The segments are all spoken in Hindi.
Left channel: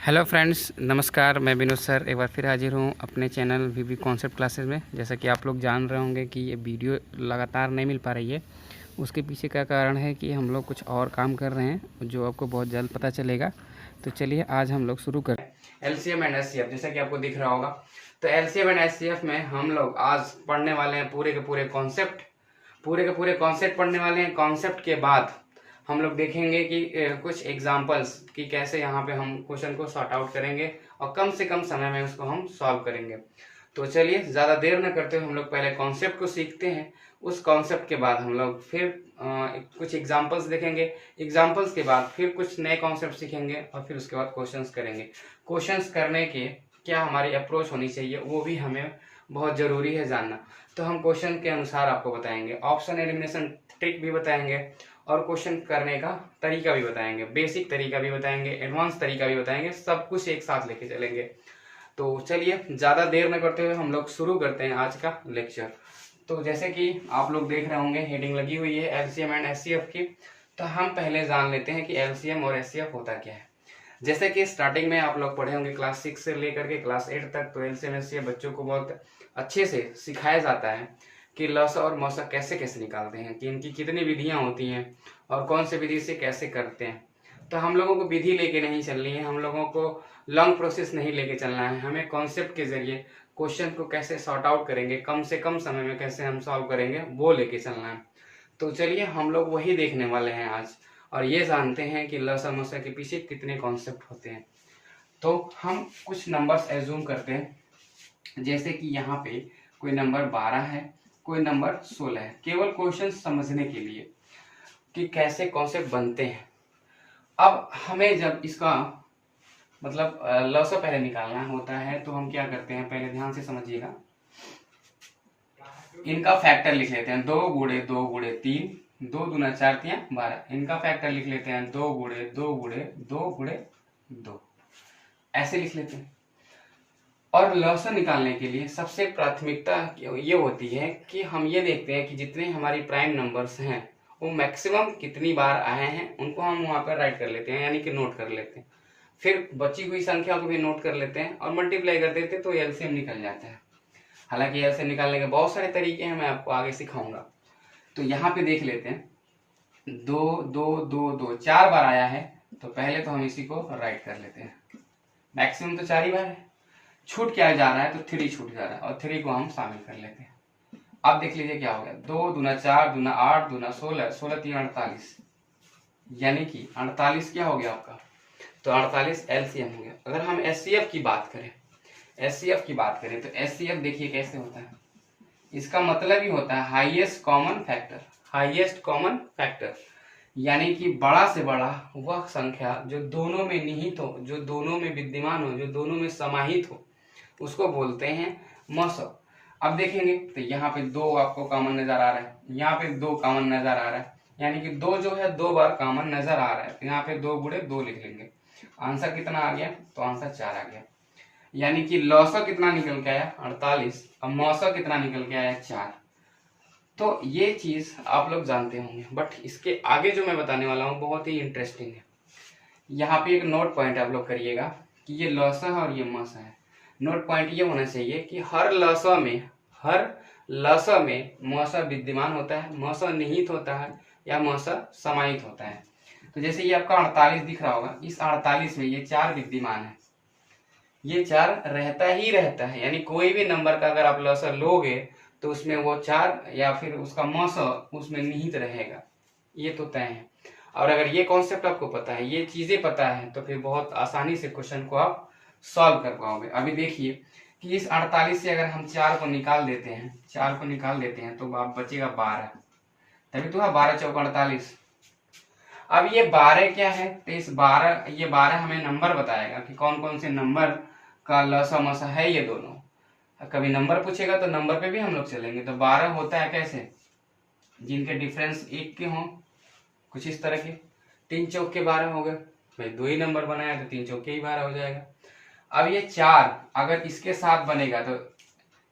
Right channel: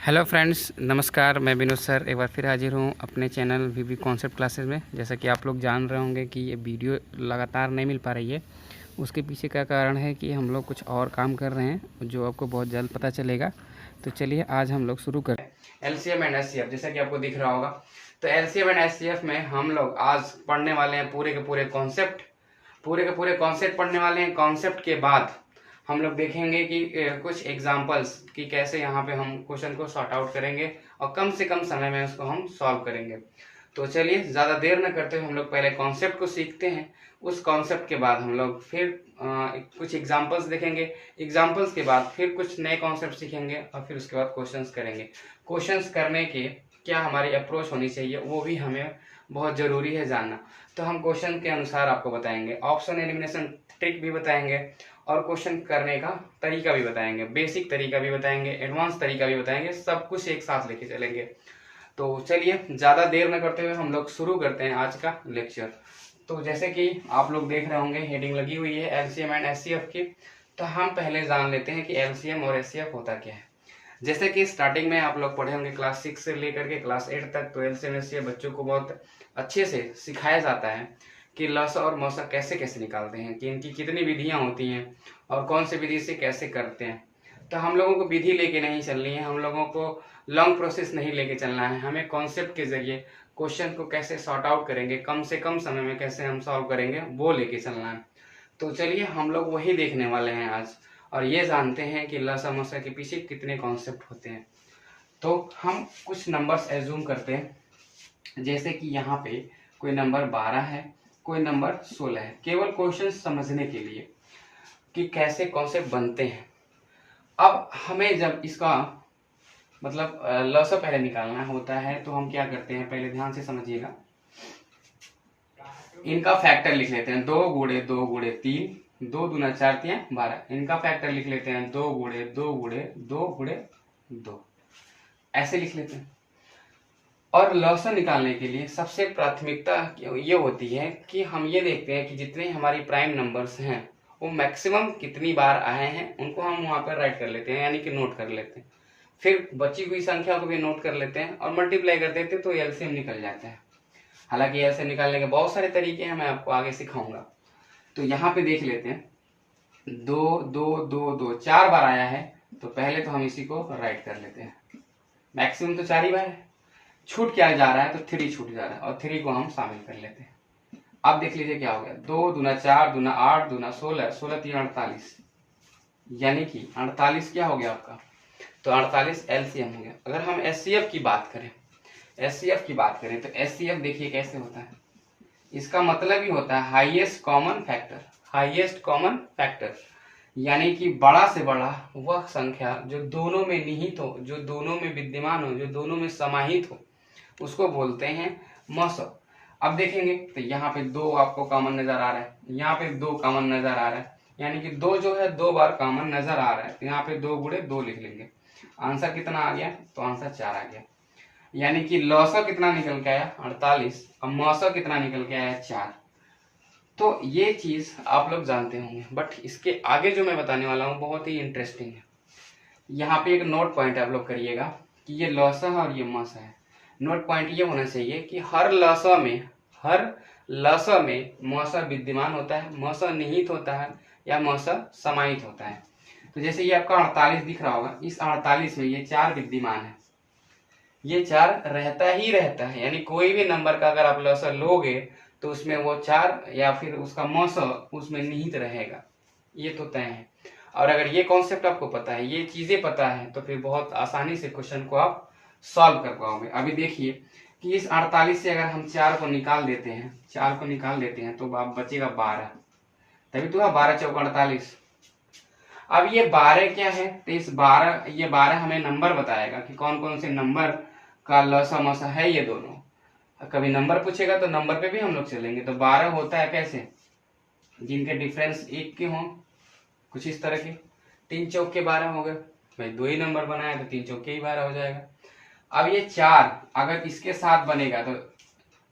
हेलो फ्रेंड्स, नमस्कार। मैं विनोद सर एक बार फिर हाजिर हूँ अपने चैनल वीवी कॉन्सेप्ट क्लासेस में। जैसा कि आप लोग जान रहे होंगे कि ये वीडियो लगातार नहीं मिल पा रही है। उसके पीछे का कारण है कि हम लोग कुछ और काम कर रहे हैं जो आपको बहुत जल्द पता चलेगा। तो चलिए आज हम लोग शुरू करें। एलसीएम एंड एचसीएफ, जैसा कि आपको दिख रहा होगा, तो एलसीएम एंड एचसीएफ में हम लोग आज पढ़ने वाले हैं पूरे के पूरे कॉन्सेप्ट पढ़ने वाले हैं। कॉन्सेप्ट के बाद हम लोग देखेंगे कि कुछ एग्जांपल्स कि कैसे यहाँ पे हम क्वेश्चन को सॉर्ट आउट करेंगे और कम से कम समय में उसको हम सॉल्व करेंगे। तो चलिए ज़्यादा देर न करते हुए हम लोग पहले कॉन्सेप्ट को सीखते हैं। उस कॉन्सेप्ट के बाद हम लोग फिर कुछ एग्जांपल्स देखेंगे। एग्जांपल्स के बाद फिर कुछ नए कॉन्सेप्ट सीखेंगे और फिर उसके बाद क्वेश्चंस करेंगे। क्वेश्चंस करने के क्या हमारी अप्रोच होनी चाहिए वो भी हमें बहुत ज़रूरी है जानना। तो हम क्वेश्चन के अनुसार आपको बताएंगे, ऑप्शन एलिमिनेशन ट्रिक भी बताएंगे और क्वेश्चन करने का तरीका भी बताएंगे, बेसिक तरीका भी बताएंगे, एडवांस तरीका भी बताएंगे, सब कुछ एक साथ लेके चलेंगे। तो चलिए ज़्यादा देर न करते हुए हम लोग शुरू करते हैं आज का लेक्चर। तो जैसे कि आप लोग देख रहे होंगे हेडिंग लगी हुई है एलसीएम एंड एचसीएफ की। तो हम पहले जान लेते हैं कि एलसीएम और एचसीएफ होता क्या है। जैसे कि स्टार्टिंग में आप लोग पढ़े होंगे क्लास 6 से लेकर के क्लास 8 तक, तो एलसीएम एचसीएफ बच्चों को बहुत अच्छे से सिखाया जाता है कि लसा और मसा कैसे कैसे निकालते हैं, कि इनकी कितनी विधियां होती हैं और कौन से विधि से कैसे करते हैं। तो हम लोगों को विधि लेके नहीं चलनी है, हम लोगों को लॉन्ग प्रोसेस नहीं लेके चलना है। हमें कॉन्सेप्ट के जरिए क्वेश्चन को कैसे सॉर्ट आउट करेंगे, कम से कम समय में कैसे हम सॉल्व करेंगे, वो लेके चलना है। तो चलिए हम लोग वही देखने वाले हैं आज और ये जानते हैं कि लसा मसा के पीछे कितने कॉन्सेप्ट होते हैं। तो हम कुछ नंबर्स एज्यूम करते हैं, जैसे कि यहाँ पे कोई नंबर 12 है, कोई नंबर 16 है, केवल क्वेश्चन समझने के लिए कि कैसे कॉन्सेप्ट बनते हैं। अब हमें जब इसका मतलब लसा पहले निकालना होता है तो हम क्या करते हैं, पहले ध्यान से समझिएगा। इनका फैक्टर लिख लेते हैं, 2 गुणे 2 गुणे 3, 2 दूना 4 3 12। इनका फैक्टर लिख लेते हैं 2 गुणे 2 गुणे 2 गुणे 2, ऐसे लिख लेते हैं। और लसा निकालने के लिए सबसे प्राथमिकता ये होती है कि हम ये देखते हैं कि जितने हमारी प्राइम नंबर्स हैं वो मैक्सिमम कितनी बार आए हैं, उनको हम वहां पर राइट कर लेते हैं, यानी कि नोट कर लेते हैं। फिर बची हुई संख्या को भी नोट कर लेते हैं और मल्टीप्लाई कर देते हैं, तो एलसीएम निकल जाता है। हालांकि एलसीएम निकालने के बहुत सारे तरीके हैं, मैं आपको आगे सिखाऊंगा। तो यहाँ पे देख लेते हैं, 2 2 2 2 4 बार आया है, तो पहले तो हम इसी को राइट कर लेते हैं। मैक्सिमम तो 4 ही बार है, छूट क्या जा रहा है, तो 3 छूट जा रहा है और 3 को हम शामिल कर लेते हैं। अब देख लीजिए क्या हो गया, 2 दूना 4 दूना 8 दूना 16, 16 3 48, यानी कि 48 क्या हो गया आपका, तो 48 एलसीएम हो गया। अगर हम एचसीएफ की बात करें, तो एचसीएफ देखिए कैसे होता है। इसका मतलब ही होता है हाईएस्ट कॉमन फैक्टर, यानी कि बड़ा से बड़ा वह संख्या जो दोनों में निहित हो, जो दोनों में विद्यमान हो, जो दोनों में समाहित हो, उसको बोलते हैं मसो। अब देखेंगे तो यहाँ पे 2 आपको कॉमन नजर आ रहा है, यहाँ पे 2 कॉमन नजर आ रहा है, यानी कि 2 जो है 2 बार कॉमन नजर आ रहा है, तो यहाँ पे 2 गुणे 2 लिख लेंगे। आंसर कितना आ गया, तो आंसर 4 आ गया। यानी कि लौसा कितना निकल के आया, 48, और मौसा कितना निकल के आया, 4। तो ये चीज आप लोग जानते होंगे, बट इसके आगे जो मैं बताने वाला हूँ बहुत ही इंटरेस्टिंग है। यहाँ पे एक नोट पॉइंट आप लोग करिएगा कि ये लौसा है और ये मौसा है। नोट पॉइंट ये होना चाहिए कि हर लसा में मौसा विद्यमान होता है, मौसा निहित होता है या मौसा समाहित होता है। तो जैसे ये आपका 48 दिख रहा होगा, इस 48 में ये 4 विद्यमान है, ये 4 रहता ही रहता है, यानी कोई भी नंबर का अगर आप लसा लोगे तो उसमें वो 4 या फिर उसका मौसा उसमें निहित रहेगा, ये तो तय है। और अगर ये कॉन्सेप्ट आपको पता है, ये चीजें पता है, तो फिर बहुत आसानी से क्वेश्चन को आप सॉल्व कर पाओगे। अभी देखिए कि इस 48 से अगर हम 4 को निकाल देते हैं तो आप बचेगा 12, तभी तो 12 चौका 48। अब ये 12 क्या है, तो इस 12 हमें नंबर बताएगा कि कौन कौन से नंबर का लसा मसा है ये दोनों। कभी नंबर पूछेगा तो नंबर पे भी हम लोग चलेंगे। तो 12 होता है कैसे, जिनके डिफरेंस 1 के हों, कुछ इस तरह के। 3 चौक के 12 हो गए, भाई 2 ही नंबर बनाया तो 3 चौक के ही 12 हो जाएगा। अब ये 4 अगर इसके साथ बनेगा तो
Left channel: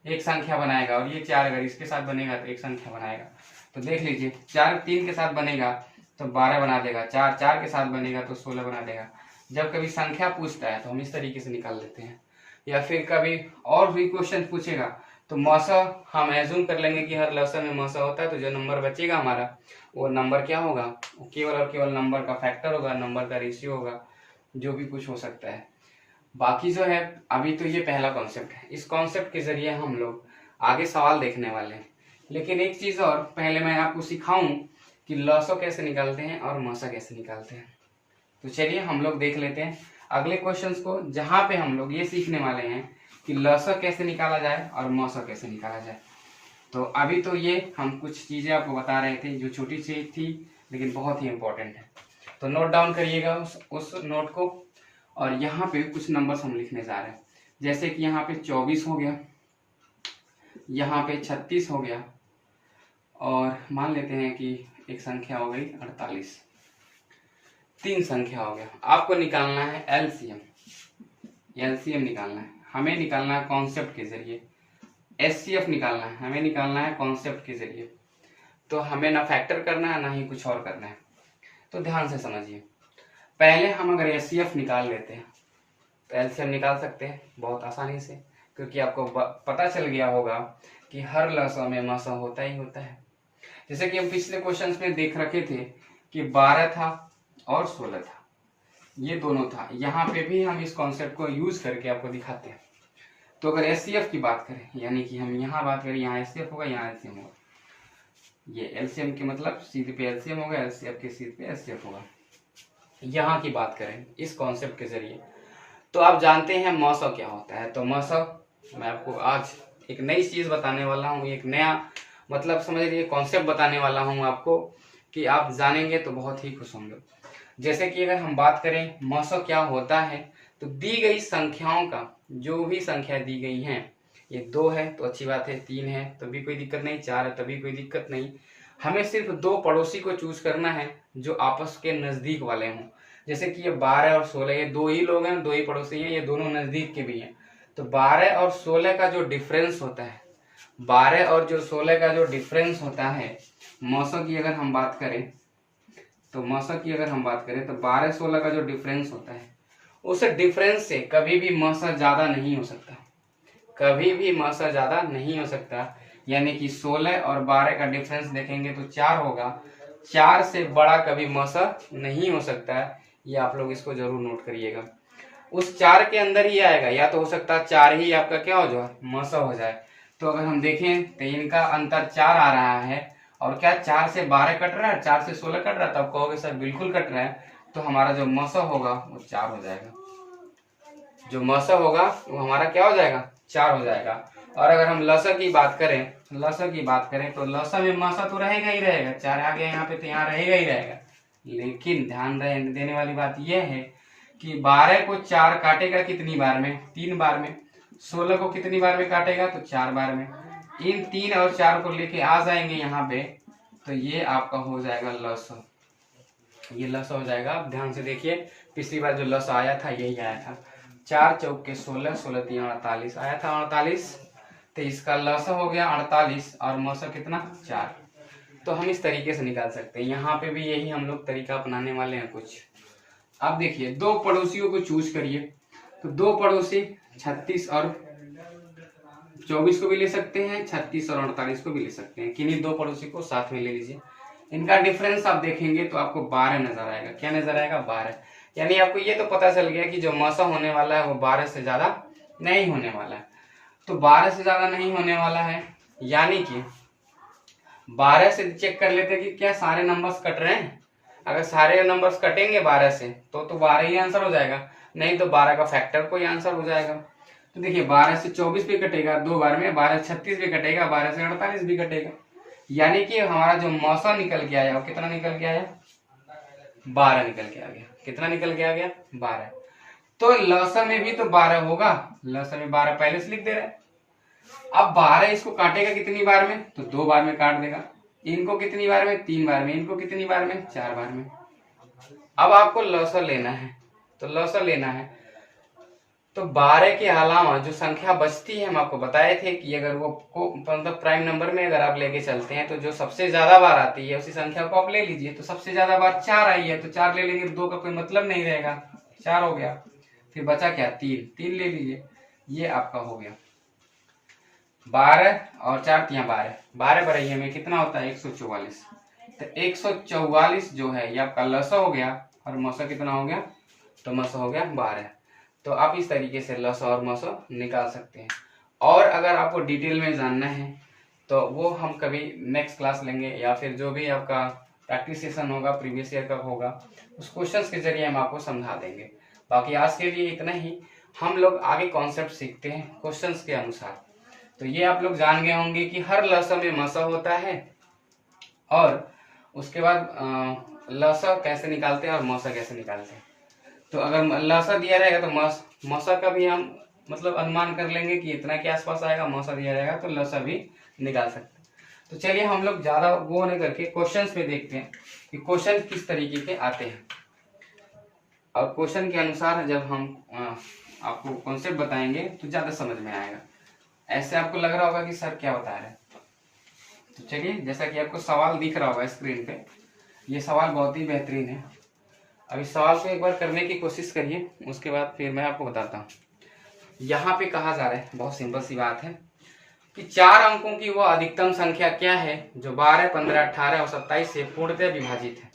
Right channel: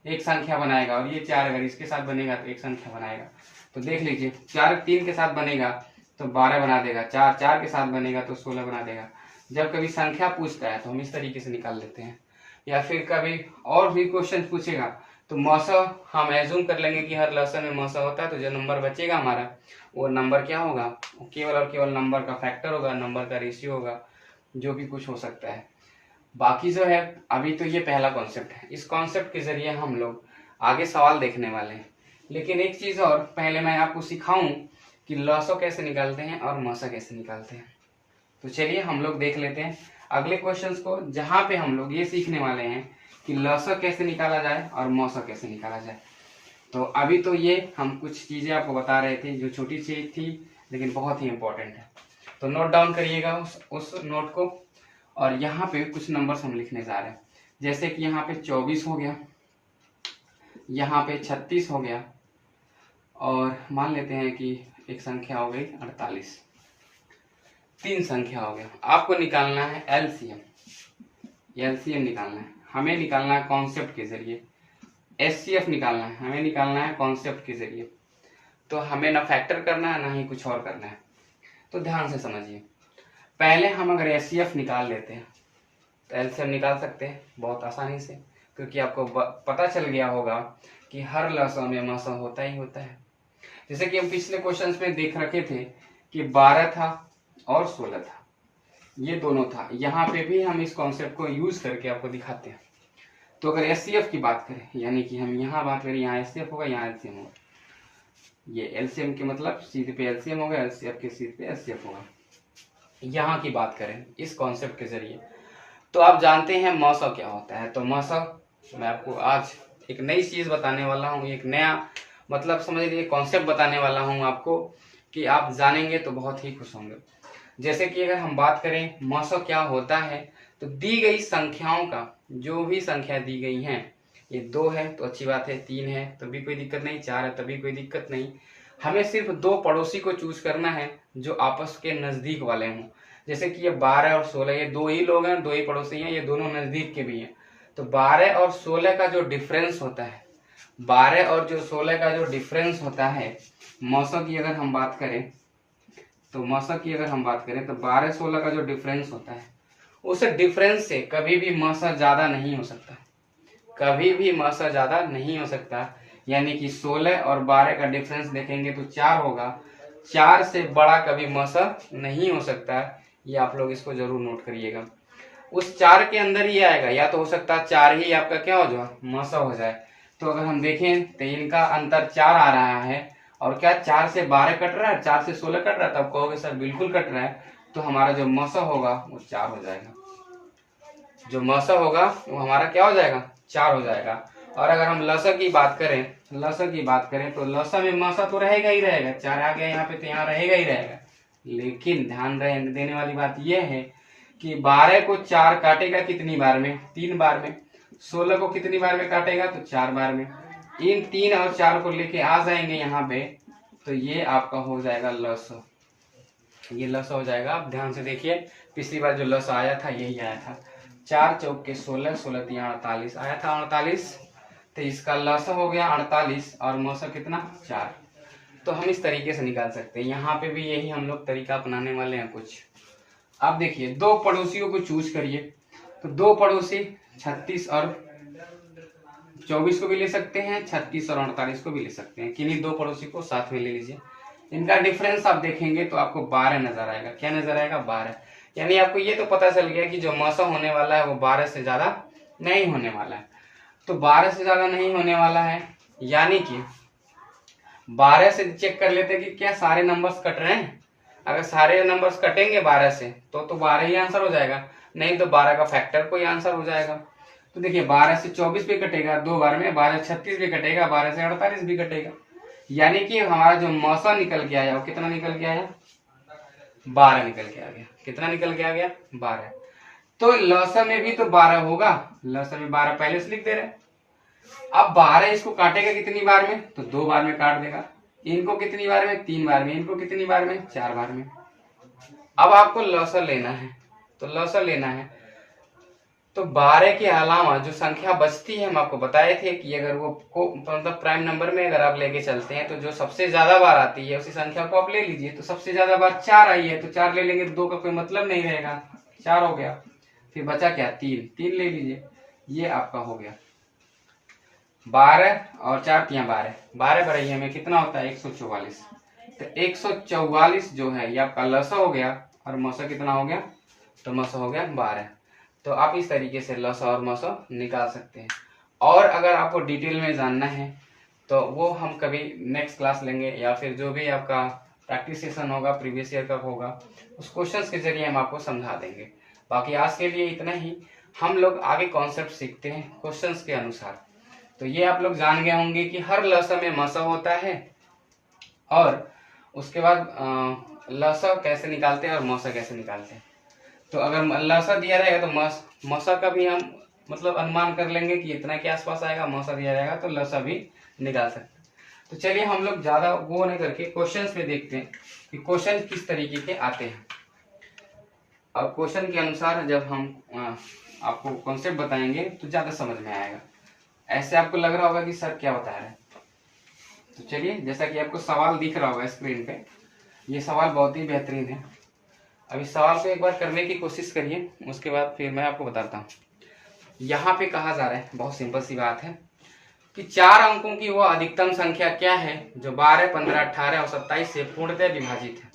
एक संख्या बनाएगा, और ये 4 अगर इसके साथ बनेगा तो एक संख्या बनाएगा। तो देख लीजिए, 4 3 के साथ बनेगा तो 12 बना देगा, 4 4 के साथ बनेगा तो 16 बना देगा, जब कभी संख्या पूछता है तो हम इस तरीके से निकाल लेते हैं, या फिर कभी और भी क्वेश्चन पूछेगा तो मौसा हम एज्यूम कर लेंगे कि हर लसन में मौसा होता है, तो जो नंबर बचेगा हमारा वो नंबर क्या होगा, केवल और केवल नंबर का फैक्टर होगा, नंबर का रेशियो होगा, जो भी कुछ हो सकता है। बाकी जो है अभी तो ये पहला कॉन्सेप्ट है, इस कॉन्सेप्ट के जरिए हम लोग आगे सवाल देखने वाले हैं। लेकिन एक चीज और पहले मैं आपको सिखाऊं कि लॉसो कैसे निकालते हैं और मौसा कैसे निकालते हैं। तो चलिए हम लोग देख लेते हैं अगले क्वेश्चंस को, जहां पे हम लोग ये सीखने वाले हैं कि लॉसो कैसे निकाला जाए और मौसा कैसे निकाला जाए। तो अभी तो ये हम कुछ चीजें आपको बता रहे थे जो छोटी चीज थी लेकिन बहुत ही इंपॉर्टेंट है। तो नोट डाउन करिएगा उस नोट को, और यहाँ पे कुछ नंबर्स हम लिखने जा रहे हैं, जैसे कि यहाँ पे 24 हो गया, यहाँ पे 36 हो गया, और मान लेते हैं कि एक संख्या हो गई 48, 3 संख्या हो गया। आपको निकालना है एलसीएम, एलसीएम निकालना है, हमें निकालना है कॉन्सेप्ट के जरिए। एचसीएफ निकालना है, हमें निकालना है कॉन्सेप्ट के जरिए। तो हमें ना फैक्टर करना है ना ही कुछ और करना है। तो ध्यान से समझिए, पहले हम अगर एचसीएफ निकाल लेते हैं तो एलसीएम निकाल सकते हैं बहुत आसानी से, क्योंकि आपको पता चल गया होगा कि हर लसा में मसा होता ही होता है। जैसे कि हम पिछले क्वेश्चंस में देख रखे थे कि 12 था और 16 था, ये दोनों था। यहाँ पे भी हम इस कॉन्सेप्ट को यूज करके आपको दिखाते हैं। तो अगर एचसीएफ की बात करें, यानी कि हम यहाँ बात करें, यहाँ एचसीएफ होगा, यहाँ एलसीएम होगा, ये एलसीएम के मतलब सीधे पे एलसीएम होगा, एलसीएफ के सीधे पे एचसीएफ होगा। यहाँ की बात करें इस कॉन्सेप्ट के जरिए, तो आप जानते हैं मौसा क्या होता है। तो मौसा मैं आपको आज एक नई चीज बताने वाला हूँ, एक नया मतलब समझ लीजिए कॉन्सेप्ट बताने वाला हूँ आपको, कि आप जानेंगे तो बहुत ही खुश होंगे। जैसे कि अगर हम बात करें मौसा क्या होता है, तो दी गई संख्याओं का, जो भी संख्या दी गई है, ये 2 है तो अच्छी बात है, 3 है तभी कोई दिक्कत नहीं, 4 है तभी कोई दिक्कत नहीं। हमें सिर्फ 2 पड़ोसी को चूज करना है जो आपस के नजदीक वाले हों। जैसे कि ये 12 और 16, ये 2 ही लोग हैं, 2 ही पड़ोसी हैं, ये दोनों नजदीक के भी हैं। तो 12 और 16 का जो डिफरेंस होता है, 12 और जो 16 का जो डिफरेंस होता है, मौसा की अगर हम बात करें तो मौसा की अगर हम बात करें तो 12-16 का जो डिफरेंस होता है, उस डिफरेंस से कभी भी मौसा ज्यादा नहीं हो सकता, कभी भी मौसा ज्यादा नहीं हो सकता। यानी कि 16 और 12 का डिफरेंस देखेंगे तो 4 होगा, 4 से बड़ा कभी मौसा नहीं हो सकता। ये आप लोग इसको जरूर नोट करिएगा। उस 4 के अंदर ही आएगा, या तो हो सकता है 4 ही आपका क्या हो जाए, मौसा हो जाए। तो अगर हम देखें तो इनका अंतर 4 आ रहा है, और क्या 4 से 12 कट रहा है, 4 से 16 कट रहा है, तब कहोगे सर बिल्कुल कट रहा है। तो हमारा जो मौसा होगा वो 4 हो जाएगा, जो मौसा होगा वो हमारा क्या हो जाएगा, 4 हो जाएगा। और अगर हम लसा की बात करें, लसा की बात करें तो लसा में मौसा तो रहेगा ही रहेगा, 4 आ गया यहाँ पे तो यहाँ रहेगा ही रहेगा। लेकिन ध्यान देने वाली बात यह है कि 12 को 4 काटेगा कितनी बार में, 3 बार में। 16 को कितनी बार में काटेगा, तो 4 बार में। इन 3 और 4 को लेके आ जाएंगे यहाँ पे, तो ये आपका हो जाएगा लसा, ये लसा हो जाएगा। आप ध्यान से देखिए, पिछली बार जो लसा आया था यही आया था, 4 चौके 16, 16 3 48 आया था 48, तो इसका लसा हो गया 48 और मौसा कितना 4। तो हम इस तरीके से निकाल सकते हैं। यहाँ पे भी यही हम लोग तरीका अपनाने वाले हैं कुछ। अब देखिए 2 पड़ोसियों को चूज करिए, तो 2 पड़ोसी 36 और 24 को भी ले सकते हैं, 36 और 48 को भी ले सकते हैं। किन्हीं 2 पड़ोसी को साथ में ले लीजिए। इनका डिफरेंस आप देखेंगे तो आपको 12 नजर आएगा। क्या नजर आएगा, 12। यानी आपको ये तो पता चल गया कि जो मौसा होने वाला है वो 12 से ज्यादा नहीं होने वाला है। तो 12 से ज्यादा नहीं होने वाला है, यानी कि 12 से चेक कर लेते हैं कि क्या सारे नंबर्स कट रहे हैं। अगर सारे नंबर्स कटेंगे 12 से तो 12 ही आंसर हो जाएगा, नहीं तो 12 का फैक्टर कोई आंसर हो जाएगा। तो देखिए 12 से 24 भी कटेगा 2 बार में, 12 से 36 भी कटेगा, 12 से 48 भी कटेगा। यानी कि हमारा जो मौसा निकल के आया वो कितना निकल के आया, 12 निकल के आ गया। कितना निकल के आ गया, 12। तो लसा में भी तो 12 होगा, लसा में 12 पहले से लिख दे रहे हैं। अब 12 इसको काटेगा कितनी बार में, तो 2 बार में काट देगा। इनको कितनी बार में, 3 बार में। इनको कितनी बार में, 4 बार में। अब आपको लसा लेना है, तो लसा लेना है तो 12 के अलावा जो संख्या बचती है, हम आपको बताए थे कि अगर वो मतलब प्राइम नंबर में अगर आप लेके चलते हैं तो जो सबसे ज्यादा बार आती है उसी संख्या को आप ले लीजिए। तो सबसे ज्यादा बार 4 आई है तो 4 ले लेंगे, 2 का कोई मतलब नहीं रहेगा। 4 हो गया। फिर बचा क्या, 3, 3 ले लीजिए, ये आपका हो गया 12 और 4 तियां 12, 12 बढ़ाइए में कितना होता है 144। तो 144 जो है ये आपका लसा हो गया और मसा कितना हो गया, तो मसा हो गया 12। तो आप इस तरीके से लसा और मसा निकाल सकते हैं। और अगर आपको डिटेल में जानना है तो वो हम कभी नेक्स्ट क्लास लेंगे, या फिर जो भी आपका प्रैक्टिस सेशन होगा प्रीवियस ईयर का होगा उस क्वेश्चंस के जरिए हम आपको समझा देंगे। बाकी आज के लिए इतना ही। हम लोग आगे कॉन्सेप्ट सीखते हैं क्वेश्चंस के अनुसार। तो ये आप लोग जान गए होंगे कि हर लसा में मसा होता है, और उसके बाद लसा कैसे निकालते हैं और मसा कैसे निकालते हैं। तो अगर लसा दिया रहेगा तो मसा का भी हम मतलब अनुमान कर लेंगे कि इतना के आसपास आएगा, मसा दिया जाएगा तो लसा भी निकाल सकते हैं। तो चलिए हम लोग ज्यादा वो नहीं करके क्वेश्चंस पे देखते हैं कि क्वेश्चन किस तरीके के आते हैं। और क्वेश्चन के अनुसार जब हम आपको कॉन्सेप्ट बताएंगे तो ज्यादा समझ में आएगा। ऐसे आपको लग रहा होगा कि सर क्या बता रहे हैं। तो चलिए, जैसा कि आपको सवाल दिख रहा होगा स्क्रीन पे, ये सवाल बहुत ही बेहतरीन है। अब इस सवाल को एक बार करने की कोशिश करिए, उसके बाद फिर मैं आपको बताता हूँ। यहाँ पे कहा जा रहा है, बहुत सिंपल सी बात है कि 4 अंकों की वह अधिकतम संख्या क्या है जो 12, 15, 18 और 27 से पूर्णतः विभाजित है।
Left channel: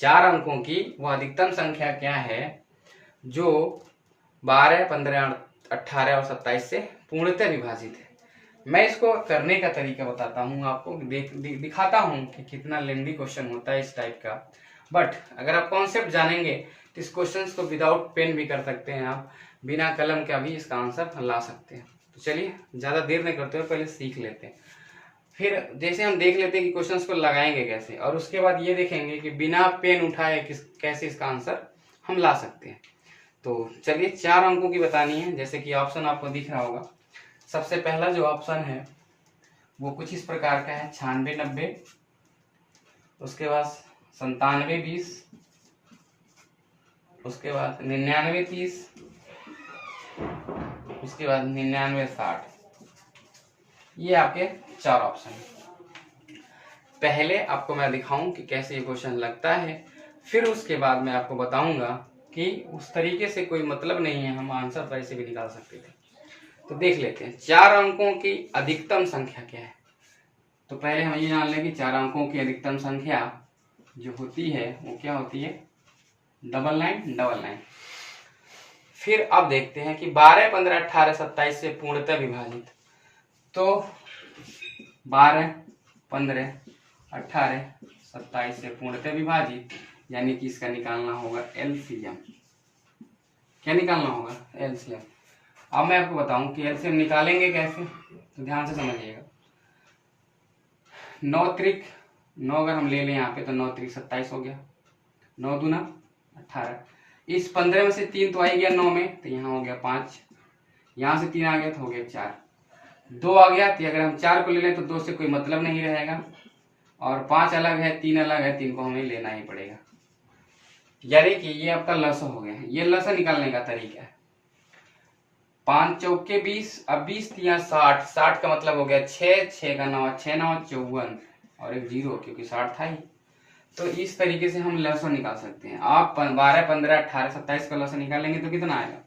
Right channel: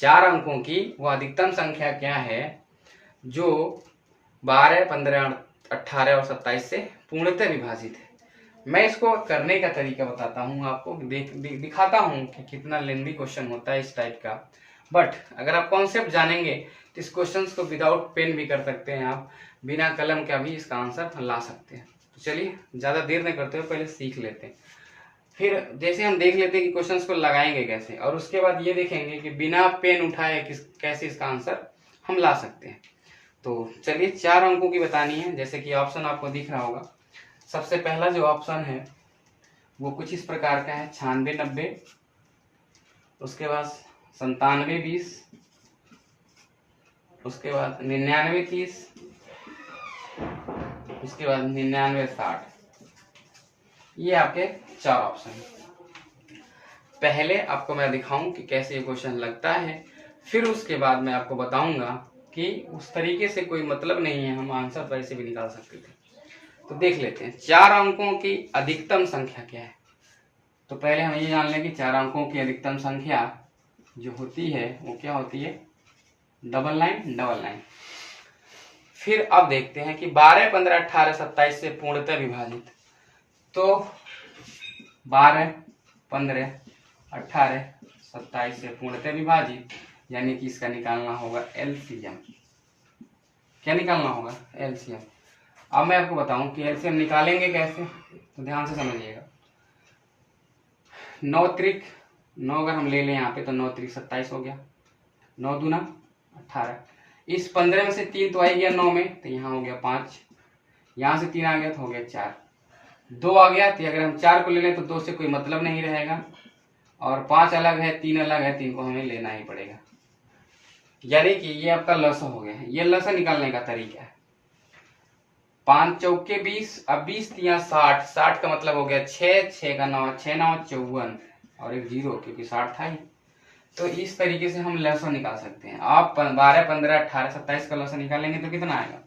4 अंकों की वह अधिकतम संख्या क्या है जो 12, 15, 18 और 27 से पूर्णतः विभाजित है। मैं इसको करने का तरीका बताता हूँ आपको, दिखाता हूँ कि कितना लेंदी क्वेश्चन होता है इस टाइप का। बट अगर आप कॉन्सेप्ट जानेंगे तो इस क्वेश्चन को विदाउट पेन भी कर सकते हैं, आप बिना कलम का भी इसका आंसर ला सकते हैं। तो चलिए ज्यादा देर नहीं करते हुए पहले सीख लेते हैं। फिर जैसे हम देख लेते हैं कि क्वेश्चंस को लगाएंगे कैसे, और उसके बाद ये देखेंगे कि बिना पेन उठाए कैसे इसका आंसर हम ला सकते हैं। तो चलिए 4 अंकों की बतानी है, जैसे कि ऑप्शन आपको दिख रहा होगा। सबसे पहला जो ऑप्शन है वो कुछ इस प्रकार का है, 96, 90, उसके बाद 97, 20, उसके बाद 99, 30, उसके बाद 99, 60। ये आपके 4 ऑप्शन है। पहले आपको मैं दिखाऊं कि कैसे ये क्वेश्चन लगता है, फिर उसके बाद मैं आपको बताऊंगा कि उस तरीके से कोई मतलब नहीं है, हम आंसर तो ऐसे भी निकाल सकते थे। तो देख लेते हैं 4 अंकों की अधिकतम संख्या क्या है। तो पहले हम ये जान लें कि 4 अंकों की अधिकतम संख्या जो होती है वो क्या होती है, डबल लाइन। फिर अब देखते हैं कि 12, 15, 18, 27 से पूर्णतः विभाजित। तो 12, 15, 18, 27 से पूर्णतः विभाजित, यानी कि इसका निकालना होगा एलसीएम। क्या निकालना होगा, एलसीएम। अब मैं आपको बताऊं कि एलसीएम निकालेंगे कैसे, तो ध्यान से समझिएगा। 9 त्रिक 9 अगर हम ले लें यहाँ पे तो 9 त्रिक 27 हो गया, 9 दूना 18। इस 15 में से 3 तो आ गया 9 में, तो यहाँ हो गया 5, यहाँ से 3 आ गया तो हो गया 4, 2 आ गया। तो अगर हम 4 को ले लें तो 2 से कोई मतलब नहीं रहेगा, और 5 अलग है 3 अलग है, 3 को हमें लेना ही पड़ेगा। यानी कि ये आपका लसा हो गया है। ये लसा निकालने का तरीका है। 5 चौके 20, अब 20 तिया 60, 60 का मतलब हो गया 6, 6 का 9, 6 9 54 और एक 0, क्योंकि 60 था ही। तो इस तरीके से हम लसा निकाल सकते हैं। आप 12, 15, 18, 27 का लसा निकालेंगे तो कितना आएगा,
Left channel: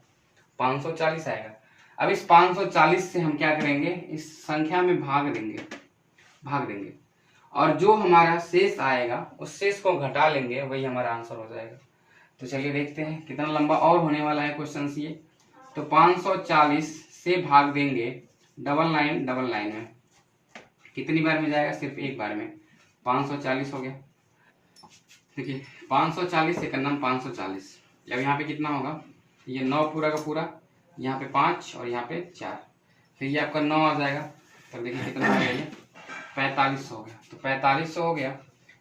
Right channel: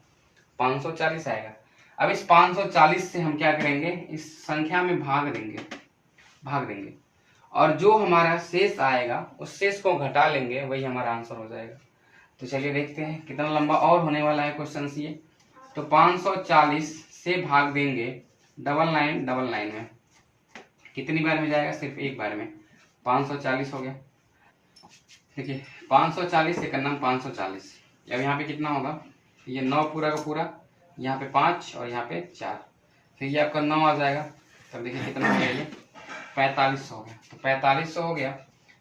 540 आएगा। अब इस 540 से हम क्या करेंगे, इस संख्या में भाग देंगे, और जो हमारा शेष आएगा उस शेष को घटा लेंगे, वही हमारा आंसर हो जाएगा। तो चलिए देखते हैं कितना लंबा और होने वाला है क्वेश्चन ये। तो 540 से भाग देंगे डबल लाइन में, कितनी बार में जाएगा, सिर्फ एक बार में। 540 हो गया। देखिए 540 से करना 540, अब यहाँ पे कितना होगा, ये 9 पूरा का पूरा, यहाँ पे 5 और यहाँ पे 4, फिर ये आपका 9 आ जाएगा। तब देखिए कितना हो गया, ये 45 हो गया। तो 45 हो गया,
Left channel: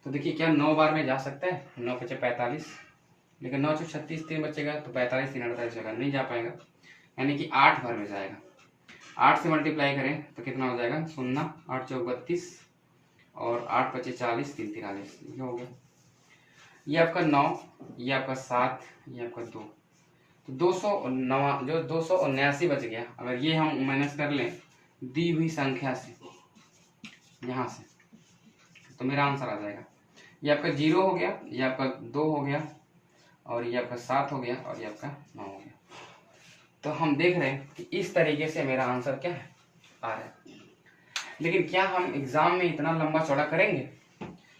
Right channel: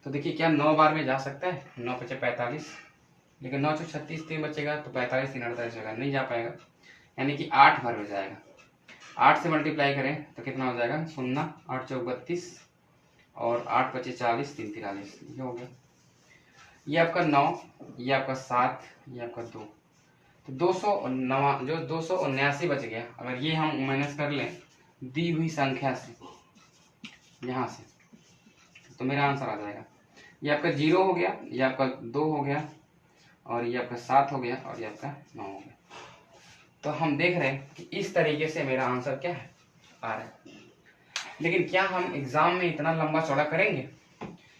तो देखिए क्या 9 बार में जा सकता है, 9 बचे 45, लेकिन 9 से 36 3 बचेगा, तो 45 3 48 होगा, नहीं जा पाएगा। यानी कि 8 बार में जाएगा। 8 से मल्टीप्लाई करें तो कितना हो जाएगा, 0, 8 चौक 32 और 8 बचे 40, 3 43, ये हो गया। ये आपका 9, ये आपका 7, ये आपका 2, तो 209 जो 279 बच गया। अगर ये हम माइनस कर लें दी हुई संख्या से यहाँ से, तो मेरा आंसर आ जाएगा। ये आपका 0 हो गया, ये आपका 2 हो गया, और ये आपका 7 हो गया और ये आपका 9 हो गया। तो हम देख रहे हैं कि इस तरीके से मेरा आंसर क्या है, आ रहा है। लेकिन क्या हम एग्जाम में इतना लंबा चौड़ा करेंगे?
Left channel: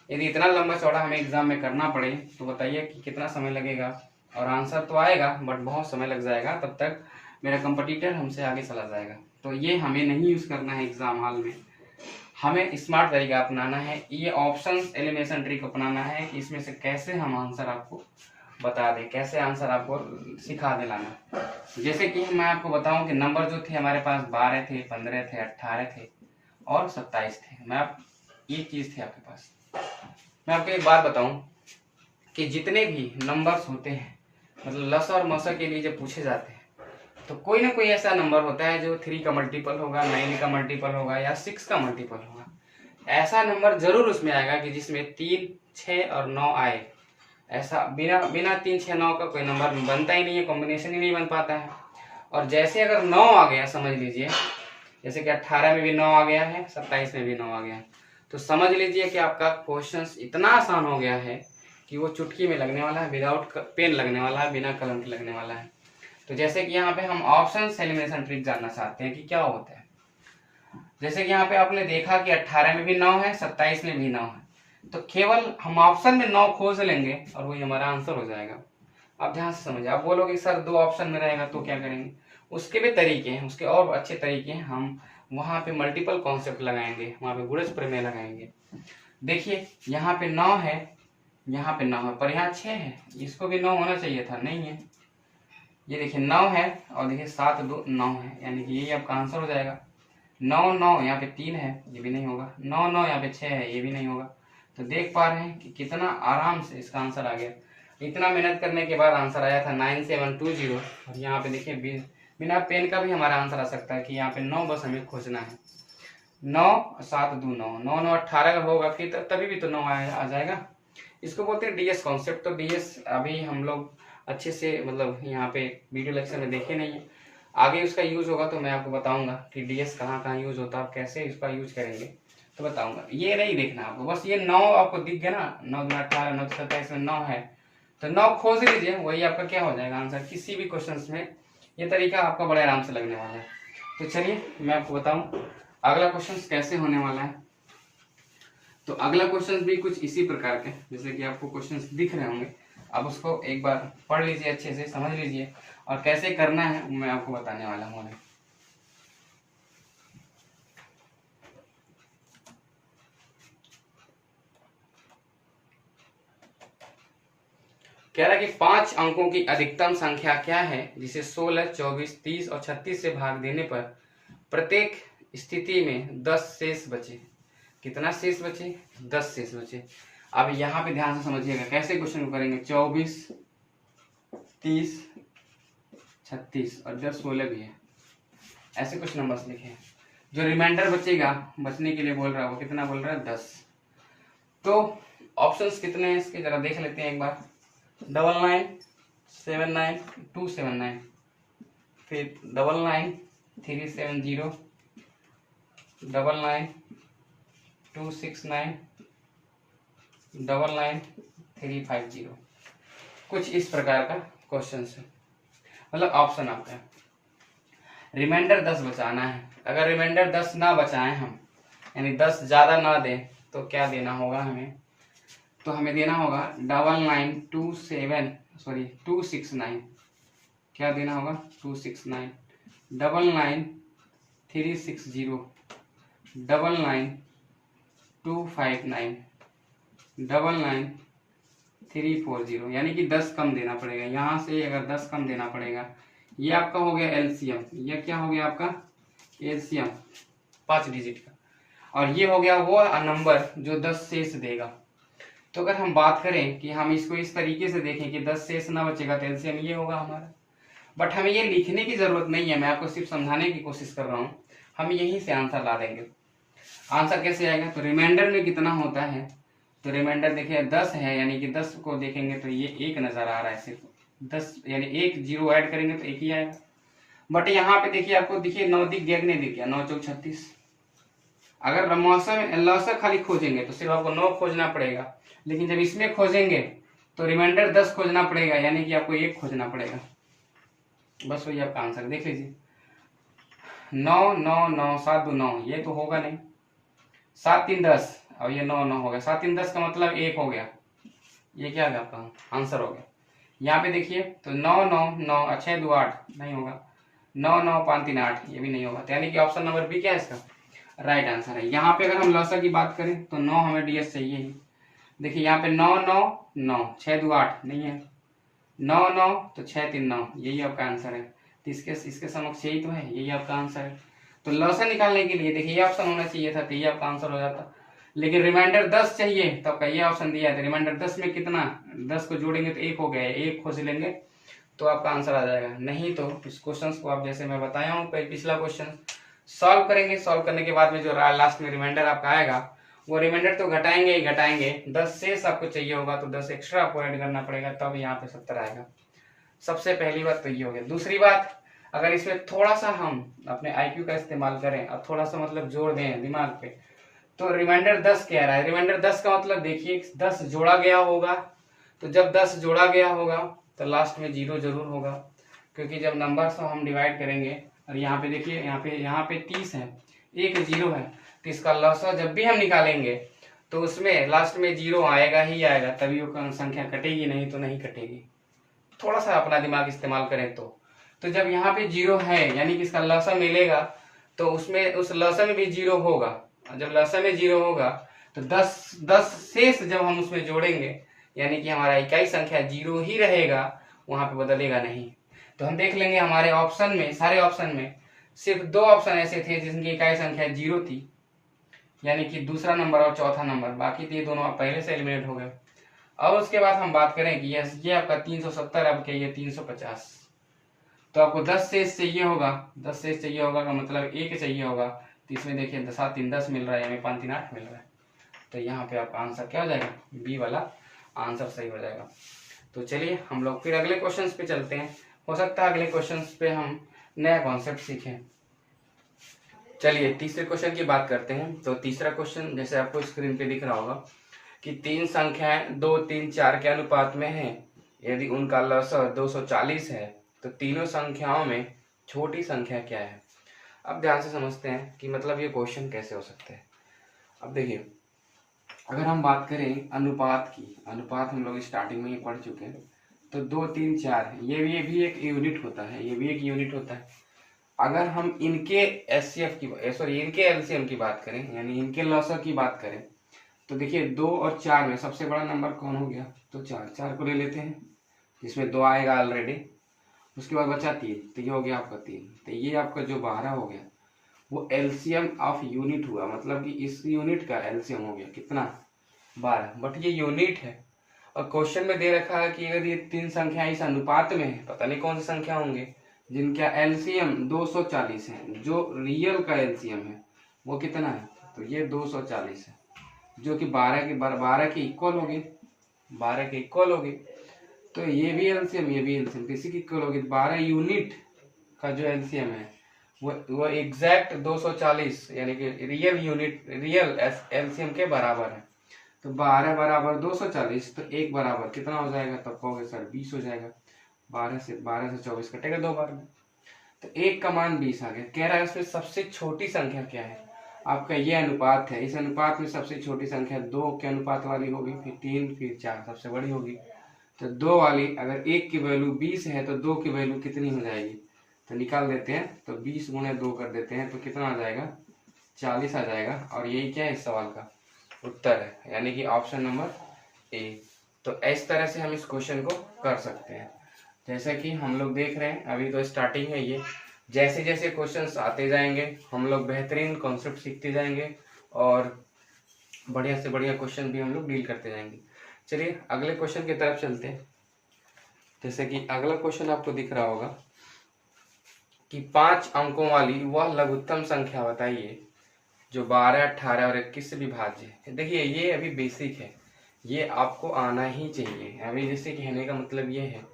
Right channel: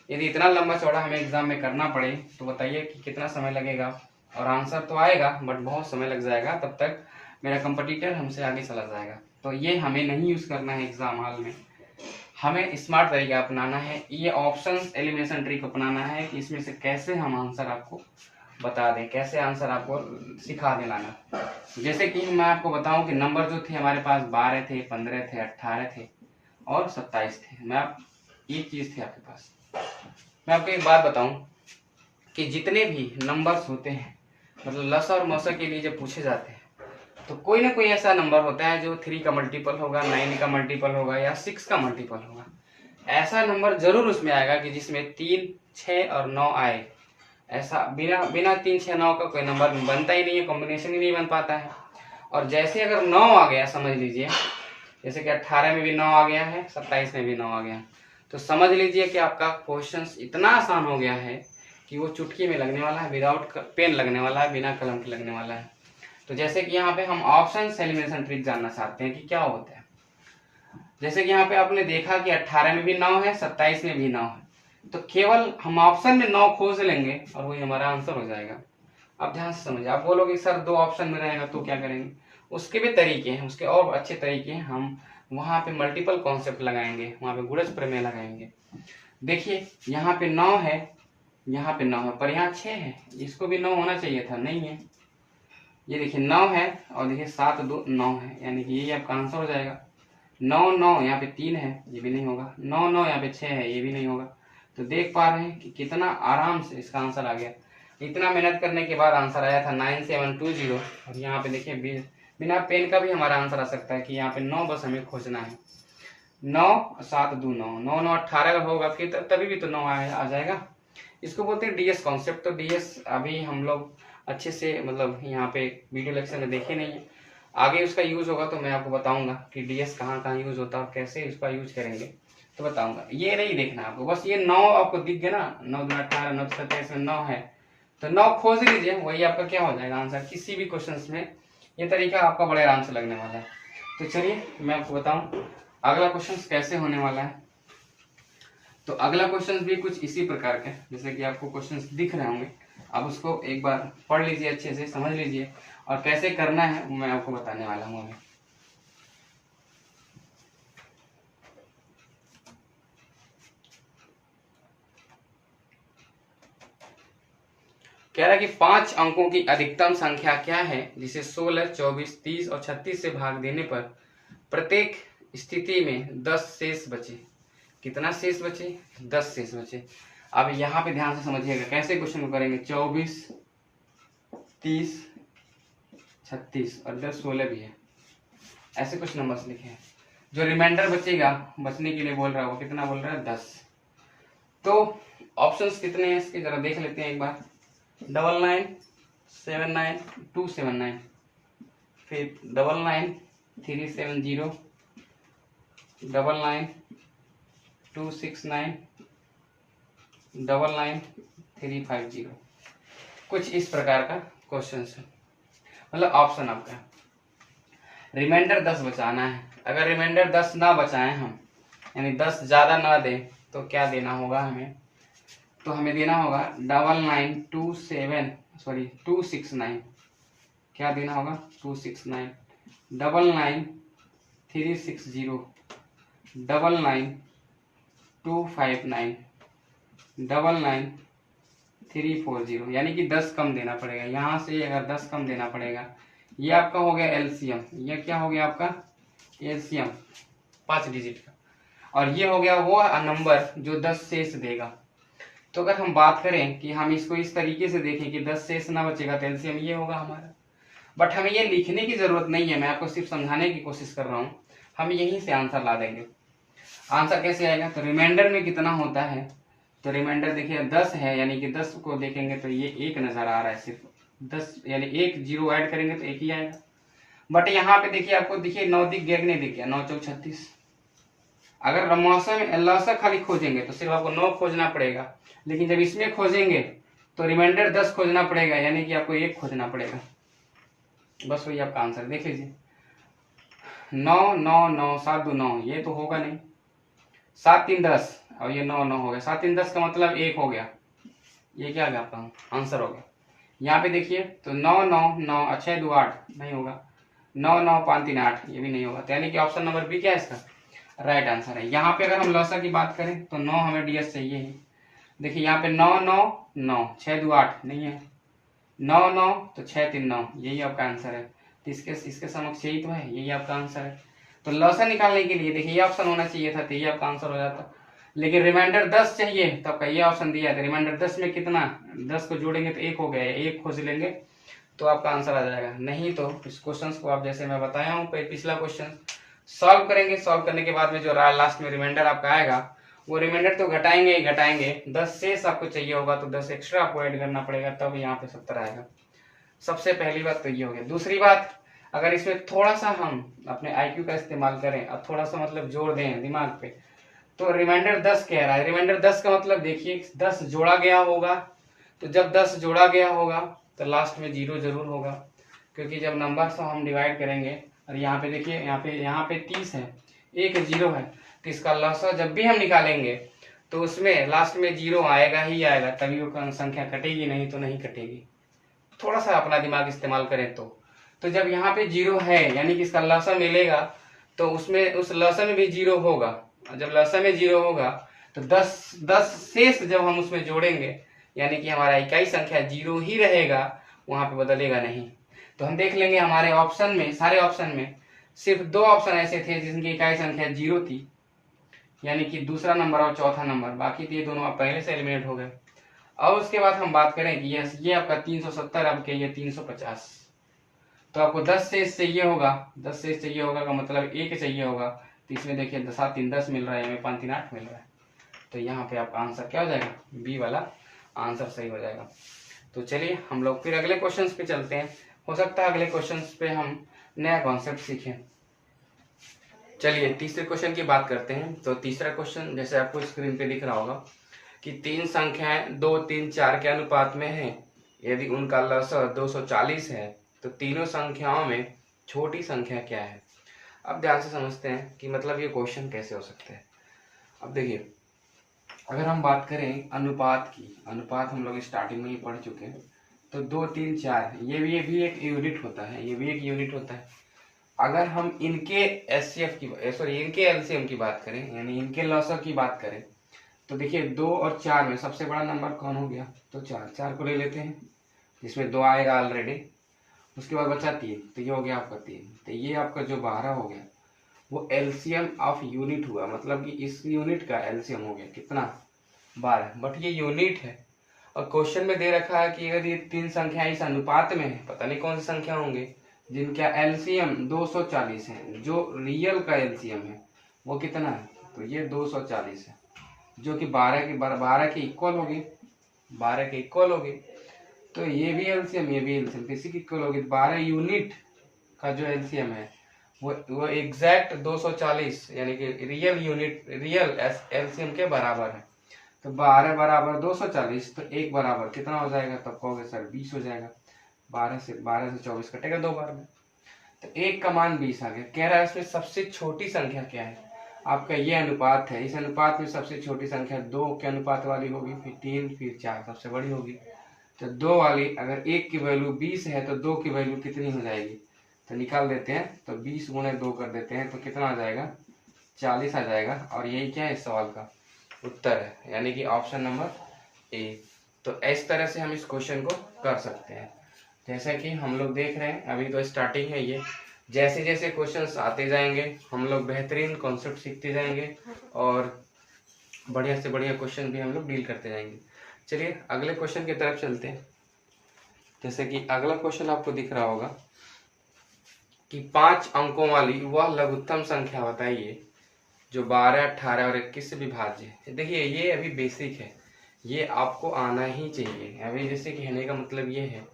यदि इतना लंबा चौड़ा हमें एग्जाम में करना पड़े तो बताइए कि कितना समय लगेगा। और आंसर तो आएगा बट बहुत समय लग जाएगा, तब तक मेरा कंपटीटर हमसे आगे चला जाएगा। तो ये हमें नहीं यूज़ करना है एग्जाम हॉल में। हमें स्मार्ट तरीका अपनाना है, ये ऑप्शंस एलिमिनेशन ट्रिक अपनाना है कि इसमें से कैसे हम आंसर आपको बता दें, कैसे आंसर आपको सिखा दे लाना। जैसे कि मैं आपको बताऊं कि नंबर जो थे हमारे पास 12 थे, 15 थे, 18 थे और 27 थे। मैं आप एक चीज़ थी आपके पास, मैं आपको एक बात बताऊं कि जितने भी नंबर्स होते हैं मतलब लसा और मसा के लिए जब पूछे जाते हैं तो कोई ना कोई ऐसा नंबर होता है जो 3 का मल्टीपल होगा, 9 का मल्टीपल होगा या 6 का मल्टीपल होगा। ऐसा नंबर जरूर उसमें आएगा कि जिसमें 3, 6 और 9 आए। ऐसा बिना 3, 6, 9 का कोई नंबर बनता ही नहीं है, कॉम्बिनेशन ही नहीं बन पाता है। और जैसे अगर 9 आ गया, समझ लीजिए जैसे कि 18 में भी 9 आ गया है, 27 में भी 9 आ गया है, तो समझ लीजिए कि आपका क्वेश्चन इतना आसान हो गया है कि वो चुटकी में लगने वाला है, विदाउट पेन लगने वाला है, बिना कलम के लगने वाला है। तो जैसे कि यहाँ पे हम ऑप्शन एलिमिनेशन ट्रिक जानना चाहते हैं कि क्या होता है। जैसे कि यहाँ पे आपने देखा कि 18 में भी 9 है, 27 में भी 9 है, तो केवल हम ऑप्शन में 9 खोज लेंगे और वही हमारा आंसर हो जाएगा। आप ध्यान से समझिए। आप बोलोगे सर 2 ऑप्शन में रहेगा तो क्या करेंगे? उसके भी तरीके हैं, उसके और अच्छे तरीके हैं। हम वहाँ पे मल्टीपल कॉन्सेप्ट लगाएंगे, वहाँ पे गुणज प्रमेय लगाएंगे। देखिए यहाँ पे 9 है, यहाँ पे 9 है, पर यहाँ 6 है, इसको भी 9 होना चाहिए था, नहीं है। ये देखिए 9 है और देखिए 7, 2, 9 है, यानी कि ये आपका आंसर हो जाएगा। 9, 9 यहाँ पे 3 है, ये भी नहीं होगा। 9, 9 यहाँ पे 6 है, ये भी नहीं होगा। तो देख पा रहे हैं कि कितना आराम से इसका आंसर आ गया। इतना मेहनत करने के बाद आंसर आया था 9720। और यहाँ पे देखिए बिना पेन का भी हमारा आंसर आ सकता है कि यहाँ पे 9 बस हमें खोजना है। 9, 7, 2, 9, 9, 9, 18 होगा फिर तभी भी तो 9 आ जाएगा। इसको बोलते हैं डीएस कॉन्सेप्ट। तो डीएस अभी हम लोग अच्छे से मतलब यहाँ पे वीडियो लेक्चर में देखे नहीं है, आगे उसका यूज होगा तो मैं आपको बताऊंगा कि डीएस कहाँ कहाँ यूज होता है और कैसे इसका यूज करेंगे तो बताऊंगा। ये नहीं देखना आपको, बस ये 9 आपको दिख गया ना, 9, 2, 18, 9, 27 में 9 है तो 9 खोज लीजिए, वही आपका क्या हो जाएगा आंसर किसी भी क्वेश्चन में। ये तरीका आपका बड़े आराम से लगने वाला है। तो चलिए मैं आपको बताऊं अगला क्वेश्चन कैसे होने वाला है। तो अगला क्वेश्चन भी कुछ इसी प्रकार के, जैसे कि आपको क्वेश्चंस दिख रहे होंगे, आप उसको एक बार पढ़ लीजिए, अच्छे से समझ लीजिए और कैसे करना है मैं आपको बताने वाला हूँ। कह रहा है कि 5 अंकों की अधिकतम संख्या क्या है जिसे 16, 24, 30 और 36 से भाग देने पर प्रत्येक स्थिति में 10 शेष बचे। कितना शेष बचे? 10 शेष बचे। अब यहाँ पे ध्यान से समझिएगा कैसे क्वेश्चन को करेंगे। 24, 30, 36 और 10, 16 भी है, ऐसे कुछ नंबर्स लिखे हैं। जो रिमाइंडर बचेगा, बचने के लिए बोल रहा है वो कितना बोल रहा है? 10। तो ऑप्शंस कितने हैं इसके जरा देख लेते हैं एक बार। 99, 79, 279, फिर 99, 370, 99, 269, 99, 350। कुछ इस प्रकार का क्वेश्चन है, मतलब ऑप्शन आपका। रिमाइंडर 10 बचाना है। अगर रिमाइंडर 10 ना बचाएं हम, यानी 10 ज्यादा ना दें तो क्या देना होगा हमें? तो हमें देना होगा 269, क्या देना होगा? 269, 99, 360, 99, 259, 99, 340, यानी कि 10 कम देना पड़ेगा। यहाँ से अगर 10 कम देना पड़ेगा, ये आपका हो गया एलसीएम। ये क्या हो गया आपका? एलसीएम 5 डिजिट का। और ये हो गया वो नंबर जो 10 शेष देगा। तो अगर हम बात करें कि हम इसको इस तरीके से देखें कि 10 शेष ना बचेगा तो एलसीएम ये होगा हमारा। बट हमें ये लिखने की जरूरत नहीं है, मैं आपको सिर्फ समझाने की कोशिश कर रहा हूँ। हम यहीं से आंसर ला देंगे। आंसर कैसे आएगा? तो रिमाइंडर में कितना होता है? तो रिमाइंडर देखिए 10 है, यानी कि 10 को देखेंगे तो ये 1 नजर आ रहा है, सिर्फ 10 यानी 1 जीरो ऐड करेंगे तो 1 ही आएगा। बट यहाँ पे देखिए आपको देखिए 9 दिख गया कि नहीं दिख गया? 9, 4, 36। अगर लॉसा खाली खोजेंगे तो सिर्फ आपको 9 खोजना पड़ेगा, लेकिन जब इसमें खोजेंगे तो रिमाइंडर 10 खोजना पड़ेगा, यानी कि आपको 1 खोजना पड़ेगा। बस वही आपका आंसर देख लीजिए। 9 9 9 7 2 9, ये तो होगा नहीं। 7 3 10 और ये 9 9 हो गया। 7 3 10 का मतलब 1 हो गया। ये क्या गया आपका आंसर हो गया। यहाँ पे देखिए तो 9 9 9 अच्छा 2 8 नहीं होगा। 9 9 5 3 8 ये भी नहीं होगा। तो यानी कि ऑप्शन नंबर बी क्या है इसका राइट आंसर है। यहाँ पे अगर हम लॉसा की बात करें तो 9 हमें डीएस चाहिए ही। देखिए यहाँ पे 9 9 9 6 2 8 नहीं है। 9 9 तो 6 3 9 यही आपका आंसर है। तो इसके समक्ष यही तो है, यही आपका आंसर है। तो लॉसा निकालने के लिए देखिए ये ऑप्शन होना चाहिए था, तो ये आपका आंसर हो जाता। लेकिन रिमाइंडर 10 चाहिए तो आपका ये ऑप्शन दिया है। रिमाइंडर 10 में कितना 10 को जोड़ेंगे तो 1 हो गया है, 1 खोज लेंगे तो आपका आंसर आ जाएगा। नहीं तो इस क्वेश्चन को आप जैसे मैं बताया हूँ पिछला क्वेश्चन सॉल्व करेंगे। सॉल्व करने के बाद में जो लास्ट में रिमाइंडर आपका आएगा वो रिमाइंडर तो घटाएंगे ही घटाएंगे। 10 शेष आपको चाहिए होगा तो 10 एक्स्ट्रा आपको ऐड करना पड़ेगा, तब यहाँ पे 70 आएगा। सबसे पहली बात तो ये हो गया। दूसरी बात, अगर इसमें थोड़ा सा हम अपने IQ का इस्तेमाल करें और थोड़ा सा मतलब जोड़ दें दिमाग पे, तो रिमाइंडर 10 कह रहा है। रिमाइंडर 10 का मतलब देखिए 10 जोड़ा गया होगा, तो जब 10 जोड़ा गया होगा तो लास्ट में 0 जरूर होगा, क्योंकि जब नंबर से हम डिवाइड करेंगे और यहाँ पे देखिए यहाँ पे 30 है, एक 0 है, तो इसका लॉसा जब भी हम निकालेंगे तो उसमें लास्ट में 0 आएगा ही आएगा, तभी वो संख्या कटेगी, नहीं तो नहीं कटेगी। थोड़ा सा अपना दिमाग इस्तेमाल करें तो जब यहाँ पे 0 है यानी कि इसका लॉसा मिलेगा तो उसमें उस लॉसा में भी 0 होगा। जब लॉसा में 0 होगा तो 10 शेष जब हम उसमें जोड़ेंगे यानी कि हमारा इकाई संख्या 0 ही रहेगा, वहां पे बदलेगा नहीं। तो हम देख लेंगे हमारे ऑप्शन में, सारे ऑप्शन में सिर्फ 2 ऑप्शन ऐसे थे जिनकी इकाई संख्या 0 थी, यानी कि दूसरा नंबर और चौथा नंबर। बाकी तो ये दोनों आप पहले से एलिमिनेट हो गए। और उसके बाद हम बात करें कि ये आपका 370 अब के ये 350, तो आपको 10 शेष चाहिए होगा। 10 शेष चाहिए होगा का मतलब 1 चाहिए होगा, तो इसमें देखिए 7 3 10 मिल रहा है, हमें 5 3 8 मिल रहा है। तो यहाँ पे आपका आंसर क्या हो जाएगा, बी वाला आंसर सही हो जाएगा। तो चलिए हम लोग फिर अगले क्वेश्चंस पे चलते हैं। हो सकता है अगले क्वेश्चंस पे हम नया कॉन्सेप्ट सीखें। चलिए तीसरे क्वेश्चन की बात करते हैं। तो तीसरा क्वेश्चन जैसे आपको स्क्रीन पे दिख रहा होगा कि 3 संख्याएं 2 3 4 के अनुपात में है, यदि उनका लसा 240 है तो तीनों संख्याओं में छोटी संख्या क्या है। अब ध्यान से समझते हैं कि मतलब ये क्वेश्चन कैसे हो सकते हैं। अब देखिए अगर हम बात करें अनुपात की, अनुपात हम लोग स्टार्टिंग में ही पढ़ चुके हैं, तो 2 3 4 ये भी एक यूनिट होता है, ये भी एक यूनिट होता है। अगर हम इनके एचसीएफ की सॉरी इनके एलसीएम की बात करें यानी इनके लॉसा की बात करें तो देखिए 2 और 4 में सबसे बड़ा नंबर कौन हो गया, तो 4 को ले लेते हैं, जिसमें 2 आएगा ऑलरेडी। उसके बाद बचा 3, तो ये हो गया आपका 3। तो ये आपका जो 12 हो गया वो एलसीएम ऑफ यूनिट हुआ, मतलब कि इस यूनिट का एलसीएम हो गया कितना 12। बट ये यूनिट है और क्वेश्चन में दे रखा है कि अगर ये 3 संख्याएं इस अनुपात में है, पता नहीं कौन सी संख्या होंगे जिनका एलसीएम 240 है। जो रियल का एलसीएम है वो कितना है, तो ये 240 है, जो कि 12 के इक्वल होगी, 12 के इक्वल होगी। तो ये भी एलसीएम ये भी एलसीएम किसी की इक्वल होगी। 12 यूनिट का जो एलसीएम है वो एग्जैक्ट 240 यानी कि रियल एलसीएम के बराबर है। तो 12 बराबर 240, तो 1 बराबर कितना हो जाएगा, तब कहोगे सर 20 हो जाएगा। 12 से 24 कटेगा 2 बार में, तो 1 का मान 20 आ गया। कह रहा है इसमें सबसे छोटी संख्या क्या है, आपका ये अनुपात है। इस अनुपात में सबसे छोटी संख्या 2 के अनुपात वाली होगी, फिर 3 फिर 4 सबसे बड़ी होगी। तो 2 वाली अगर 1 की वैल्यू 20 है तो 2 की वैल्यू कितनी हो जाएगी, तो निकाल देते हैं। तो 20 गुणे 2 कर देते हैं तो कितना आ जाएगा, 40 आ जाएगा। और यही क्या है इस सवाल का उत्तर है, यानी कि ऑप्शन नंबर ए। तो इस तरह से हम इस क्वेश्चन को कर सकते हैं। जैसा कि हम लोग देख रहे हैं अभी तो स्टार्टिंग है ये, जैसे जैसे क्वेश्चंस आते जाएंगे हम लोग बेहतरीन कॉन्सेप्ट सीखते जाएंगे और बढ़िया से बढ़िया क्वेश्चन भी हम लोग डील करते जाएंगे। चलिए अगले क्वेश्चन की तरफ चलते हैं। जैसे कि अगला क्वेश्चन आपको दिख रहा होगा कि 5 अंकों वाली वह लघुत्तम संख्या बताइए जो 12, 18 और 21 से विभाज्य है। देखिए ये अभी बेसिक है, ये आपको आना ही चाहिए। अभी जैसे कहने का मतलब ये है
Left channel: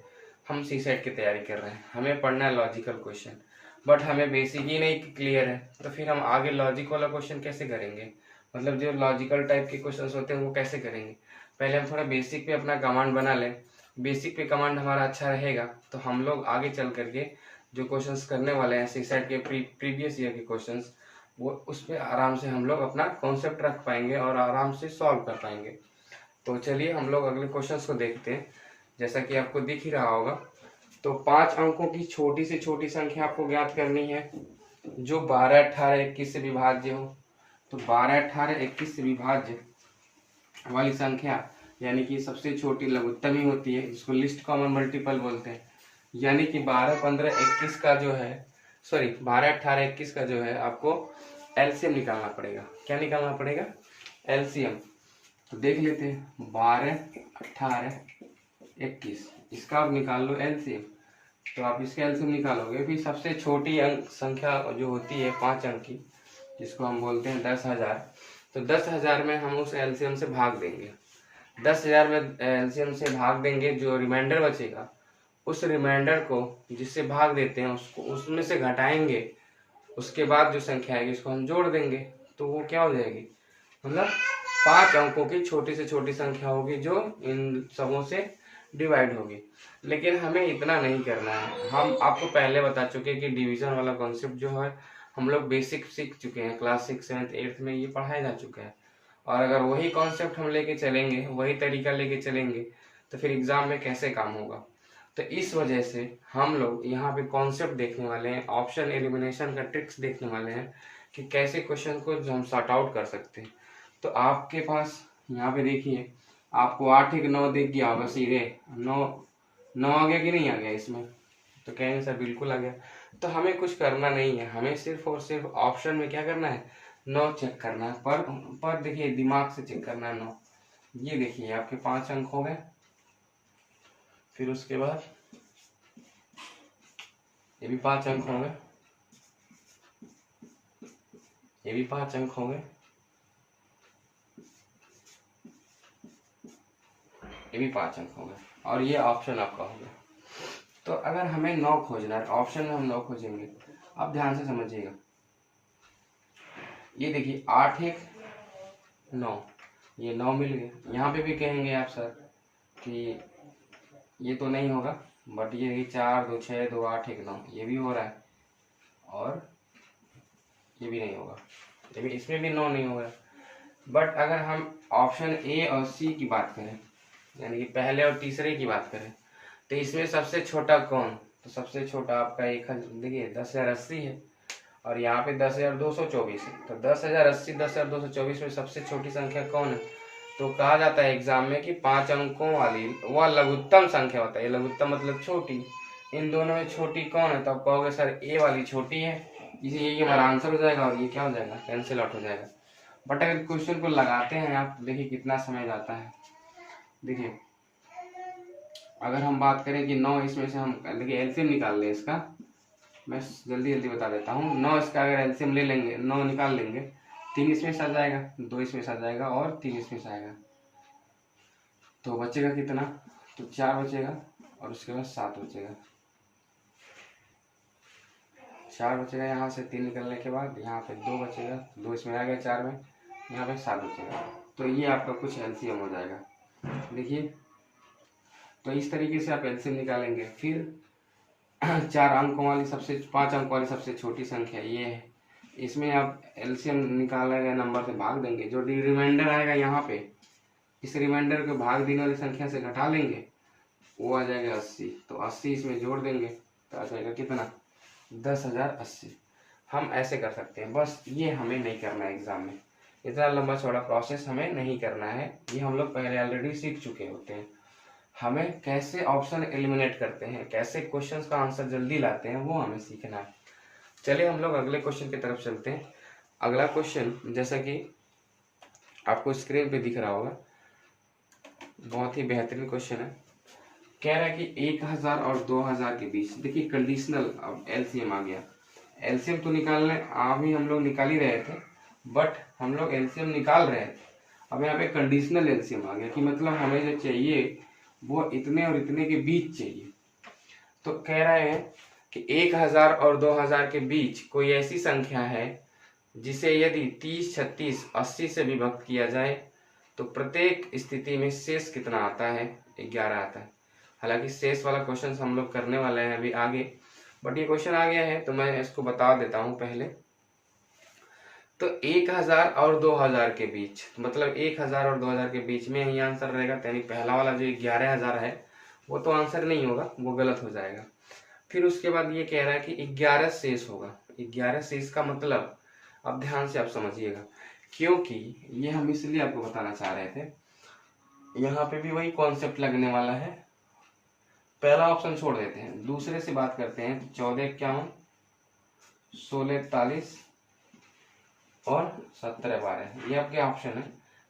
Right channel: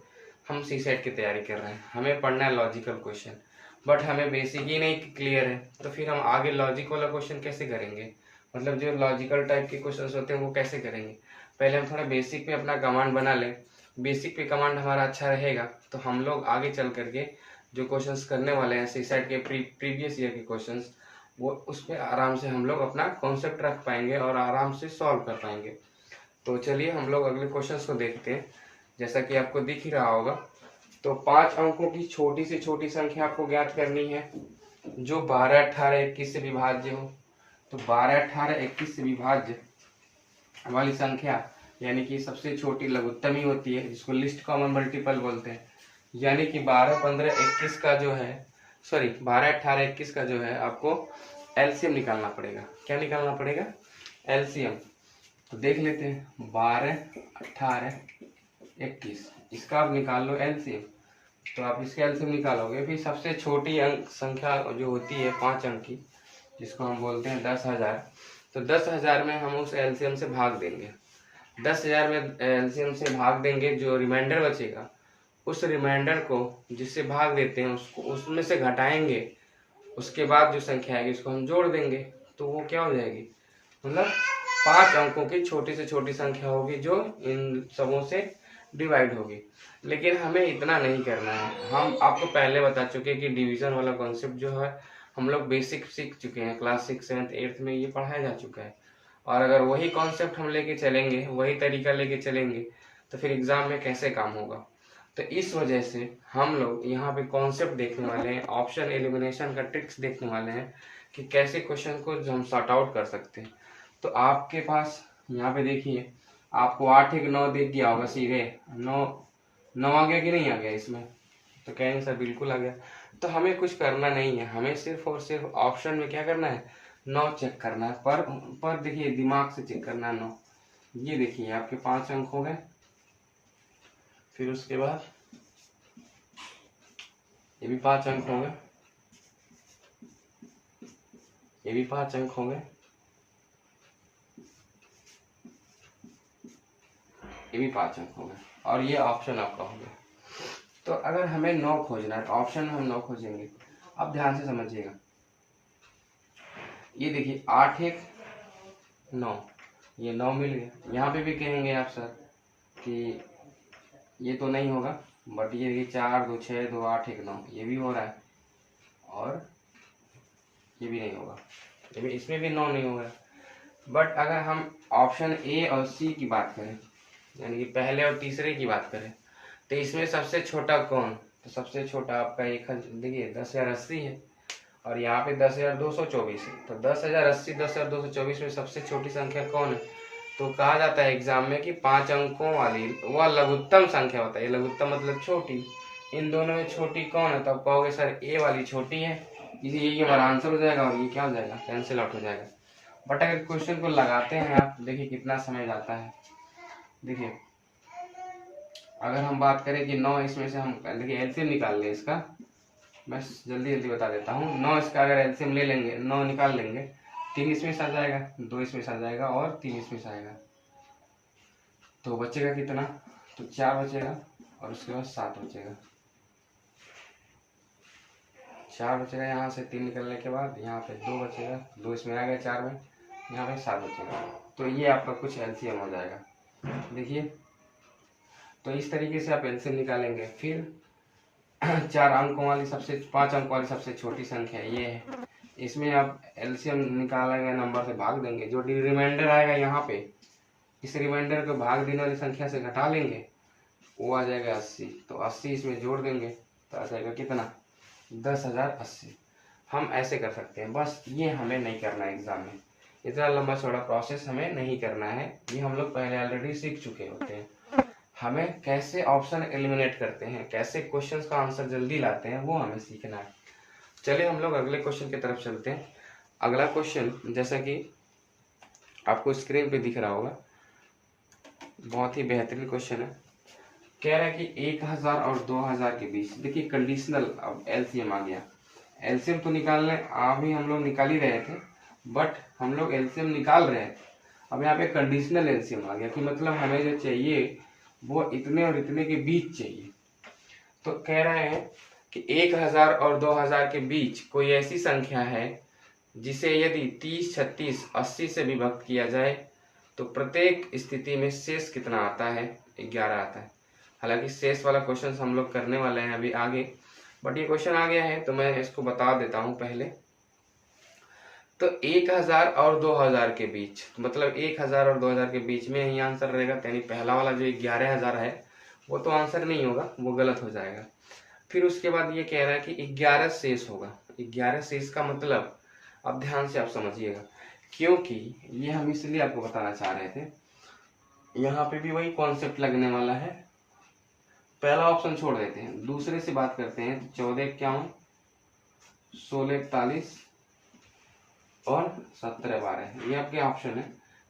हम सीसेट की तैयारी कर रहे हैं, हमें पढ़ना है लॉजिकल क्वेश्चन, बट हमें बेसिक ही नहीं क्लियर है, तो फिर हम आगे लॉजिक वाला क्वेश्चन कैसे करेंगे, मतलब जो लॉजिकल टाइप के क्वेश्चन होते हैं वो कैसे करेंगे। पहले हम थोड़ा बेसिक पे अपना कमांड बना लें। बेसिक पे कमांड हमारा अच्छा रहेगा तो हम लोग आगे चल करके जो क्वेश्चंस करने वाले हैं सीसेट के प्रीवियस ईयर के क्वेश्चंस, वो उस पर आराम से हम लोग अपना कॉन्सेप्ट रख पाएंगे और आराम से सॉल्व कर पाएंगे। तो चलिए हम लोग अगले क्वेश्चंस को देखते हैं। जैसा कि आपको दिख ही रहा होगा, तो 5 अंकों की छोटी से छोटी संख्या आपको ज्ञात करनी है जो 12, 18, 21 से विभाज्य हो। तो 12, 18, 21 से विभाज्य वाली संख्या यानी कि सबसे छोटी लघुत्तम ही होती है, जिसको लिस्ट कॉमन मल्टीपल बोलते हैं। यानी कि 12, 15, 21 का जो है 12, 18, 21 का जो है आपको एलसीएम निकालना पड़ेगा। क्या निकालना पड़ेगा? एलसीएम। तो देख लेते हैं 12, 18, 21, इसका आप निकाल लो एलसीएम। तो आप इसका एलसीएम निकालोगे, फिर सबसे छोटी अंक संख्या जो होती है 5 अंक की, जिसको हम बोलते हैं 10,000। तो 10,000 में हम उस एलसीएम से भाग देंगे। 10,000 में एलसीएम से भाग देंगे, जो रिमाइंडर बचेगा उस रिमाइंडर को जिससे भाग देते हैं उसको उसमें से घटाएंगे। उसके बाद जो संख्या आएगी उसको हम जोड़ देंगे, तो वो क्या हो जाएगी? मतलब 5 अंकों की छोटी से छोटी संख्या होगी जो इन सबों से डिवाइड होगी। लेकिन हमें इतना नहीं करना है। हम आपको पहले बता चुके कि डिवीजन वाला कॉन्सेप्ट जो है हम लोग बेसिक सीख चुके हैं, क्लास 6, 7, 8 में ये पढ़ाया जा चुका है। और अगर वही कॉन्सेप्ट हम लेके चलेंगे, वही तरीका लेके चलेंगे, तो फिर एग्जाम में कैसे काम होगा? तो इस वजह से हम लोग यहाँ पे कॉन्सेप्ट देखने वाले हैं, ऑप्शन एलिमिनेशन का ट्रिक्स देखने वाले हैं कि कैसे क्वेश्चन को जो हम सॉर्ट आउट कर सकते हैं। तो आपके पास यहाँ पे देखिए, आपको 8, 1, 9 दिख गया होगा सीधे। 9 आ गया कि नहीं आ गया इसमें? तो कहेंगे सर बिल्कुल आ गया। तो हमें कुछ करना नहीं है, हमें सिर्फ और सिर्फ ऑप्शन में क्या करना है? 9 चेक करना है। पर देखिए दिमाग से चेक करना है 9। ये देखिए आपके 5 अंक हो गए। फिर उसके बाद ये भी 5 अंक हो गए, ये भी 5 अंक हो गए, ये भी 5 अंक हो गए, और ये ऑप्शन आपका हो गया। तो अगर हमें 9 खोजना है, ऑप्शन में हम 9 खोजेंगे। अब ध्यान से समझिएगा, ये देखिए 8, 1, 9, ये 9 मिल गया। यहाँ पे भी कहेंगे आप सर कि ये तो नहीं होगा, बट ये देखिए 4, 2, 6, 2, 8, 1, 9, ये भी हो रहा है, और ये भी नहीं होगा, ये भी, इसमें भी 9 नहीं होगा। बट अगर हम ऑप्शन ए और सी की बात करें, यानी कि पहले और तीसरे की बात करें, तो इसमें सबसे छोटा कौन? तो सबसे छोटा आपका एक देखिए 10,080 है, और यहाँ पे 10,224 है। तो 10,080, 10,224 में सबसे छोटी संख्या कौन है? तो कहा जाता है एग्जाम में कि 5 अंकों वाली वह लघुत्तम संख्या होता है। लघुत्तम मतलब छोटी। इन दोनों में छोटी कौन है? तो आप कहोगे सर ए वाली छोटी है, इसीलिए ये हमारा आंसर हो जाएगा, और ये क्या हो जाएगा? कैंसिल आउट हो जाएगा। बट अगर क्वेश्चन को लगाते हैं आप, देखिए कितना समय जाता है। देखिए अगर हम बात करें कि 9 इसमें से हम देखिए एलसीएम निकाल लें इसका, मैं जल्दी जल्दी बता देता हूँ। 9 इसका अगर एलसीएम ले लेंगे, 9 निकाल लेंगे, 3 इसमें से आ जाएगा, 2 इसमें से आ जाएगा, और 3 इसमें से आएगा। तो बचेगा कितना? तो 4 बचेगा, और उसके बाद 7 बचेगा। 4 बचेगा यहाँ से, 3 निकलने के बाद यहाँ पे 2 बचेगा, 2 इसमें आ गया 4 में, यहाँ पे 7 बचेगा। तो ये आपका कुछ एलसीएम हो जाएगा। देखिए तो इस तरीके से आप एलसीएम निकालेंगे। फिर 4 अंकों वाली 5 अंकों वाली सबसे छोटी संख्या ये है, इसमें आप एलसीएम निकालेंगे, नंबर से भाग देंगे, जो रिमाइंडर आएगा यहाँ पे, इस रिमाइंडर को भाग देने वाली संख्या से घटा लेंगे, वो आ जाएगा 80। तो 80 इसमें जोड़ देंगे, तो आ जाएगा कितना? 10,080। हम ऐसे कर सकते हैं, बस ये हमें नहीं करना है एग्जाम में। इतना लंबा चौड़ा प्रोसेस हमें नहीं करना है, ये हम लोग पहले ऑलरेडी सीख चुके होते हैं। हमें कैसे ऑप्शन एलिमिनेट करते हैं, कैसे क्वेश्चंस का आंसर जल्दी लाते हैं, वो हमें सीखना है। चलिए हम लोग अगले क्वेश्चन की तरफ चलते हैं। अगला क्वेश्चन जैसा कि आपको स्क्रीन पे दिख रहा होगा, बहुत ही बेहतरीन क्वेश्चन है। कह रहा है कि 1,000 और 2,000 के बीच, देखिए कंडीशनल, अब एलसीएम आ गया। एलसीएम तो निकालने अभी हम लोग निकाल ही रहे थे, बट हम लोग एलसीएम निकाल रहे थे, अब यहाँ पे कंडीशनल एलसीएम आ गया कि मतलब हमें जो चाहिए वो इतने और इतने के बीच चाहिए। तो कह रहे हैं कि 1,000 और 2,000 के बीच कोई ऐसी संख्या है जिसे यदि 30, 36, 80 से विभक्त किया जाए तो प्रत्येक स्थिति में शेष कितना आता है, 11 आता है। हालांकि शेष वाला क्वेश्चन हम लोग करने वाले हैं अभी आगे, बट ये क्वेश्चन आ गया है तो मैं इसको बता देता हूँ पहले। तो 1000 और 2000 के बीच, मतलब 1000 और 2000 के बीच में ही आंसर रहेगा, यानी पहला वाला जो 11000 है वो तो आंसर नहीं होगा, वो गलत हो जाएगा। फिर उसके बाद ये कह रहा है कि 11 शेष होगा। 11 शेष का मतलब अब ध्यान से आप समझिएगा, क्योंकि ये हम इसलिए आपको बताना चाह रहे थे, यहाँ पे भी वही कॉन्सेप्ट लगने वाला है। पहला ऑप्शन छोड़ देते हैं, दूसरे से बात करते हैं। 1451, 1641 और 1712, ये आपके ऑप्शन है।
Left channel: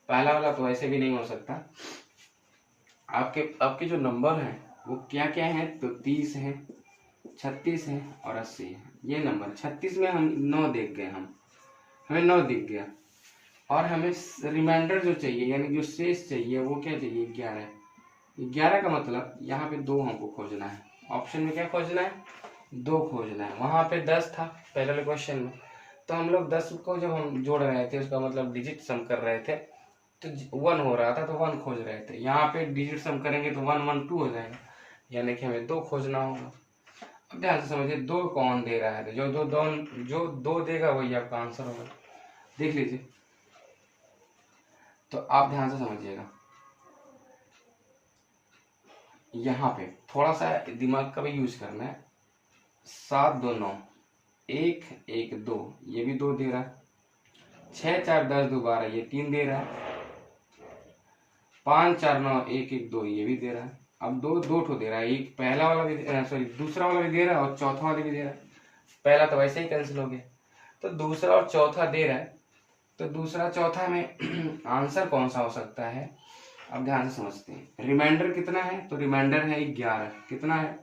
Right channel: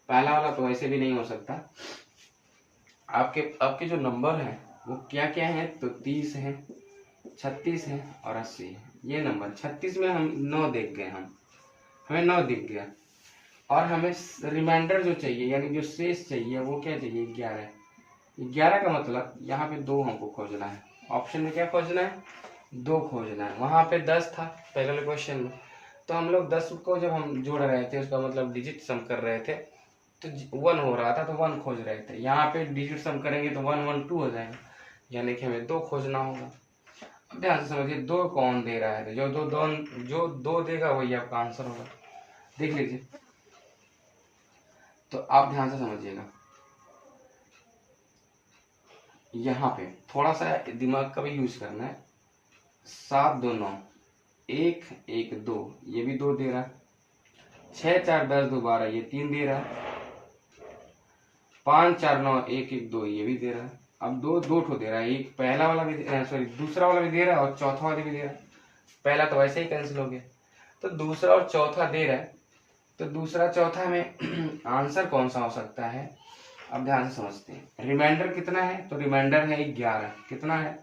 पहला वाला तो ऐसे भी नहीं हो सकता। आपके जो नंबर हैं वो क्या क्या है, तो 30 है, 36 है और 80 है। ये नंबर 36 में हम 9 देख गए, हमें 9 दिख गया, और हमें रिमाइंडर जो चाहिए यानी जो शेष चाहिए वो क्या चाहिए, 11। 11 का मतलब यहाँ पे 2 हमको खोजना है। ऑप्शन में क्या खोजना है, 2 खोजना है। वहां पे 10 था पहले वाले क्वेश्चन में, तो हम लोग 10 को जब हम जोड़ रहे थे, उसका मतलब डिजिट सम कर रहे थे, तो 1 हो रहा था तो 1 खोज रहे थे। यहाँ पे डिजिट सम करेंगे तो 1 1 2 हो जाएगा, यानी कि हमें 2 खोजना होगा। अब ध्यान से समझिए, 2 कौन दे रहा है, जो दो देगा वही आपका आंसर होगा। देख लीजिए, तो आप ध्यान से समझिएगा, यहाँ पे थोड़ा सा दिमाग का भी यूज करना है। 7 2 9, 1 1 2, ये भी 2 दे रहा है। 6 4 10 2 12, ये 3 दे रहा है। 5 4 9 1 1 2, ये भी दे रहा है। अब 2 2 ठो दे रहा है, एक पहला वाला भी सॉरी दूसरा वाला भी दे रहा है और चौथा वाला भी दे रहा है। पहला तो वैसे ही कैंसिल हो गया, तो दूसरा और चौथा दे रहा है, तो दूसरा चौथा में आंसर कौन सा हो सकता है। अब ध्यान से समझते हैं, रिमाइंडर कितना है, तो रिमाइंडर है 11। कितना है,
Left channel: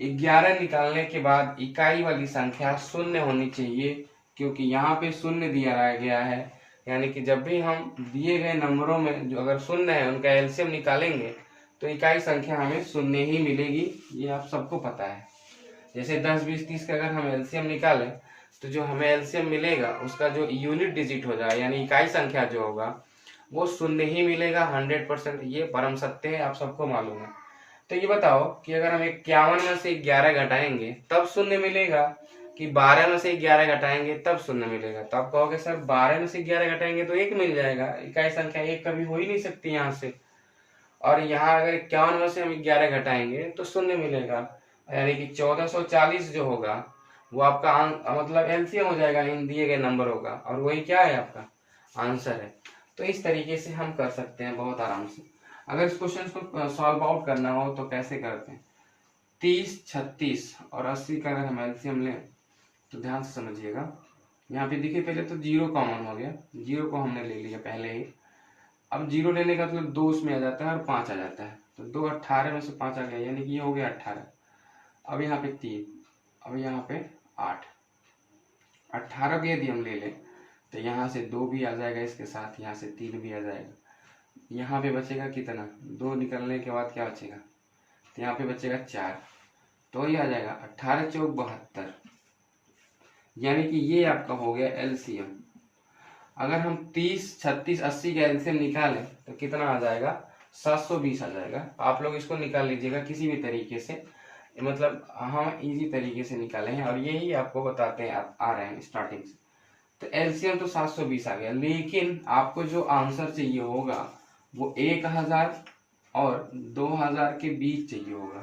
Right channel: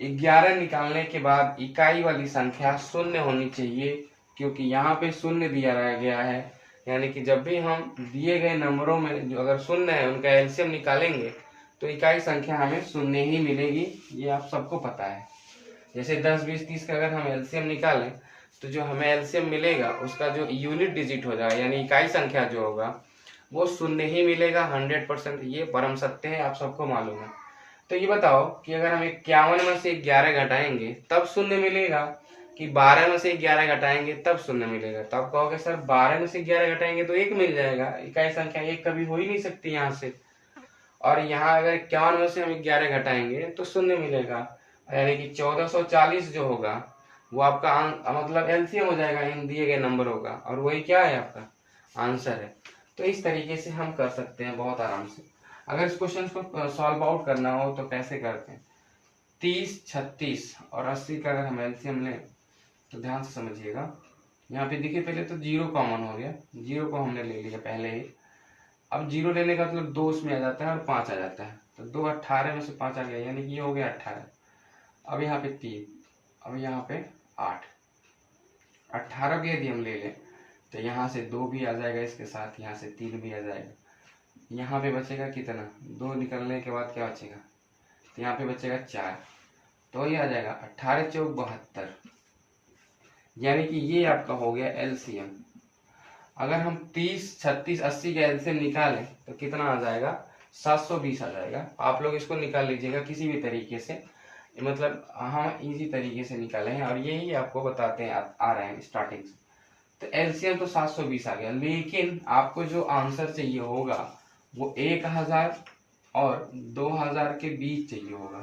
11 निकालने के बाद इकाई वाली संख्या शून्य होनी चाहिए, क्योंकि यहाँ पे शून्य दिया गया है, यानी कि जब भी हम दिए गए नंबरों में जो अगर शून्य है उनका एलसीएम निकालेंगे तो इकाई संख्या हमें शून्य ही मिलेगी। ये आप सबको पता है। जैसे 10 20 30 का अगर हम एलसीएम निकालें तो जो हमें एलसीएम मिलेगा उसका जो यूनिट डिजिट हो जाएगा, यानी इकाई संख्या जो होगा वो शून्य ही मिलेगा 100%। ये परम सत्य है, आप सबको मालूम है। तो ये बताओ कि अगर हम 51 में से 11 घटाएंगे तब शून्य मिलेगा, कि 12 में से 11 घटाएंगे तब शून्य मिलेगा। तब कहोगे सर 12 में से 11 घटाएंगे तो 1 मिल जाएगा, इकाई संख्या 1 कभी हो ही नहीं सकती यहाँ से। और यहाँ अगर 51 में से हम 11 घटाएंगे तो शून्य मिलेगा, यानी कि 1440 जो होगा वो आपका मतलब एलसीएम हो जाएगा इन दिए गए नंबरों का, और वही क्या है, आपका आंसर है। तो इस तरीके से हम कर सकते हैं बहुत आराम से। अगर इस क्वेश्चन को सॉल्व आउट करना हो तो कैसे करते हैं, 30 36 और 80 का अगर हम एलसीएम लें तो ध्यान से समझिएगा। यहाँ पे देखिए, पहले तो 0 कॉमन हो गया, 0 को हमने ले लिया पहले ही। अब 0 लेने का मतलब 2 उसमें आ जाता है और 5 आ जाता है, तो 2 18 में से 5 आ गया, यानी कि ये हो गया 18। अब यहाँ पे 3, अब यहाँ पे 8, 18 भी यदि हम ले लें तो यहाँ से 2 भी आ जाएगा, इसके साथ यहाँ से 3 भी आ जाएगा। यहाँ पे बचेगा कितना, 2 निकलने के बाद क्या बचेगा, तो यहाँ पे बचेगा 4, तो ये आ जाएगा 18 चौक 72, यानी कि ये आपका हो गया एलसीएम। अगर हम 30 36 80 का एलसीएम निकालें तो कितना आ जाएगा, 720 आ जाएगा। आप लोग इसको निकाल लीजिएगा किसी भी तरीके से, मतलब हम इजी तरीके से निकाले हैं और यही आपको बताते हैं आ रहे हैं स्टार्टिंग से। तो एलसीएम तो 720 आ गया, लेकिन आपको जो आंसर चाहिए होगा वो 1000 और 2000 के बीच चाहिए होगा।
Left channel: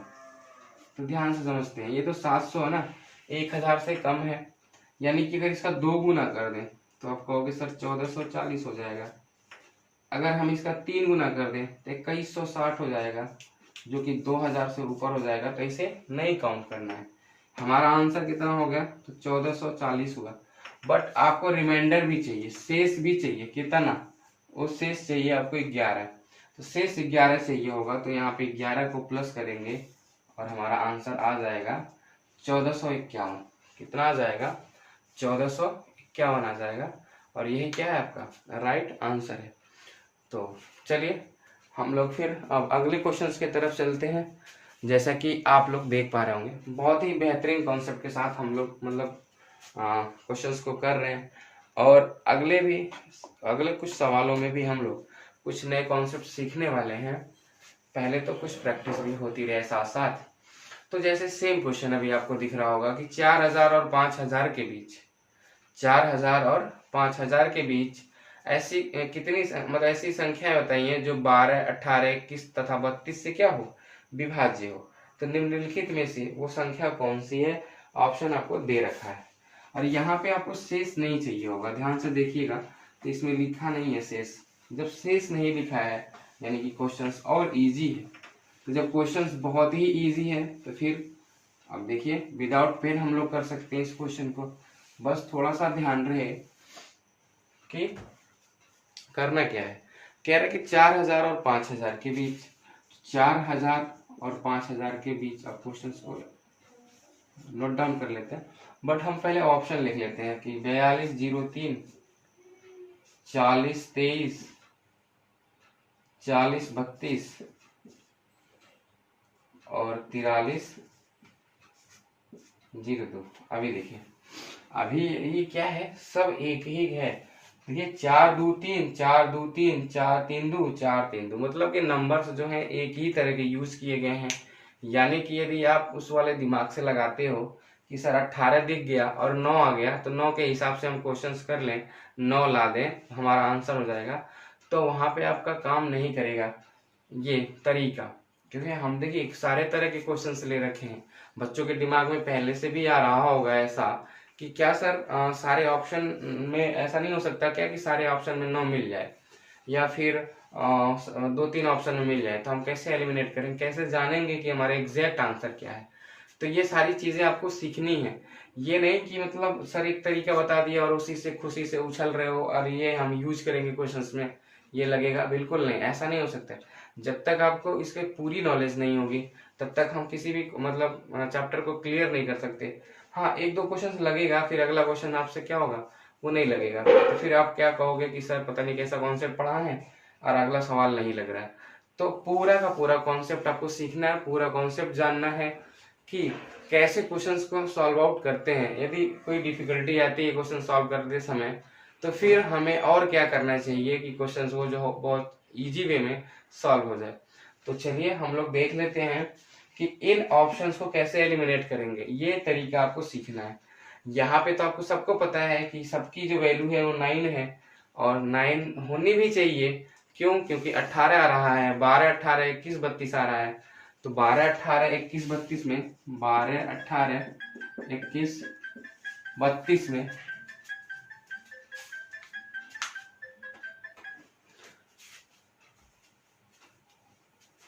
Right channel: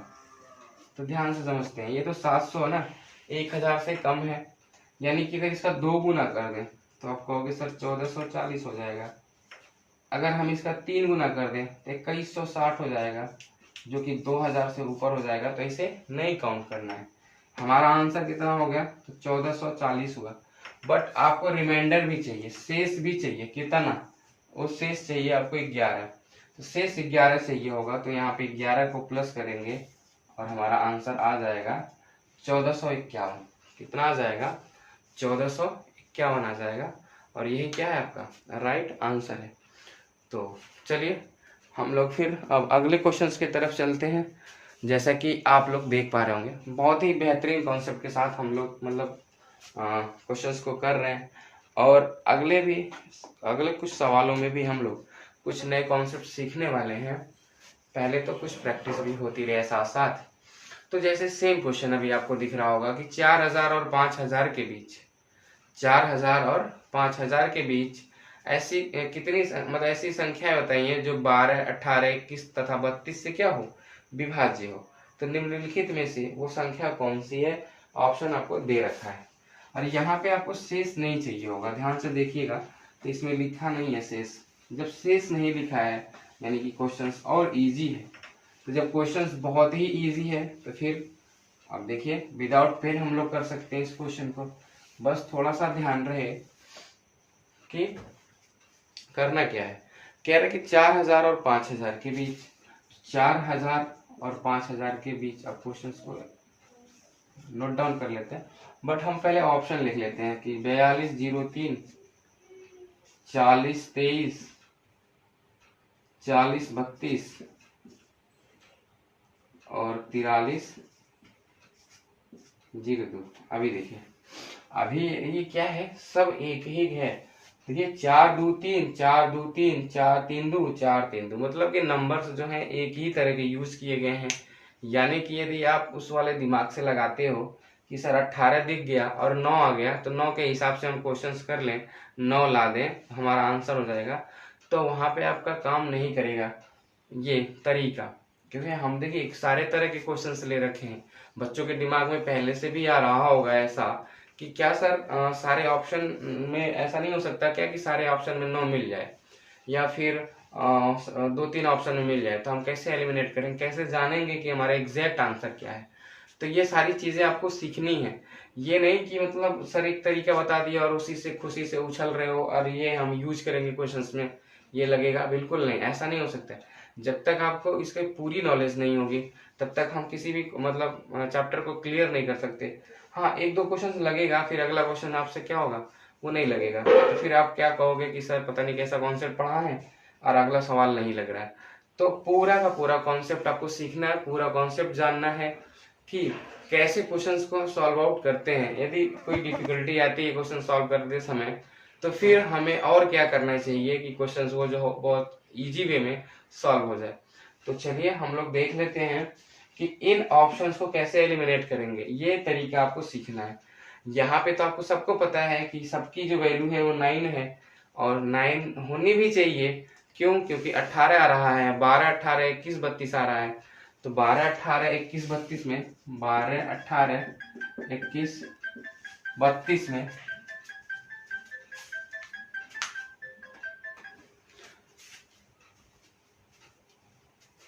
तो ध्यान से समझते हैं, ये तो 700 है ना, 1000 से कम है, यानी कि अगर इसका 2 गुना कर दें तो आप कहोगे सर 1440 हो जाएगा। अगर हम इसका 3 गुना कर दें तो 2160 हो जाएगा, जो कि 2000 से ऊपर हो जाएगा, तो इसे नहीं काउंट करना है। हमारा आंसर कितना हो गया, तो 1440 हुआ। बट आपको रिमाइंडर भी चाहिए, शेष भी चाहिए, कितना, वो शेष चाहिए आपको 11, तो शेष 11 चाहिए होगा, तो यहाँ पे 11 को प्लस करेंगे और हमारा आंसर आ जाएगा 1451। कितना आ जाएगा, 1451 आ जाएगा, और यही क्या है आपका राइट आंसर है। तो चलिए हम लोग फिर अब अगले क्वेश्चंस की तरफ चलते हैं। जैसा कि आप लोग देख पा रहे होंगे, बहुत ही बेहतरीन कॉन्सेप्ट के साथ हम लोग मतलब क्वेश्चंस को कर रहे हैं, और अगले कुछ सवालों में भी हम लोग कुछ नए कॉन्सेप्ट सीखने वाले हैं, पहले तो कुछ प्रैक्टिस भी होती रहे साथ साथ। तो जैसे सेम क्वेश्चन अभी आपको दिख रहा होगा कि 4000 और 5000 के बीच, 4000 और 5000 के बीच ऐसी कितनी मतलब ऐसी संख्याएं बताइए जो 12, 18, 21 तथा 32 से क्या हो, विभाज्य हो। तो निम्नलिखित में से वो संख्या कौन सी है, ऑप्शन आपको दे रखा है। और यहाँ पे आपको शेष नहीं चाहिए होगा, ध्यान से देखिएगा, तो इसमें लिखा नहीं है शेष। जब शेष नहीं लिखा है यानी कि क्वेश्चंस और इजी है। तो जब क्वेश्चंस बहुत ही इजी है तो फिर अब देखिए विदाउट पेन हम लोग कर सकते हैं इस क्वेश्चन को। बस थोड़ा सा ध्यान रहे कि करना क्या है। कह रहे कि 4000 और 5000 के बीच, 4000 और 5000 के बीच, अब क्वेश्चन को नोट डाउन कर लेते हैं, बट हम पहले ऑप्शन लिख लेते हैं कि 4203, 4023, 4032 और 4302। अभी देखिए, अभी ये क्या है, सब एक ही है। देखिए 4 2 3, 4 2 3, 4 3 2, 4 3 2, मतलब कि नंबर्स जो हैं एक ही तरह के यूज किए गए हैं। यानी कि यदि आप उस वाले दिमाग से लगाते हो कि सर 18 दिख गया और 9 आ गया, तो 9 के हिसाब से हम क्वेश्चंस कर लें, 9 ला दें, हमारा आंसर हो जाएगा, तो वहां पे आपका काम नहीं करेगा ये तरीका। क्योंकि हम देखिए सारे तरह के क्वेश्चंस ले रखे हैं, बच्चों के दिमाग में पहले से भी आ रहा होगा ऐसा कि क्या सर सारे ऑप्शन में ऐसा नहीं हो सकता क्या कि सारे ऑप्शन में 9 मिल जाए, या फिर 2-3 ऑप्शन में मिल जाए, तो हम कैसे एलिमिनेट करें, कैसे जानेंगे कि हमारा एग्जैक्ट आंसर क्या है। तो ये सारी चीजें आपको सीखनी है। ये नहीं कि मतलब सर एक तरीका बता दिया और उसी से खुशी से उछल रहे हो और ये हम यूज करेंगे क्वेश्चंस में, ये लगेगा, बिल्कुल नहीं, ऐसा नहीं हो सकता। जब तक आपको इसके पूरी नॉलेज नहीं होगी तब तक हम किसी भी मतलब चैप्टर को क्लियर नहीं कर सकते। हाँ, 1-2 क्वेश्चन लगेगा, फिर अगला क्वेश्चन आपसे क्या होगा, वो नहीं लगेगा, तो फिर आप क्या कहोगे कि सर पता नहीं कैसा कॉन्सेप्ट पढ़ा है और अगला सवाल नहीं लग रहा है। तो पूरा का पूरा कॉन्सेप्ट आपको सीखना है, पूरा कॉन्सेप्ट जानना है कि कैसे क्वेश्चंस को सॉल्व आउट करते हैं। यदि कोई डिफिकल्टी आती है क्वेश्चन सॉल्व करते समय, तो फिर हमें और क्या करना चाहिए कि क्वेश्चंस को जो बहुत इजी वे में सॉल्व हो जाए। तो चलिए हम लोग देख लेते हैं कि इन ऑप्शंस को कैसे एलिमिनेट करेंगे, ये तरीका आपको सीखना है। यहाँ पे तो आपको सबको पता है कि सबकी जो वैल्यू है वो 9 है, और 9 होनी भी चाहिए। क्यों? क्योंकि 18 आ रहा है, 12 18 21 32 आ रहा है, तो 12 18 21 32 में 12 18 21 32 में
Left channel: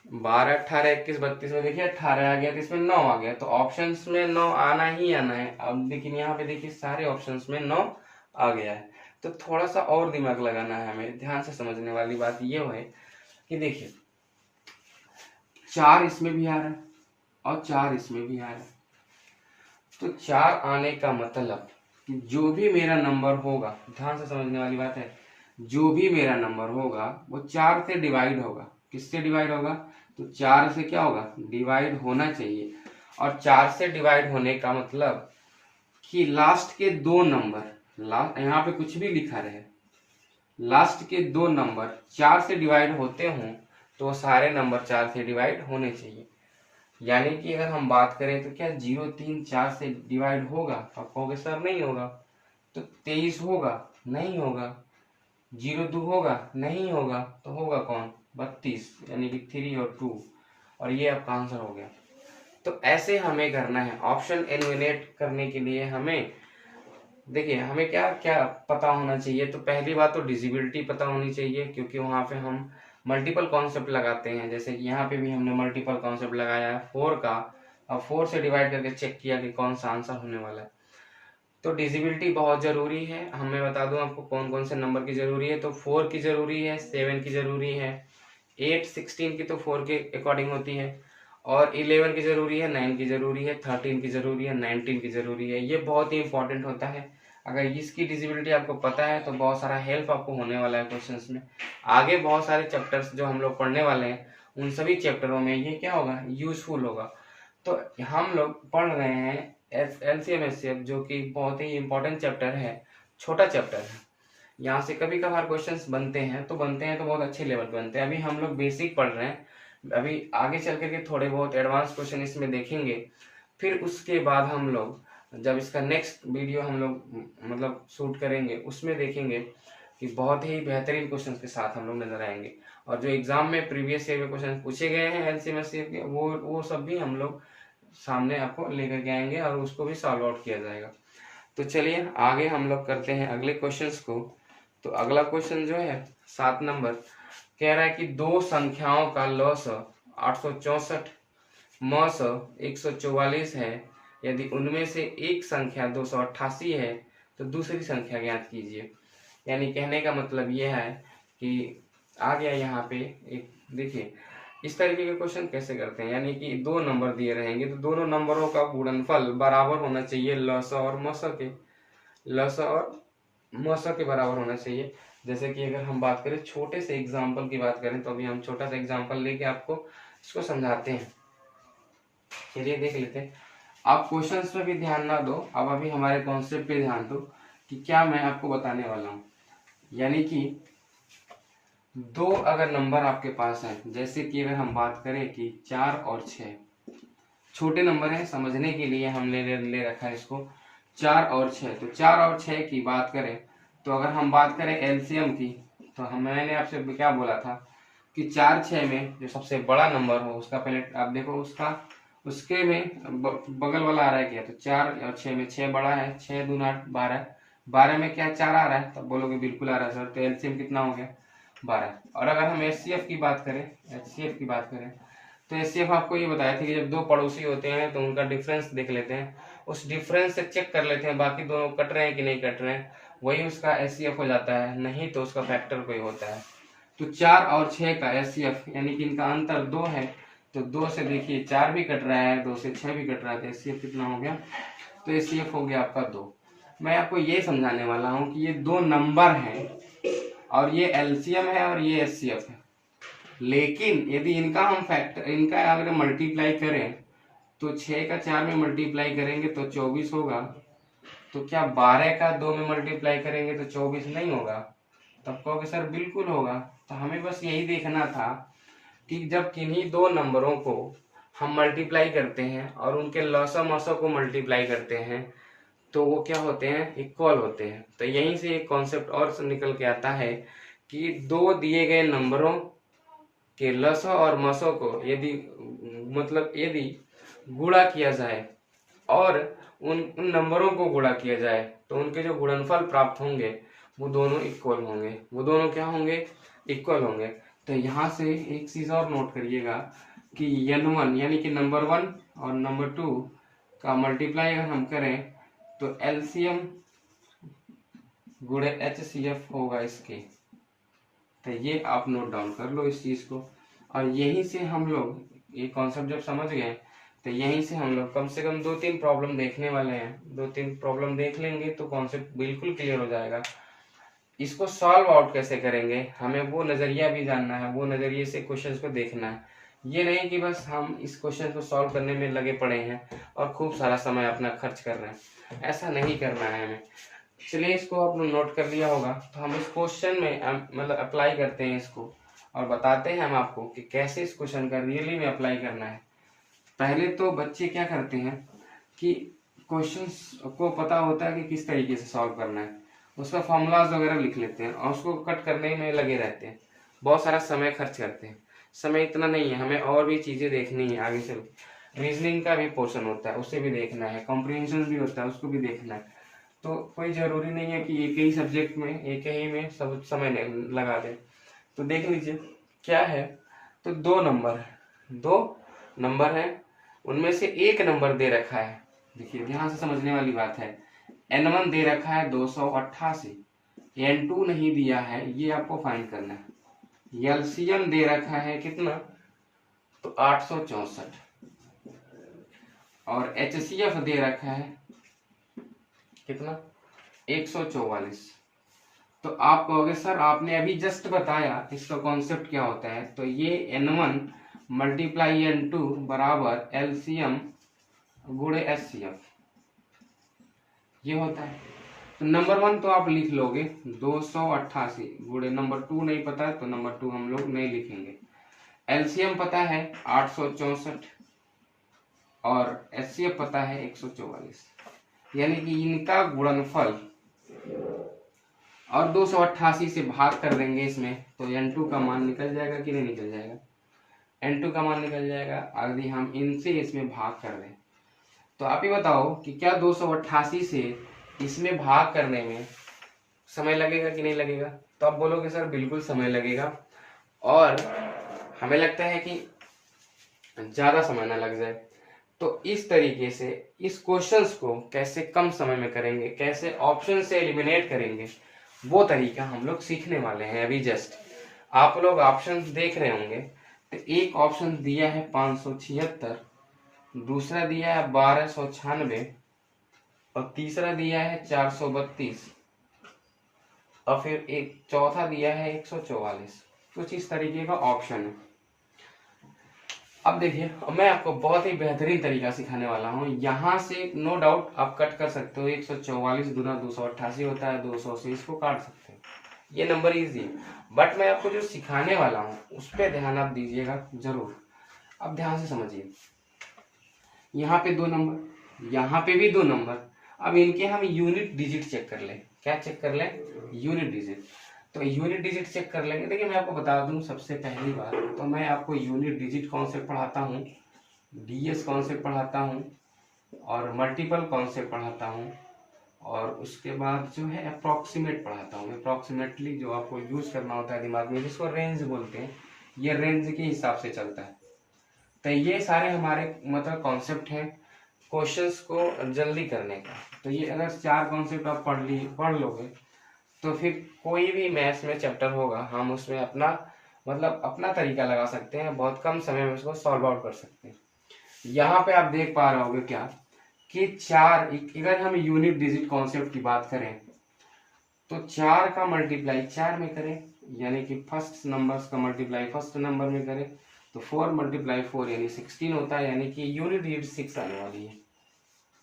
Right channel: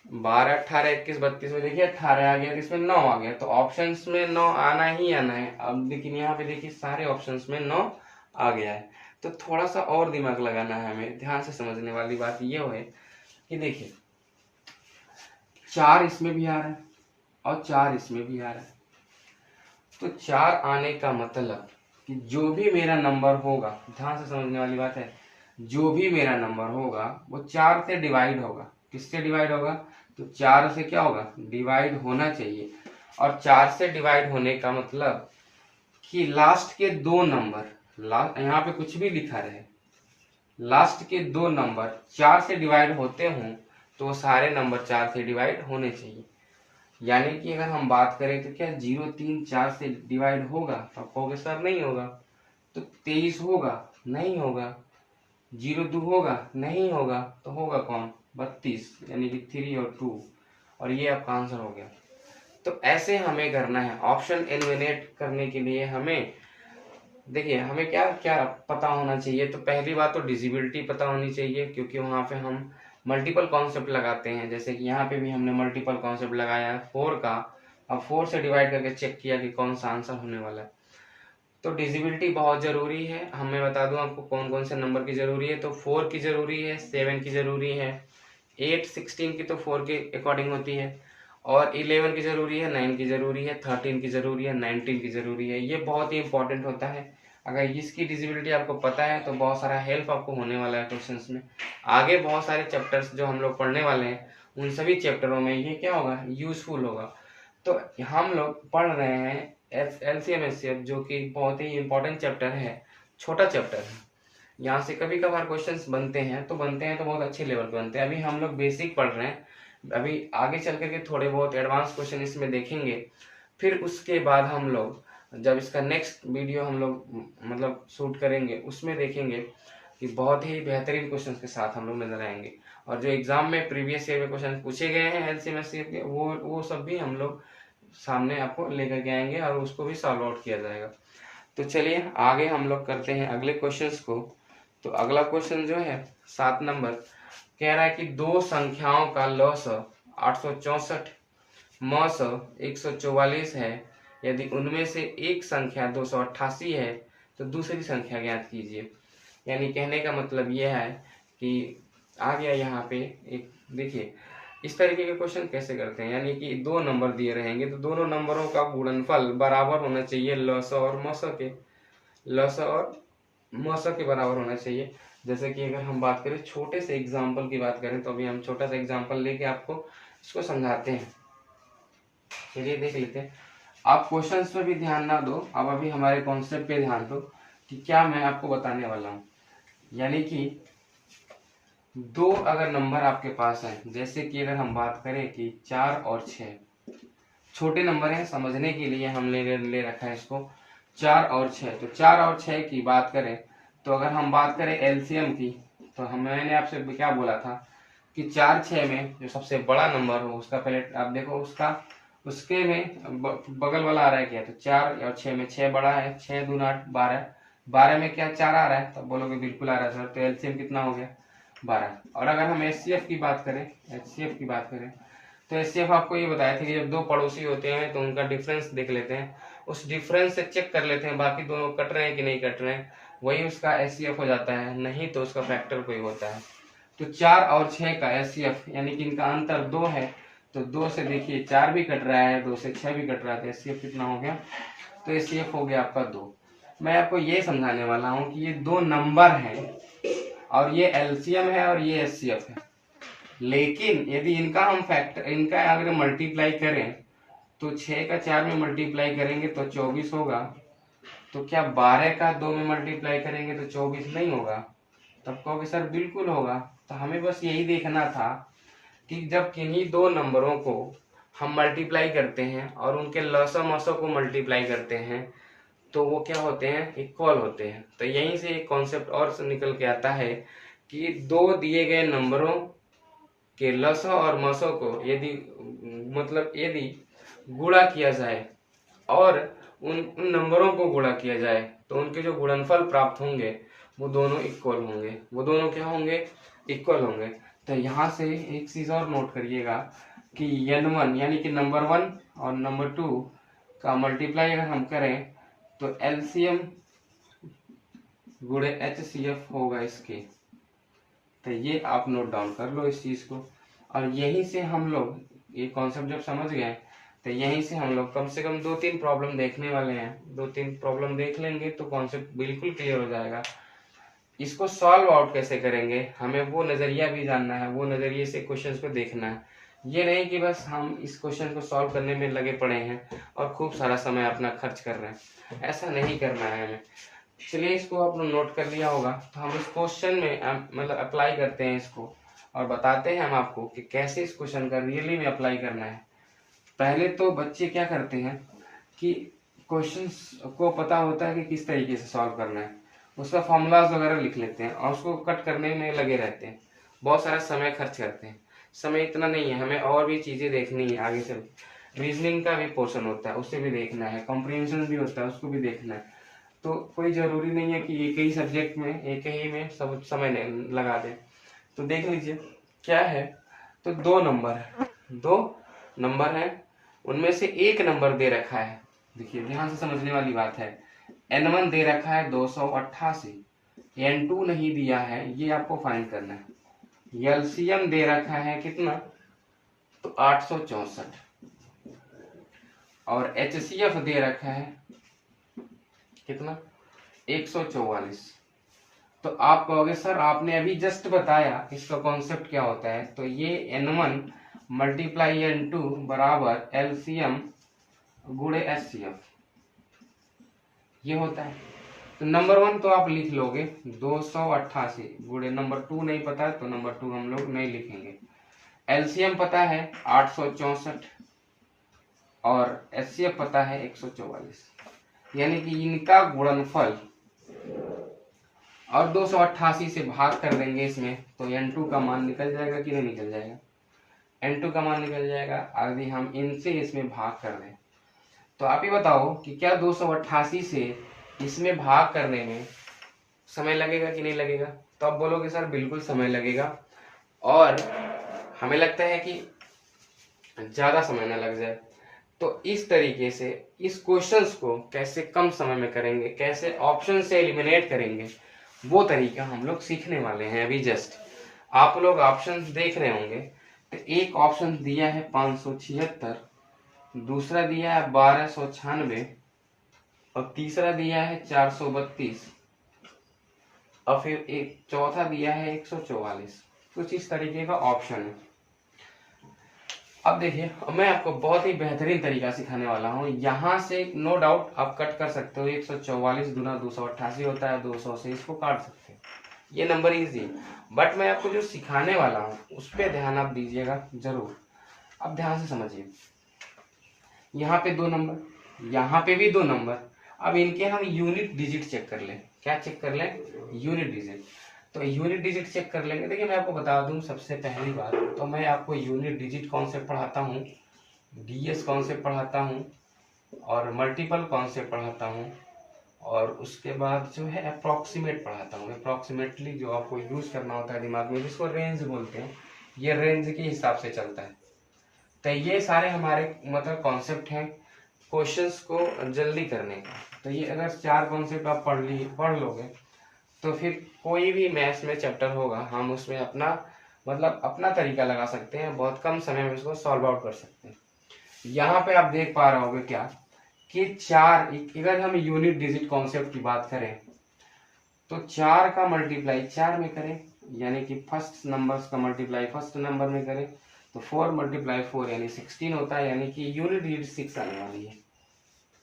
12 18 21 32 में देखिए 18 आ गया, तो इसमें 9 आ गया, तो ऑप्शंस में 9 आना ही आना है। अब लेकिन यहाँ पे देखिए सारे ऑप्शंस में 9 आ गया है, तो थोड़ा सा और दिमाग लगाना है हमें। ध्यान से समझने वाली बात ये है कि देखिए 4 इसमें भी आ रहा है और 4 इसमें भी आ रहा है, तो 4 आने का मतलब कि जो भी मेरा नंबर होगा, ध्यान से समझने वाली बात है, जो भी मेरा नंबर होगा वो 4 से डिवाइड होगा। किससे डिवाइड होगा? तो 4 से क्या होगा, डिवाइड होना चाहिए। और 4 से डिवाइड होने का मतलब कि लास्ट के 2 नंबर, यहाँ पे कुछ भी लिखा रहे, लास्ट के 2 नंबर 4 से डिवाइड होते हों तो सारे नंबर 4 से डिवाइड होने चाहिए। यानी कि अगर हम बात करें तो क्या 0 3 4 से डिवाइड होगा? तो आप कहोगे सर नहीं होगा। तो 23 होगा? नहीं होगा। 0 2 होगा? नहीं होगा। तो होगा कौन? 32, यानी कि 3 और 2, और ये आपका आंसर हो गया। तो ऐसे हमें करना है। ऑप्शन एलिमिनेट करने के लिए हमें देखिए हमें क्या क्या पता होना चाहिए। तो पहली बात तो डिजिबिलिटी पता होनी चाहिए, क्योंकि वहां पे हम मल्टीपल कॉन्सेप्ट लगाते हैं। जैसे कि यहाँ पे भी हमने मल्टीपल कॉन्सेप्ट लगाया है 4 का, अब 4 से डिवाइड करके चेक किया कि कौन सा आंसर होने वाला है। तो डिजिबिलिटी बहुत जरूरी है। हमें बता दूं आपको कौन कौन से नंबर की जरूरी है। तो 4 की जरूरी है, 7 की जरूरी है, 8 16 की तो 4 के अकॉर्डिंग होती है, और 11 की जरूरी है, 9 की जरूरी है, 13 की जरूरी है, 19 की जरूरी है। ये बहुत ही इंपॉर्टेंट होता है। अगर इसकी डिजिबिलिटी आपको पता है तो बहुत सारा हेल्प आपको होने वाला है क्वेश्चंस में। आगे बहुत सारे चैप्टर्स जो हम लोग पढ़ने वाले हैं उन सभी चैप्टरों में ये क्या होगा, यूजफुल होगा। तो हम लोग पढ़ रहे हैं LCM SCF, जो कि बहुत ही इंपॉर्टेंट चैप्टर है, छोटा चैप्टर है। यहाँ से कभी कभार क्वेश्चंस बनते हैं तो बहुत अच्छे लेवल पे बनते हैं। अभी हम लोग बेसिक पढ़ रहे हैं, अभी आगे चल करके थोड़े बहुत एडवांस क्वेश्चन इसमें देखेंगे। फिर उसके बाद हम लोग जब इसका नेक्स्ट वीडियो हम लोग मतलब शूट करेंगे उसमें देखेंगे कि बहुत ही बेहतरीन क्वेश्चंस के साथ हम लोग नजर आएंगे। और जो एग्जाम में प्रीवियस ईयर में क्वेश्चन पूछे गए हैं एलसीएम एचसीएफ के, वो सब भी हम लोग सामने आपको लेकर के आएंगे और उसको भी सॉल्व आउट किया जाएगा। तो चलिए आगे हम लोग करते हैं अगले क्वेश्चंस को। तो अगला क्वेश्चन जो है 7 नंबर कह रहा है कि दो संख्याओं का लॉस 864 मौस 144 है। यदि उनमें से एक संख्या 288 है तो दूसरी संख्या ज्ञात कीजिए। यानी कहने का मतलब ये है कि आ गया यहाँ पे एक, देखिए इस तरीके के क्वेश्चन कैसे करते हैं, यानी कि दो नंबर दिए रहेंगे तो दोनों नंबरों का गुणनफल बराबर होना चाहिए, लसा और मसा के बराबर होना चाहिए। जैसे कि अगर हम बात करें छोटे से एग्जाम्पल की बात करें तो अभी हम छोटा सा एग्जाम्पल लेके आपको इसको समझाते हैं। चलिए देख लेते हैं। आप क्वेश्चंस पे भी ध्यान ना दो, अब अभी हमारे कॉन्सेप्ट पे ध्यान दो कि क्या मैं आपको बताने वाला हूँ। यानी कि दो अगर नंबर आपके पास है, जैसे कि अगर हम बात करें कि 4 और 6, छोटे नंबर हैं समझने के लिए हम ले रखा है इसको 4 और 6। तो 4 और 6 की बात करें तो अगर हम बात करें एलसीएम की तो मैंने आपसे क्या बोला था कि 4 6 में जो सबसे बड़ा नंबर हो उसका पहले आप देखो उसके में बगल वाला आ रहा है क्या, तो 4 और 6 में 6 बड़ा है, 6 दूना 8 12, 12 में क्या 4 आ रहा है, तब बोलोगे बिल्कुल आ रहा है सर। तो एलसीएम कितना हो गया 12। और अगर हम एचसीएफ की बात करें तो एचसीएफ आपको ये बताया था कि जब दो पड़ोसी होते हैं तो उनका डिफरेंस देख लेते हैं, उस डिफरेंस से चेक कर लेते हैं बाकी दोनों कट रहे हैं कि नहीं कट रहे हैं, वही उसका एचसीएफ हो जाता है, नहीं तो उसका फैक्टर कोई होता है। तो 4 और 6 का एचसीएफ यानी कि इनका अंतर 2 है, तो 2 से देखिए 4 भी कट रहा है, 2 से 6 भी कट रहा है, तो एचसीएफ कितना हो गया, तो एचसीएफ हो गया आपका 2। मैं आपको ये समझाने वाला हूँ कि ये दो नंबर हैं और ये एलसीएम है और ये एचसीएफ है, लेकिन यदि इनका अगर मल्टीप्लाई करें तो 6 का 4 में मल्टीप्लाई करेंगे तो 24 होगा, तो क्या 12 का 2 में मल्टीप्लाई करेंगे तो 24 नहीं होगा? तब कहोगे सर बिल्कुल होगा। तो हमें बस यही देखना था कि जब किन्हीं दो नंबरों को हम मल्टीप्लाई करते हैं और उनके लसा मसा को मल्टीप्लाई करते हैं तो वो क्या होते हैं, इक्वल होते हैं। तो यहीं से एक कॉन्सेप्ट और निकल के आता है कि दो दिए गए नंबरों के लसा और मसा को यदि गुणा किया जाए और उन नंबरों को गुणा किया जाए तो उनके जो गुणनफल प्राप्त होंगे वो दोनों इक्वल होंगे, वो दोनों क्या होंगे, इक्वल होंगे। तो यहाँ से एक चीज और नोट करिएगा कि n1 यानी कि नंबर 1 और नंबर 2 का मल्टीप्लाई अगर हम करें तो एलसीएम गुणे एचसीएफ होगा इसके। तो ये आप नोट डाउन कर लो इस चीज को, और यहीं से हम लोग ये कॉन्सेप्ट जब समझ गए तो यहीं से हम लोग कम से कम 2-3 प्रॉब्लम देखने वाले हैं। 2-3 प्रॉब्लम देख लेंगे तो कॉन्सेप्ट बिल्कुल क्लियर हो जाएगा। इसको सॉल्व आउट कैसे करेंगे, हमें वो नजरिया भी जानना है, वो नजरिए से क्वेश्चंस को देखना है। ये नहीं कि बस हम इस क्वेश्चन को सॉल्व करने में लगे पड़े हैं और खूब सारा समय अपना खर्च कर रहे हैं, ऐसा नहीं करना है हमें। चलिए इसको आप लोग नोट कर लिया होगा, तो हम इस क्वेश्चन में मतलब अप्लाई करते हैं इसको और बताते हैं हम आपको कि कैसे इस क्वेश्चन का रियली में अप्लाई करना है। पहले तो बच्चे क्या करते हैं कि क्वेश्चंस को पता होता है कि किस तरीके से सॉल्व करना है, उसका फॉर्मूलाज वगैरह लिख लेते हैं और उसको कट करने में लगे रहते हैं, बहुत सारा समय खर्च करते हैं। समय इतना नहीं है, हमें और भी चीजें देखनी है आगे चल। रीजनिंग का भी पोर्शन होता है, उसे भी देखना है, कॉम्प्रिहेंशन भी होता है, उसको भी देखना है। तो कोई जरूरी नहीं है कि एक ही सब्जेक्ट में एक ही में सब समय लगा दें। तो देख लीजिए क्या है, तो दो नंबर है, उनमें से एक नंबर दे रखा है। देखिए ध्यान से समझने वाली बात है, n1 दे रखा है 288, n2 नहीं दिया है, ये आपको फाइंड करना है। एलसीएम दे रखा है कितना, तो 864, और एचसीएफ दे रखा है कितना, 144। तो आप कहोगे सर आपने अभी जस्ट बताया इसका कॉन्सेप्ट क्या होता है, तो ये n1 मल्टीप्लाई n2 बराबर एलसीएम गुणे एचसीएफ ये होता है। तो नंबर 1 तो आप लिख लोगे 288 गुणे नंबर 2 नहीं पता है तो नंबर 2 हम लोग नहीं लिखेंगे। एलसीएम पता है 864 और एचसीएफ पता है 144, यानी कि इनका गुणनफल और 288 से भाग कर देंगे इसमें तो N2 का मान निकल जाएगा कि नहीं निकल जाएगा? N2 का मान निकल जाएगा। अगर हम इनसे इसमें भाग कर दें तो आप ही बताओ कि क्या 288 से इसमें भाग करने में समय लगेगा कि नहीं लगेगा? तो आप बोलोगे सर बिल्कुल समय लगेगा, और हमें लगता है कि ज़्यादा समय ना लग जाए। तो इस तरीके से इस क्वेश्चंस को कैसे कम समय में करेंगे, कैसे ऑप्शन से एलिमिनेट करेंगे, वो तरीका हम लोग सीखने वाले हैं अभी जस्ट। आप लोग ऑप्शंस देख रहे होंगे तो एक ऑप्शन दिया है 576, दूसरा दिया है 1296 और तीसरा दिया है 432 और फिर एक चौथा दिया है 144। कुछ इस तरीके का ऑप्शन है। अब देखिए मैं आपको बहुत ही बेहतरीन तरीका सिखाने वाला हूँ। यहाँ से नो डाउट आप कट कर सकते हो, 144 गुना 288 होता है, 200 से इसको काट सकते हैं, ये नंबर इजी है। बट मैं आपको जो सिखाने वाला हूँ उस पर ध्यान आप दीजिएगा जरूर। अब ध्यान से समझिए, यहाँ पे 2 नंबर, यहाँ पे भी 2 नंबर। अब इनके हम यूनिट डिजिट चेक कर लें। क्या चेक कर लें? Unit digit. तो यूनिट डिजिट चेक कर लेंगे। देखिए मैं आपको बता दूं सबसे पहली बात तो मैं आपको यूनिट डिजिट कॉन्सेप्ट पढ़ाता हूँ, डीएस कॉन्सेप्ट पढ़ाता हूँ और मल्टीपल कॉन्सेप्ट पढ़ाता हूँ, और उसके बाद जो है अप्रॉक्सीमेट पढ़ाता हूँ। अप्रॉक्सीमेटली जो आपको यूज करना होता है दिमाग में, जिसको रेंज बोलते हैं, ये रेंज के हिसाब से चलता है। तो ये सारे हमारे मतलब कॉन्सेप्ट हैं क्वेश्चंस को जल्दी करने का। तो ये अगर 4 कॉन्सेप्ट आप पढ़ लोगे तो फिर कोई भी मैथ्स में चैप्टर होगा हम उसमें अपना मतलब अपना तरीका लगा सकते हैं, बहुत कम समय में उसको सॉल्व आउट कर सकते हैं। यहाँ पे आप देख पा रहे होगे क्या कि 4, अगर हम यूनिट डिजिट कॉन्सेप्ट की बात करें तो 4 का मल्टीप्लाई 4 में करें, यानी कि फर्स्ट नंबर्स का मल्टीप्लाई फर्स्ट नंबर में करें तो 4 मल्टीप्लाई 4 यानी 16 होता है, यानी कि यूनिट डिजिट 6 आने वाली है।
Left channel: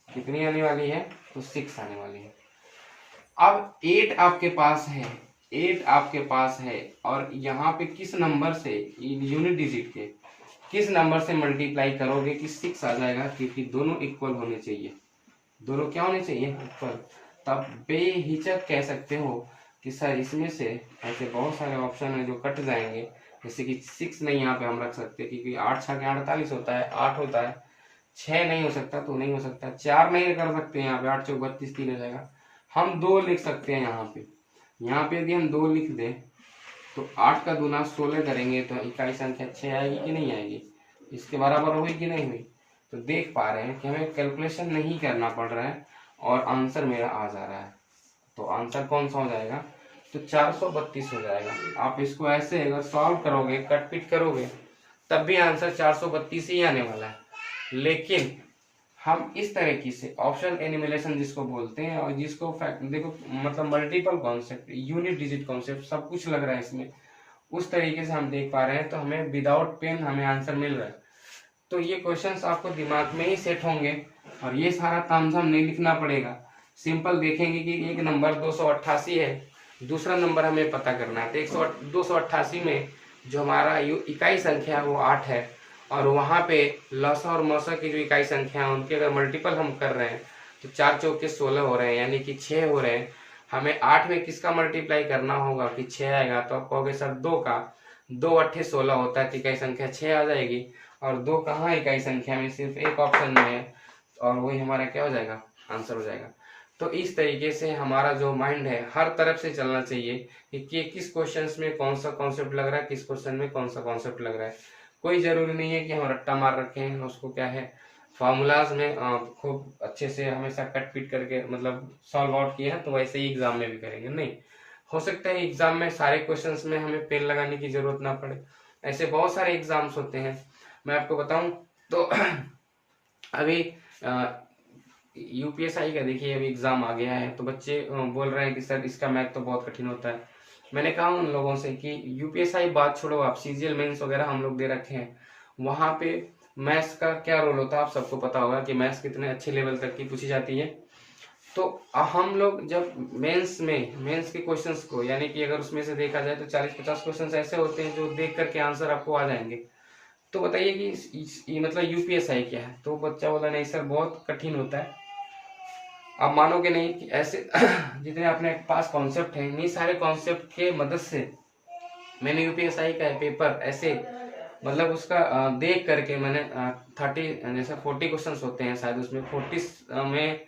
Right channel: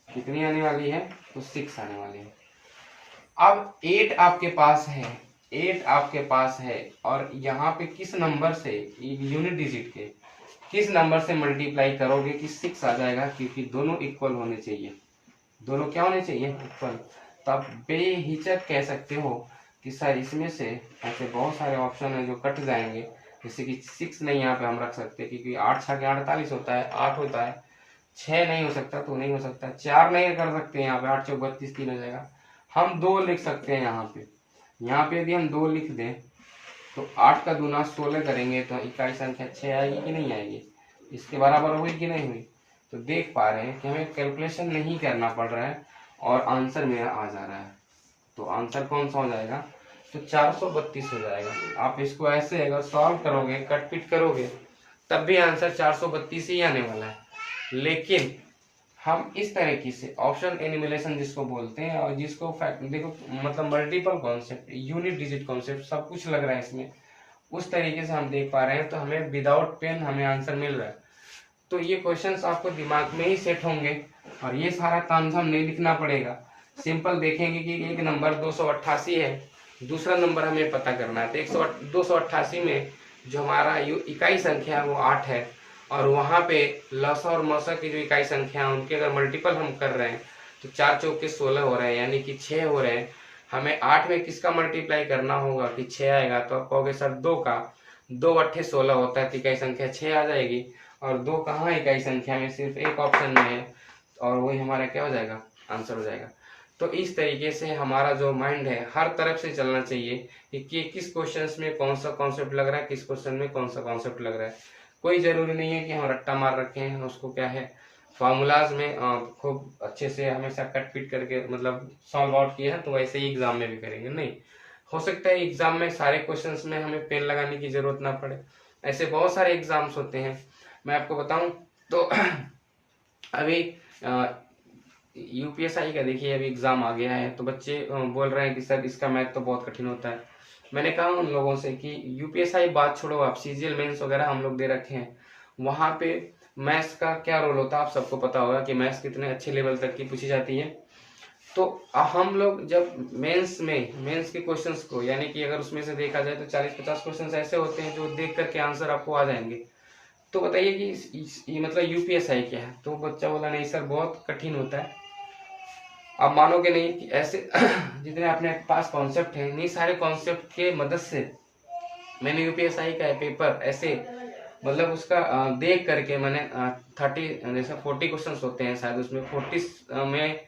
कितनी आने वाली है? तो 6 आने वाली है। अब 8 आपके पास है, 8 आपके पास है, और यहाँ पे किस नंबर से यूनिट डिजिट के किस नंबर से मल्टीप्लाई करोगे कि 6 आ जाएगा? क्योंकि दोनों इक्वल होने चाहिए। दोनों क्या होने चाहिए? इक्वल। तो आप बेहिचक कह सकते हो कि सर इसमें से ऐसे बहुत सारे ऑप्शन है जो कट जाएंगे, जैसे कि 6 नहीं यहाँ पे हम रख सकते क्योंकि 8 6 के 48 होता है, 8 होता है, 6 नहीं हो सकता तो नहीं हो सकता, 4 नहीं कर सकते यहाँ पे, 8 चौक 32 3 हो जाएगा। हम 2 लिख सकते हैं यहाँ पे यदि हम 2 लिख दें तो 8 का दूना 16 करेंगे तो इकाई संख्या 6 आएगी कि नहीं आएगी? इसके बराबर हुई कि नहीं हुई? तो देख पा रहे हैं कि हमें कैलकुलेशन नहीं करना पड़ रहा है और आंसर मेरा आ जा रहा है। तो आंसर कौन सा हो जाएगा? तो 432 हो जाएगा। आप इसको ऐसे अगर सॉल्व करोगे, कट पिट करोगे, तब भी आंसर 432 ही आने वाला है। लेकिन हम इस तरीके से ऑप्शन एनिमेलेशन जिसको बोलते हैं, और जिसको देखो मतलब multiple concept, unit digit concept सब कुछ लग रहा है इसमें, उस तरीके से हम देख पा रहे हैं तो हमें विदाउट पेन हमें आंसर मिल रहा है। तो ये क्वेश्चंस आपको दिमाग में ही सेट होंगे और ये सारा तामझाम नहीं लिखना पड़ेगा। सिंपल देखेंगे कि एक नंबर 288 है, दूसरा नंबर हमें पता करना है। तो 288 में जो हमारा इकाई संख्या है वो 8 है, और वहाँ पे लसा और मसा की जो इकाई संख्या है उनके अगर मल्टीपल हम कर रहे हैं तो 4 चौक के 16 हो रहे हैं, यानी कि 6 हो रहे हैं। हमें 8 में किसका मल्टीप्लाई करना होगा कि 6 आएगा? तो आप कहोगे सर 2 का, 2 8 16 होता है तो इकाई संख्या 6 आ जाएगी, और 2 कहाँ इकाई संख्या में? सिर्फ एक ऑप्शन में है, और वही हमारा क्या हो जाएगा? आंसर हो जाएगा। तो इस तरीके से हमारा जो माइंड है हर तरफ से चलना चाहिए कि किस क्वेश्चन में कौन सा कॉन्सेप्ट लग रहा है, किस क्वेश्चन में कौन सा कॉन्सेप्ट लग रहा है। कोई जरूरी नहीं है कि हम रट्टा मार रखे हैं, उसको क्या है फॉर्मूलाज में खूब अच्छे से हमेशा कट पीट करके मतलब सॉल्व आउट किया है तो वैसे ही एग्जाम में भी करेंगे। नहीं, हो सकता है एग्जाम में सारे क्वेश्चंस में हमें पेन लगाने की जरूरत ना पड़े, ऐसे बहुत सारे एग्जाम्स होते हैं। मैं आपको बताऊं तो अभी यूपीएसआई का देखिए अभी एग्जाम आ गया है, तो बच्चे बोल रहे हैं कि सर इसका मैथ तो बहुत कठिन होता है। मैंने कहा उन लोगों से कि यूपीएसआई बात छोड़ो, आप सीजीएल मेंस वगैरह हम लोग दे रखे हैं, वहां पे मैथ्स का क्या रोल होता है आप सबको पता होगा कि मैथ्स कितने अच्छे लेवल तक की पूछी जाती है। तो हम लोग जब मेंस के क्वेश्चंस को, यानी कि अगर उसमें से देखा जाए तो 40-50 क्वेश्चंस ऐसे होते हैं जो देख करके आंसर आपको आ जाएंगे। तो बताइए कि ये मतलब यूपीएसआई क्या है? तो बच्चा बोला नहीं सर बहुत कठिन होता है। आप मानोगे नहीं कि ऐसे जितने अपने पास कॉन्सेप्ट हैं, इन्हीं सारे कॉन्सेप्ट के मदद से मैंने यूपीएसआई का पेपर ऐसे मतलब उसका देख करके मैंने 30 जैसे 40 क्वेश्चन होते हैं शायद, उसमें 40 में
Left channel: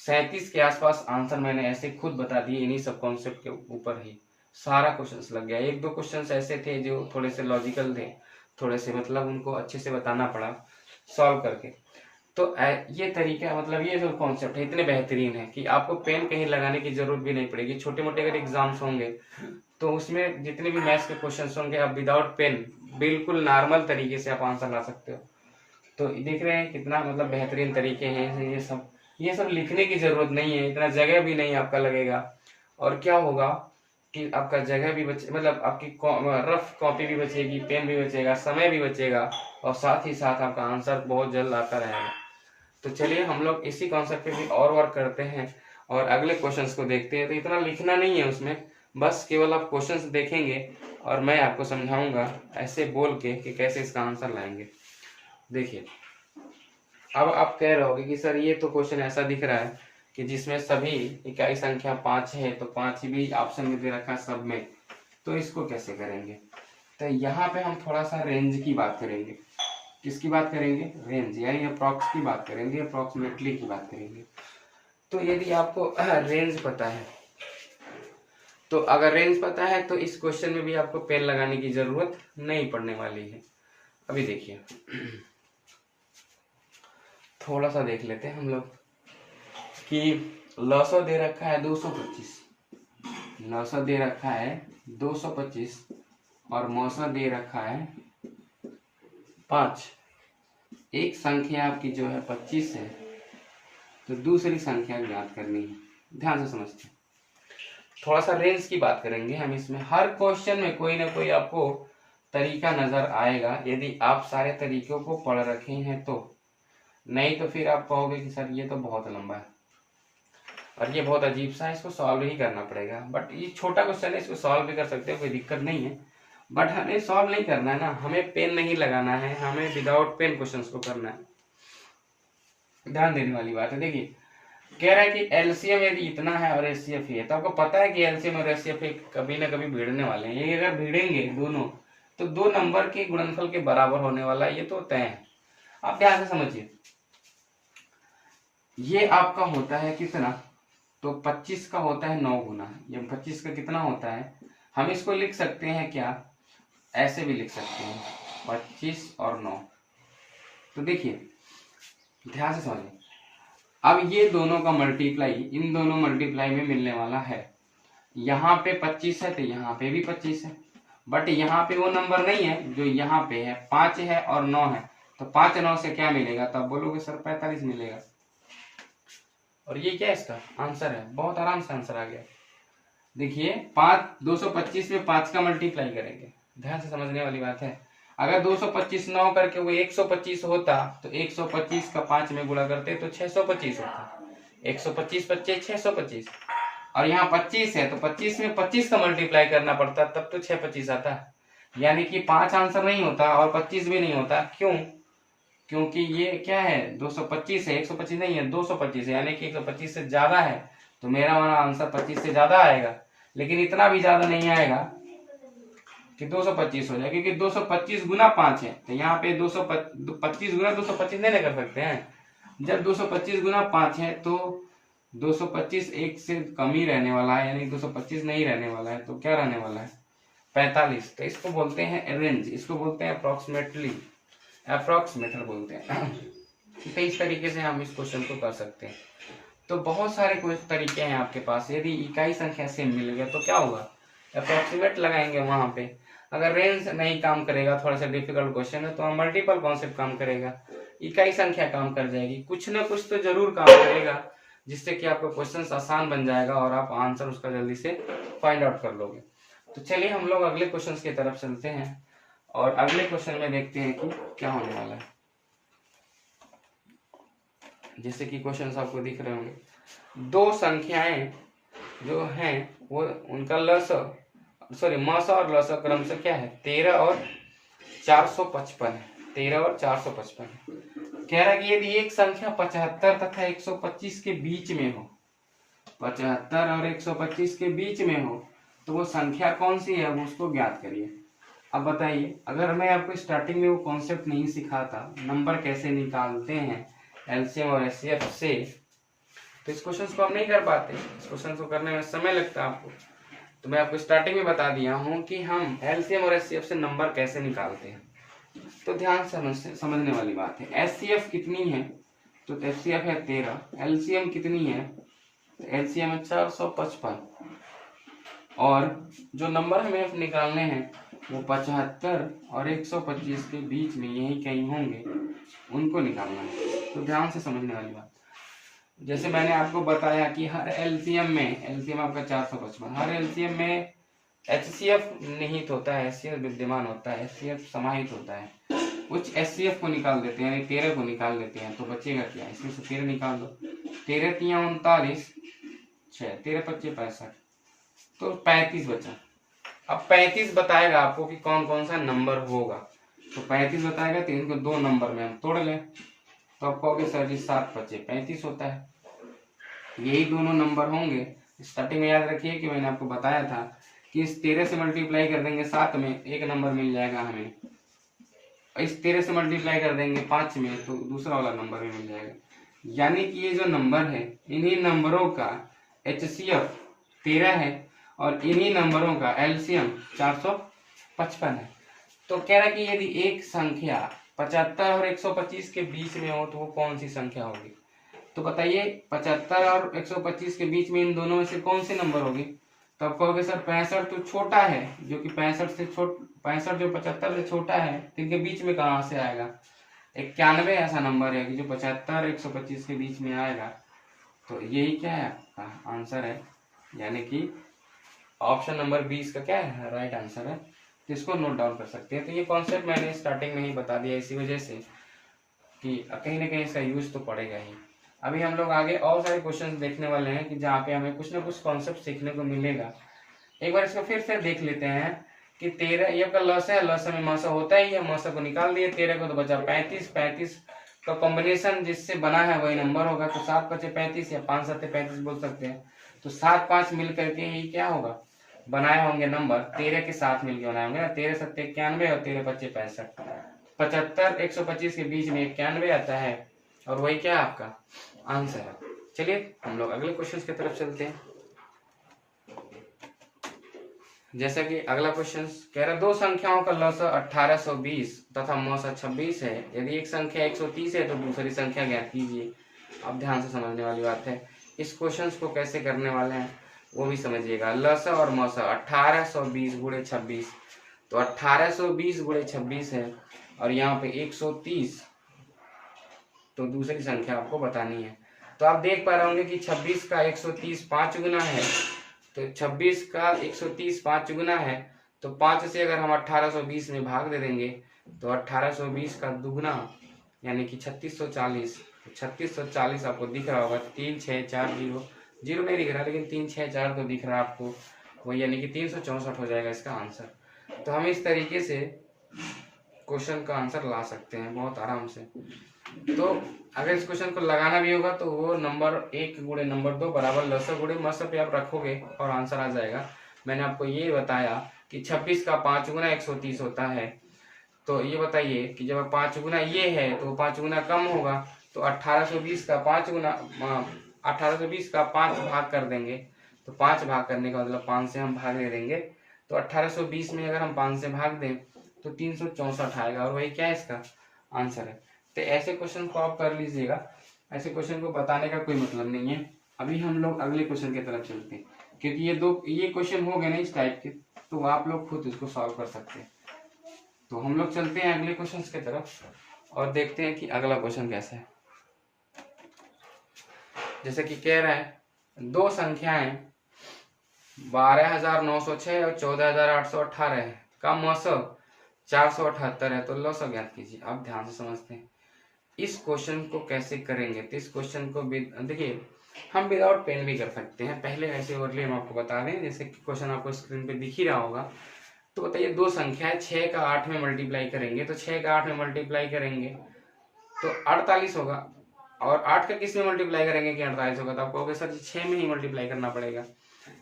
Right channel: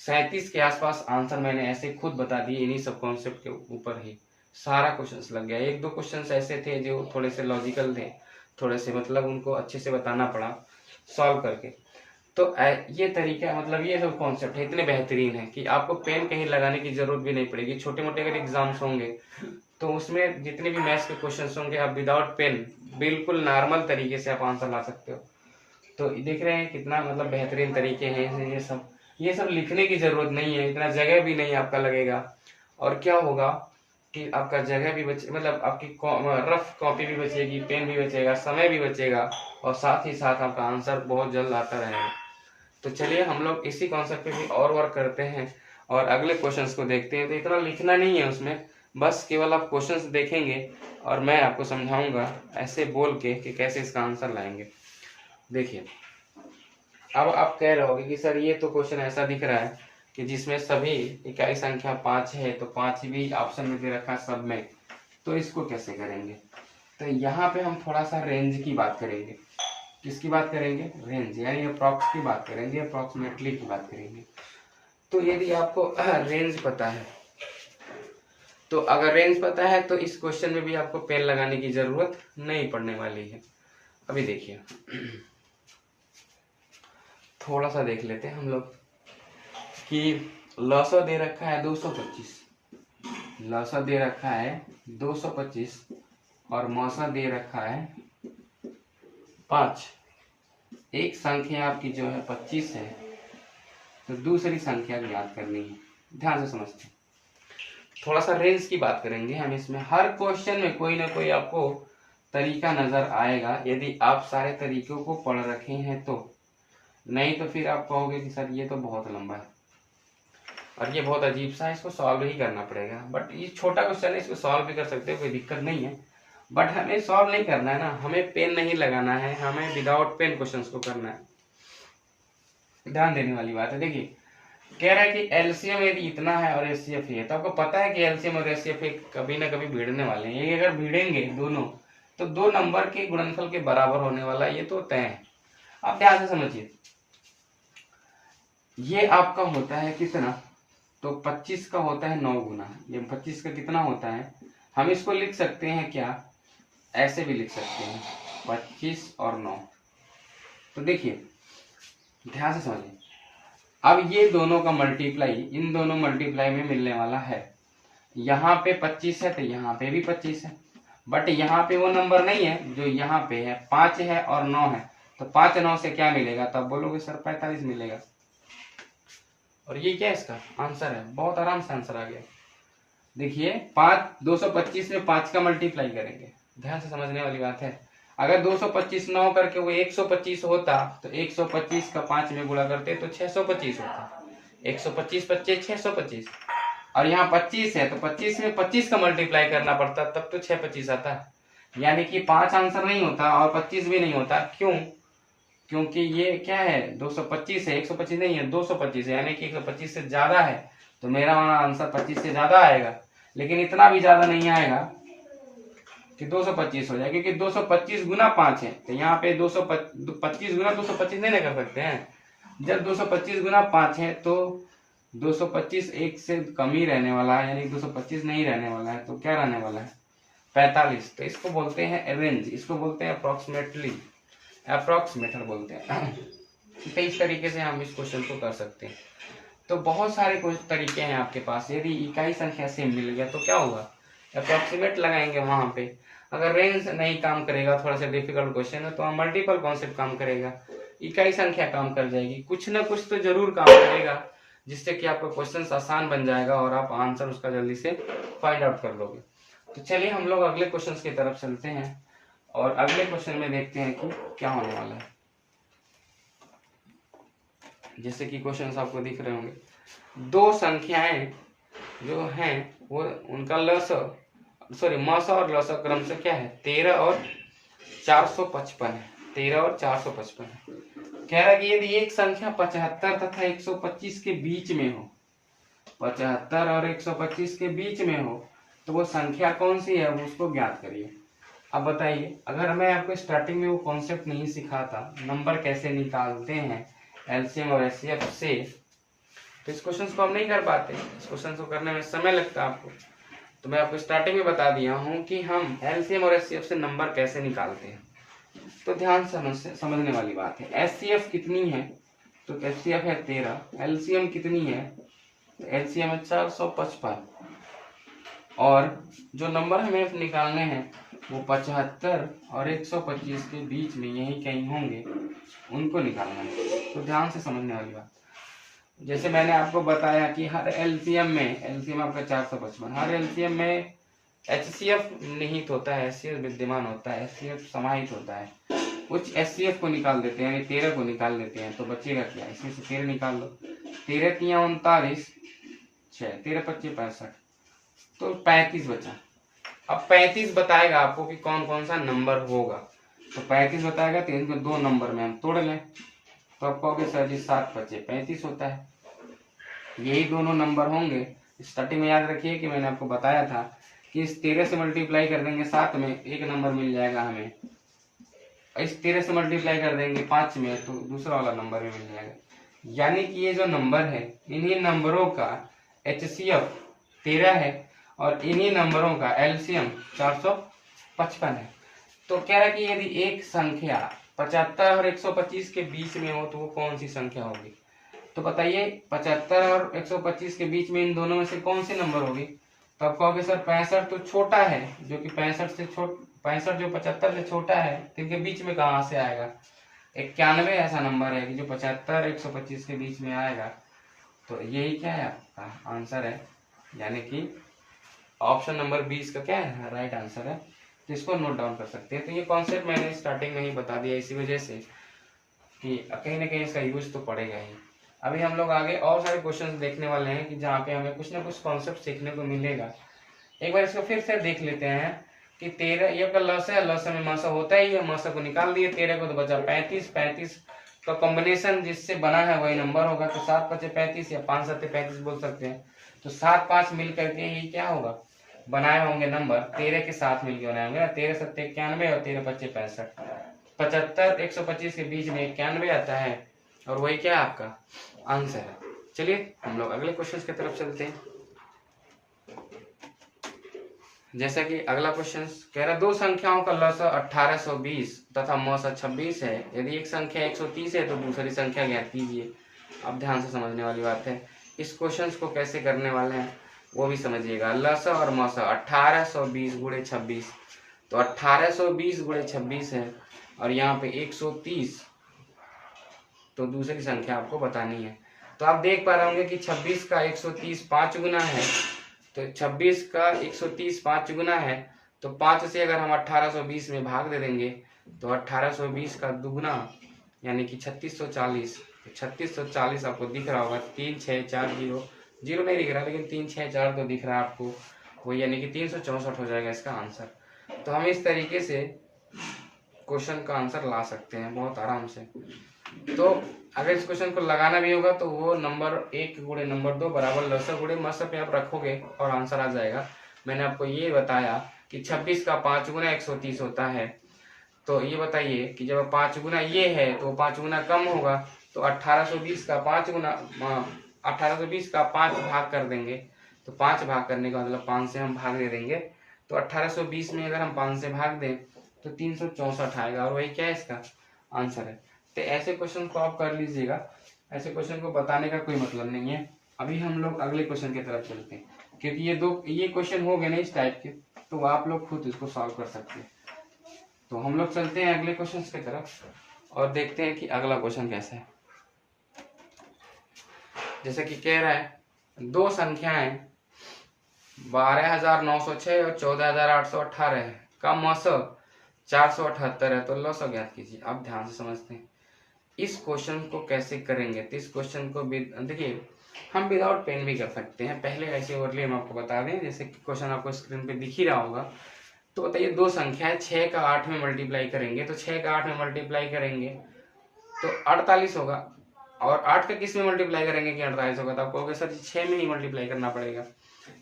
37 के आसपास आंसर मैंने ऐसे खुद बता दिए इन्हीं सब कॉन्सेप्ट के ऊपर ही। सारा क्वेश्चंस लग गया। एक दो क्वेश्चंस ऐसे थे जो थोड़े से लॉजिकल थे, थोड़े से मतलब उनको अच्छे से बताना पड़ा सॉल्व करके। तो ये तरीका मतलब ये जो कॉन्सेप्ट है इतने बेहतरीन है कि आपको पेन कहीं लगाने की जरूरत भी नहीं पड़ेगी। छोटे मोटे अगर एग्जाम्स होंगे तो उसमें जितने भी मैथ्स के क्वेश्चंस होंगे आप विदाउट पेन बिल्कुल नॉर्मल तरीके से आप आंसर ला सकते हो। तो देख रहे हैं कितना मतलब बेहतरीन तरीके हैं ये सब लिखने की जरूरत नहीं है, इतना जगह भी नहीं आपका लगेगा। और क्या होगा कि आपका जगह भी बचे, मतलब आपकी रफ कॉपी भी बचेगी, पेन भी बचेगा, समय भी बचेगा, और साथ ही साथ आपका आंसर बहुत जल्द आता रहेगा। तो चलिए हम लोग इसी कॉन्सेप्ट पे भी और वर्क करते हैं और अगले क्वेश्चंस को देखते हैं। तो इतना लिखना नहीं है उसमें, बस केवल आप क्वेश्चंस देखेंगे और मैं आपको समझाऊंगा ऐसे बोल के कि कैसे इसका आंसर लाएंगे। देखिए अब आप कह रहे होगे कि सर ये तो क्वेश्चन ऐसा दिख रहा है कि जिसमें सभी इकाई संख्या 5 है, तो 5 भी ऑप्शन में दे रखा है सब में, तो इसको कैसे करेंगे? तो यहाँ पे हम थोड़ा सा रेंज की बात करेंगे। किसकी बात करेंगे? रेंज, यानी अप्रॉक्स की बात करेंगे, अप्रॉक्सीमेटली की बात करेंगे। तो यदि आपको रेंज पता है, तो अगर रेंज पता है तो इस क्वेश्चन में भी आपको पेन लगाने की जरूरत नहीं पड़ने वाली है। अभी देखिए थोड़ा सा देख लेते हैं हम लोग कि लॉसो दे रखा है 225, लॉसो दे रखा है 225 और मौसा दे रखा है 5। एक संख्या आपकी जो है 25 है, तो दूसरी संख्या याद करनी है। ध्यान से समझते हैं, थोड़ा सा रेंज की बात करेंगे हम इसमें। हर क्वेश्चन में कोई ना कोई आपको तरीका नजर आएगा यदि आप सारे तरीकों को पढ़ रखे हैं तो, नहीं तो फिर आप कहोगे कि सर ये तो बहुत लंबा है और ये बहुत अजीब सा है, इसको सॉल्व ही करना पड़ेगा। बट ये छोटा क्वेश्चन है, इसको सॉल्व भी कर सकते हो, कोई दिक्कत नहीं है। बट हमें सॉल्व नहीं करना है ना, हमें पेन नहीं लगाना है, हमें विदाउट पेन क्वेश्चंस को करना है। ध्यान देने वाली बात है। देखिए कह रहा है कि एलसीएम यदि इतना है और एचसीएफ है, तो आपको पता है कि एलसीएम और एचसीएफ कभी ना कभी भिड़ने वाले हैं। ये अगर भिड़ेंगे दोनों तो 2 नंबर के गुणनफल के बराबर होने वाला है, ये तो तय है। आप ध्यान से समझिए, ये आपका होता है कितना? तो 25 का होता है 9 गुना। ये 25 का कितना होता है? हम इसको लिख सकते हैं क्या, ऐसे भी लिख सकते हैं 25 और 9। तो देखिए ध्यान से समझिए, अब ये दोनों का मल्टीप्लाई इन दोनों मल्टीप्लाई में मिलने वाला है। यहाँ पे 25 है तो यहाँ पे भी 25 है, बट यहाँ पे वो नंबर नहीं है जो यहाँ पे है। 5 है और 9 है, तो 5 9 से क्या मिलेगा? तब बोलोगे सर 45 मिलेगा। और ये क्या इसका आंसर है? बहुत आराम से आंसर आ गया। देखिए 225 में 5 का मल्टीप्लाई करेंगे, ध्यान से समझने वाली बात है। अगर 225 9 करके वो 125 होता, तो 125 का 5 में गुणा करते तो 625 होता। 125 25 625, और यहाँ 25 है तो 25 में 25 का मल्टीप्लाई करना पड़ता, तब तो 625 आता। यानी कि 5 आंसर नहीं होता और 25 भी नहीं होता। क्यों? क्योंकि ये क्या है 225 है, 125 नहीं है, 225 है, यानी कि 125 से ज्यादा है। तो मेरा वाला आंसर 25 से ज्यादा आएगा, लेकिन इतना भी ज्यादा नहीं आएगा कि 225 हो जाए, क्योंकि 225 गुना 5 है। तो यहाँ पे 225 गुना 225 नहीं ना कर सकते हैं। जब 225 गुना 5 है तो 225 एक से कम ही रहने वाला है, यानी 225 नहीं रहने वाला है। तो क्या रहने वाला है? 45। तो इसको बोलते हैं रेंज, इसको बोलते हैं अप्रोक्सीमेटली, अप्रोक्सीमेटर बोलते हैं। तो इस तरीके से हम इस क्वेश्चन को कर सकते हैं। तो बहुत सारे कुछ तरीके हैं आपके पास। यदि इकाई संख्या सेम मिल गया तो क्या होगा? अप्रोक्सीमेट लगाएंगे वहां पे। अगर रेंज नहीं काम करेगा, थोड़ा सा डिफिकल्ट क्वेश्चन है, तो हम मल्टीपल कॉन्सेप्ट काम करेगा, इकाई संख्या काम कर जाएगी, कुछ ना कुछ तो जरूर काम करेगा, जिससे कि आपका क्वेश्चन आसान बन जाएगा और आप आंसर उसका जल्दी से फाइंड आउट कर लोगे। तो चलिए हम लोग अगले क्वेश्चन की तरफ चलते हैं और अगले क्वेश्चन में देखते हैं कि क्या होने वाला है। जैसे कि क्वेश्चन आपको दिख रहे होंगे, दो संख्याएं जो हैं वो उनका मस और लस क्रम से क्या है, 13 और 455 है। 13 और 455 है। कह रहा है कि यदि एक संख्या 75 तथा 125 के बीच में हो, 75 और 125 के बीच में हो, तो वो संख्या कौन सी है, वो उसको ज्ञात करिए। अब बताइए, अगर मैं आपको स्टार्टिंग में वो कॉन्सेप्ट नहीं सिखाता, नंबर कैसे निकालते हैं एलसीएम और एचसीएफ से, तो इस क्वेश्चन को हम नहीं कर पाते। इस क्वेश्चन को करने में समय लगता है आपको। तो मैं आपको स्टार्टिंग में बता दिया हूँ कि हम एलसीएम और एचसीएफ से नंबर कैसे निकालते हैं। तो ध्यान से समझने वाली बात है। एचसीएफ कितनी है, तो एचसीएफ है 13। एलसीएम कितनी है, तो एलसीएम है 455। और जो नंबर हमें निकालने हैं वो 75 और 125 के बीच में यही कहीं होंगे, उनको निकालना है। तो ध्यान से समझने वाली बात। जैसे मैंने आपको बताया कि हर एलसीएम में, एलसीएम आपका 455, हर एलसीएम में एचसीएफ निहित होता है, एचसीएफ विद्यमान होता है, एचसीएफ समाहित होता है। कुछ एचसीएफ को निकाल देते हैं, यानी 13 को निकाल देते हैं, तो बचेगा क्या, इसमें से 13 निकाल दो। 13 तिया 39, 6, 13 25 65, तो 35 बचा। अब 35 बताएगा आपको कि कौन कौन सा नंबर होगा, तो 35 बताएगा, तो इनको दो नंबर में हम तोड़ लें, तो आप कहोगे सर जी 7 25 35 होता है। यही दोनों नंबर होंगे। स्टार्टिंग में याद रखिए कि मैंने आपको बताया था कि इस 13 से मल्टीप्लाई कर देंगे 7 में, एक नंबर मिल जाएगा हमें। इस 13 से मल्टीप्लाई कर देंगे 5 में, तो दूसरा वाला नंबर भी मिल जाएगा। यानी कि ये जो नंबर है, इन्हीं नंबरों का एचसीएफ 13 है और इन्हीं नंबरों का एलसीएम 455 है। तो कह रहा है कि यदि एक संख्या 75 और 125 के बीच में हो, तो वो कौन सी संख्या होगी। तो बताइए, 75 और 125 के बीच में इन दोनों में से कौन सी नंबर होगी। तो आप कहोगे सर 65 तो छोटा है, जो कि 65 जो 75 से छोटा है, तो इनके बीच में कहाँ से आएगा। 91 ऐसा नंबर है कि जो 75 और 125 के बीच में आएगा। तो यही क्या है, आपका आंसर है, यानी कि ऑप्शन नंबर 20 का क्या है, राइट आंसर है। तो इसको नोट डाउन कर सकते हैं। तो ये कॉन्सेप्ट मैंने स्टार्टिंग में ही बता दिया, इसी वजह से कि कहीं ना कहीं इसका यूज तो पड़ेगा ही। अभी हम लोग आगे और सारे क्वेश्चन देखने वाले हैं कि जहाँ पे हमें कुछ ना कुछ कॉन्सेप्ट सीखने को मिलेगा। एक बार इसको फिर से देख लेते हैं कि 13 ये आपका लस है, लस में मासा होता ही है, मासा को निकाल दिए, 13 को तो बचा 35। 35 का कॉम्बिनेशन जिससे बना है वही नंबर होगा, तो 7 5 35 या 5 7 35 बोल सकते हैं। तो 7 5 मिल करके ही क्या होगा, बनाए होंगे नंबर, 13 के साथ मिलकर बनाए होंगे ना, 13 7 91 और 13 25 65। 75 125 के बीच में 91 आता है, और वही क्या है आपका आंसर है। चलिए हम लोग अगले क्वेश्चन की तरफ चलते हैं। जैसा कि अगला क्वेश्चन कह रहा है, दो संख्याओं का लसा 1820 तथा मौसा 26 है। यदि एक संख्या 130 है तो दूसरी संख्या ज्ञात कीजिए। अब ध्यान से समझने वाली बात है। इस क्वेश्चन को कैसे करने वाले हैं वो भी समझिएगा। लसा और मौसा 1820 गुणे 26, तो 1820 गुणे 26 है, और यहाँ पे 130, तो दूसरी संख्या आपको बतानी है। तो आप देख पा रहे होंगे कि 26 का 130 5 गुना है, तो 26 का 130 5 गुना है, तो 5 से अगर हम 1820 में भाग दे देंगे तो 1820 का दुगुना यानी कि 3640। तो 3640 आपको दिख रहा होगा, 3 6 4 0 जीरो नहीं दिख रहा, लेकिन 3 6 4 तो दिख रहा है आपको, वही यानी कि 364 हो जाएगा इसका आंसर। तो हम इस तरीके से क्वेश्चन का आंसर ला सकते हैं बहुत आराम से। तो अगर इस क्वेश्चन को लगाना भी होगा तो वो नंबर 1 गुणे नंबर 2 बराबर लसा गुणे मसा पे आप रखोगे और आंसर आ जाएगा। मैंने आपको ये बताया कि 26 का 5 गुना 130 होता है। तो ये बताइए कि जब 5 गुना ये है तो 5 गुना कम होगा, तो 1820 का 5 गुना 1820 का 5 भाग कर देंगे, तो 5 भाग करने का मतलब 5 से हम भाग दे देंगे, तो 1820 में अगर हम 5 से भाग दें तो 364 आएगा, और वही क्या है इसका आंसर है। तो ऐसे क्वेश्चन को आप कर लीजिएगा, ऐसे क्वेश्चन को बताने का कोई मतलब नहीं है। अभी हम लोग अगले क्वेश्चन की तरफ चलते हैं, क्योंकि ये क्वेश्चन हो गए ना इस टाइप के, तो आप लोग खुद इसको सॉल्व कर सकते हैं। तो हम लोग चलते हैं अगले क्वेश्चन की तरफ और देखते हैं कि अगला क्वेश्चन कैसा है। जैसे कि कह रहा है, दो संख्याएं 12,906 और 14,818 है का मौसम 478 है, तो लौसा ज्ञात कीजिए। आप ध्यान से समझते हैं इस क्वेश्चन को कैसे करेंगे। तो इस क्वेश्चन को भी देखिए, हम विदाउट पेन भी कर सकते हैं। पहले ऐसे ओरली हम आपको बता दें, जैसे कि क्वेश्चन आपको स्क्रीन पे दिख ही रहा होगा। तो बताइए दो संख्या है, 6 का 8 में मल्टीप्लाई करेंगे तो 6 का 8 में मल्टीप्लाई करेंगे तो 48 होगा, और 8 का किस में मल्टीप्लाई करेंगे कि 48 होगा, तो आप कहोगे सर 6 में ही मल्टीप्लाई करना पड़ेगा।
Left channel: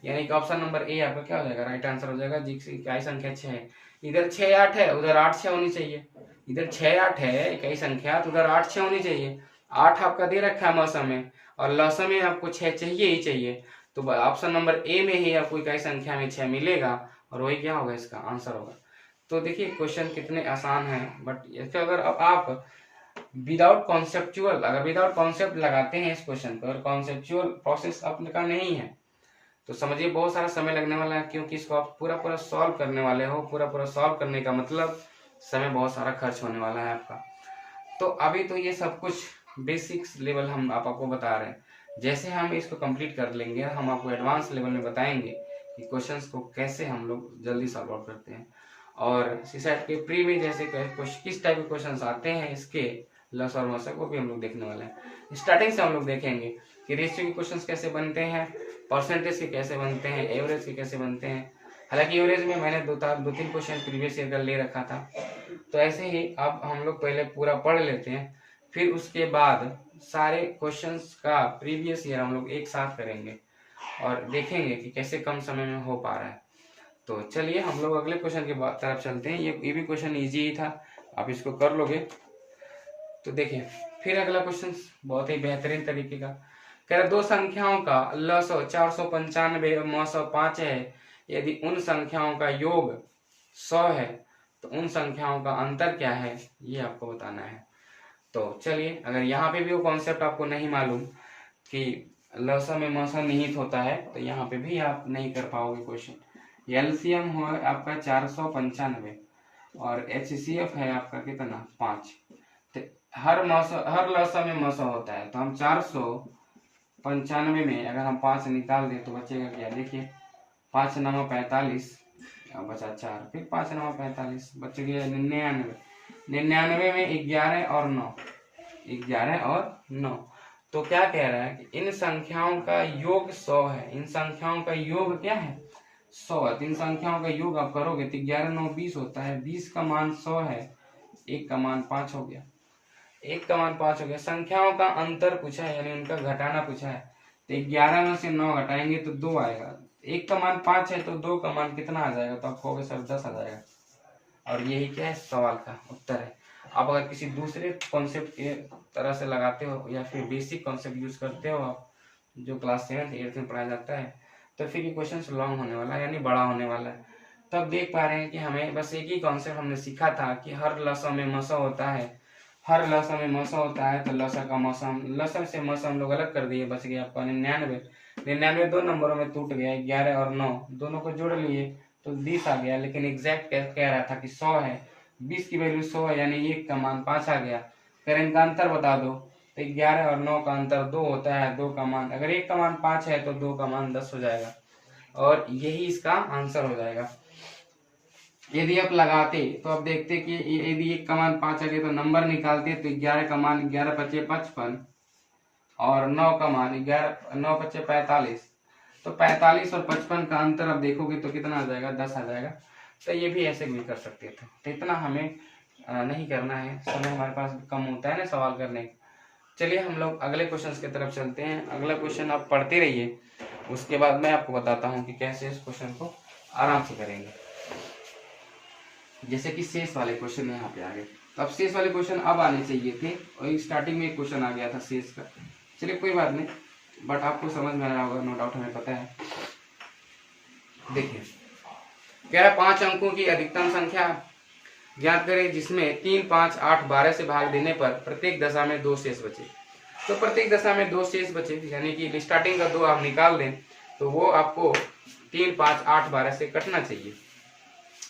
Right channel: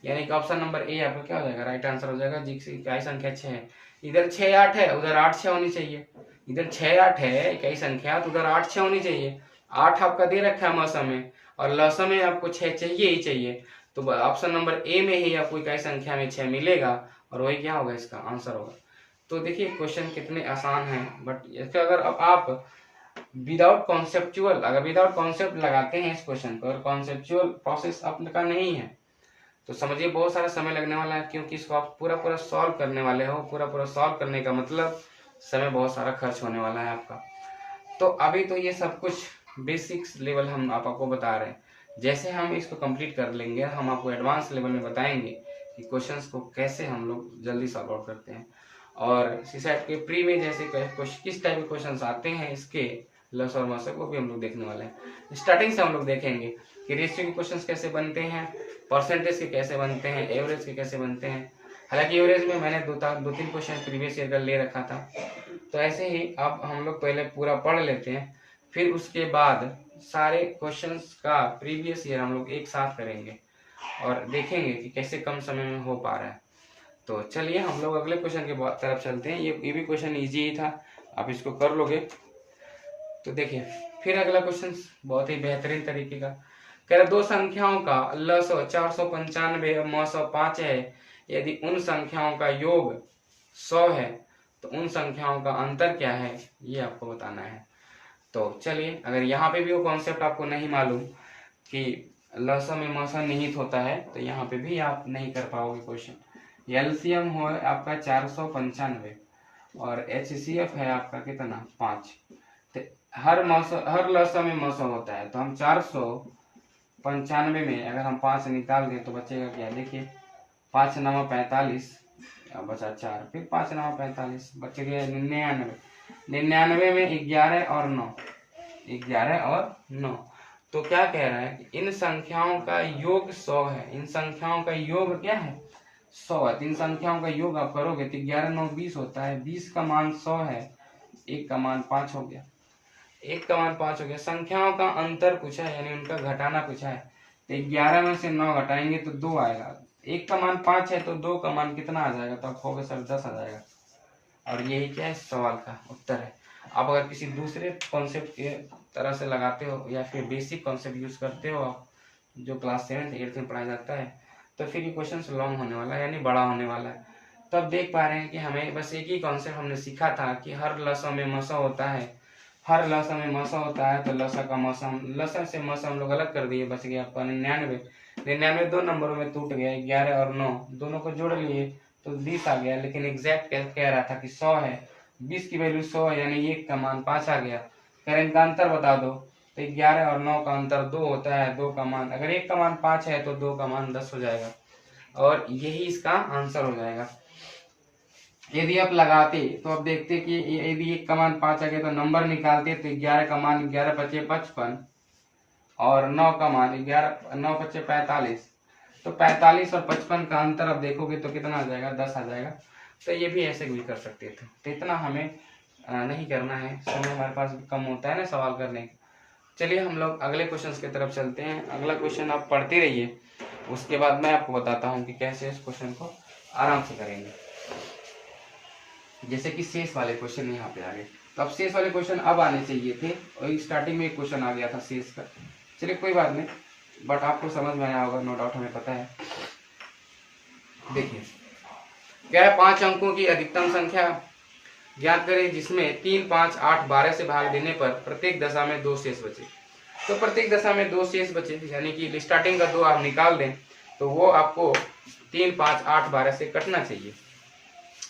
यानी कि ऑप्शन नंबर ए आपका क्या हो जाएगा, राइट आंसर हो जाएगा। इकाई संख्या 6 है, इधर 6 8 है, उधर 8 6 होनी चाहिए। इधर 6 8 है इकाई संख्या, तो उधर 8 6 होनी चाहिए। 8 आपका दे रखा है मौसम में, और लौसम में आपको 6 चाहिए ही चाहिए। तो ऑप्शन नंबर ए में ही आपको इकाई संख्या में 6 मिलेगा, और वही क्या होगा, इसका आंसर होगा। तो देखिए क्वेश्चन कितने आसान हैं, बट इसका अगर अब आप विदाउट कॉन्सेप्चुअल, अगर विदाउट कॉन्सेप्ट लगाते हैं इस क्वेश्चन पर, कॉन्सेप्चुअल प्रोसेस आपका नहीं है, तो समझिए बहुत सारा समय लगने वाला है, क्योंकि इसको आप पूरा पूरा सॉल्व करने वाले हो। पूरा पूरा सॉल्व करने का मतलब समय बहुत सारा खर्च होने वाला है आपका। तो अभी तो ये सब कुछ बेसिक्स लेवल हम आपको बता रहे हैं। जैसे हम इसको कंप्लीट कर लेंगे, हम आपको एडवांस लेवल में बताएंगे कि क्वेश्चंस को कैसे हम लोग जल्दी सॉल्व आउट करते हैं। और सीसैट के प्री में जैसे किस टाइप के क्वेश्चंस आते हैं, इसके लस और मस को भी हम लोग देखने वाले हैं। स्टार्टिंग से हम लोग देखेंगे कि रेशियो के क्वेश्चंस कैसे बनते हैं, परसेंटेज के कैसे बनते हैं, एवरेज के कैसे बनते हैं। हालांकि एवरेज में मैंने दो तीन क्वेश्चन प्रीवियस ईयर का ले रखा था। तो ऐसे ही अब हम लोग पहले पूरा पढ़ लेते हैं, फिर उसके बाद सारे क्वेश्चंस का प्रीवियस ईयर हम लोग एक साथ करेंगे और देखेंगे कि कैसे कम समय में हो पा रहा है। तो चलिए हम लोग अगले क्वेश्चन के तरफ चलते हैं। ये भी क्वेश्चन इजी ही था, आप इसको कर लोगे। तो देखिए फिर अगला क्वेश्चन बहुत ही बेहतरीन तरीके का कह रहा, दो संख्याओं का लसो 495 और मसो 5 है। यदि उन संख्याओं का योग 100 है तो उन संख्याओं का अंतर क्या है, ये आपको बताना है। तो चलिए, अगर यहाँ पे भी वो कॉन्सेप्ट आपको नहीं मालूम कि लसम में मसम निहित होता है, तो यहाँ पे भी आप नहीं कर पाओगे क्वेश्चन। एलसीएम हो आपका 495 और एचसीएफ है आपका कितना 5। तो हर लसम में मसम होता है, तो हम 495 में अगर हम 5 निकाल दें तो बचेगा क्या, देखिए 5 9 45 और बचा 4, फिर 5 9 45 बच गया 99। 99 में 11 और 9, 11 और 9। तो क्या कह रहा है कि इन संख्याओं का योग 100 है। इन संख्याओं का योग क्या है, 100 है। इन संख्याओं का योग आप करोगे तो 11 9 20 होता है। 20 का मान 100 है, 1 का मान 5 हो गया। 1 का मान 5 हो गया। संख्याओं का अंतर पूछा है, यानी उनका घटाना पूछा है। तो 11 में से 9 घटाएंगे तो 2 आएगा। 1 का मान 5 है तो 2 का मान कितना आ जाएगा, तो आप कहोगे सर 10 आ जाएगा। और यही क्या है, सवाल का उत्तर है। आप अगर किसी दूसरे कॉन्सेप्ट के तरह से लगाते हो या फिर बेसिक कॉन्सेप्ट यूज करते हो आप, जो क्लास 7th 8th में पढ़ाया जाता है, तो फिर ये क्वेश्चन लॉन्ग होने वाला है, यानी बड़ा होने वाला है। तो आप देख पा रहे हैं कि हमें बस एक ही कॉन्सेप्ट हमने सीखा था कि हर लसा में मसा होता है। हर लसा में मसा होता है, तो लसा का मौसम, लसा से मौसम हम लोग अलग कर दिए, बच गया आपका 99। 99 दो नंबरों में टूट गया, 11 और 9 दोनों को जोड़ लिए तो 20 आ गया। लेकिन एग्जैक्ट कह रहा था कि 100 है, 20 की वैल्यू 100 है, यानी 1 का मान 5 आ गया। फिर इनका अंतर बता दो, तो 11 और 9 का अंतर 2 होता है। 2 का मान, अगर 1 का मान 5 है तो 2 का मान 10 हो जाएगा, और यही इसका आंसर हो जाएगा। यदि आप लगाते तो आप देखते कि यदि 1 का मान 5 आ गया तो नंबर निकालते, तो 11 का मान 11 पचे 55 और 9 का मान 11 9 पचे 45। तो 45 और 55 का अंतर आप देखोगे तो कितना आ जाएगा, 10 आ जाएगा। तो ये भी ऐसे भी कर सकते थे। तो इतना हमें नहीं करना है, समय हमारे पास कम होता है ना सवाल करने का। चलिए हम लोग अगले क्वेश्चन की तरफ चलते हैं। अगला क्वेश्चन आप पढ़ते रहिए, उसके बाद मैं आपको बताता हूँ कि कैसे इस क्वेश्चन को आराम से करेंगे। जैसे कि शेष वाले क्वेश्चन यहाँ पे आ गए, तो अब शेष वाले क्वेश्चन अब आने चाहिए थे, और स्टार्टिंग में एक क्वेश्चन आ गया था शेष का। चलिए कोई बात नहीं, बट आपको समझ में आया होगा, नो डाउट, हमें पता है। देखिए क्या है, 5 अंकों की अधिकतम संख्या ज्ञात करें जिसमें 3 5 8 12 से भाग देने पर प्रत्येक दशा में 2 शेष बचे। तो प्रत्येक दशा में 2 शेष बचे, यानी कि स्टार्टिंग का 2 आप निकाल दें तो वो आपको 3 5 8 12 से कटना चाहिए,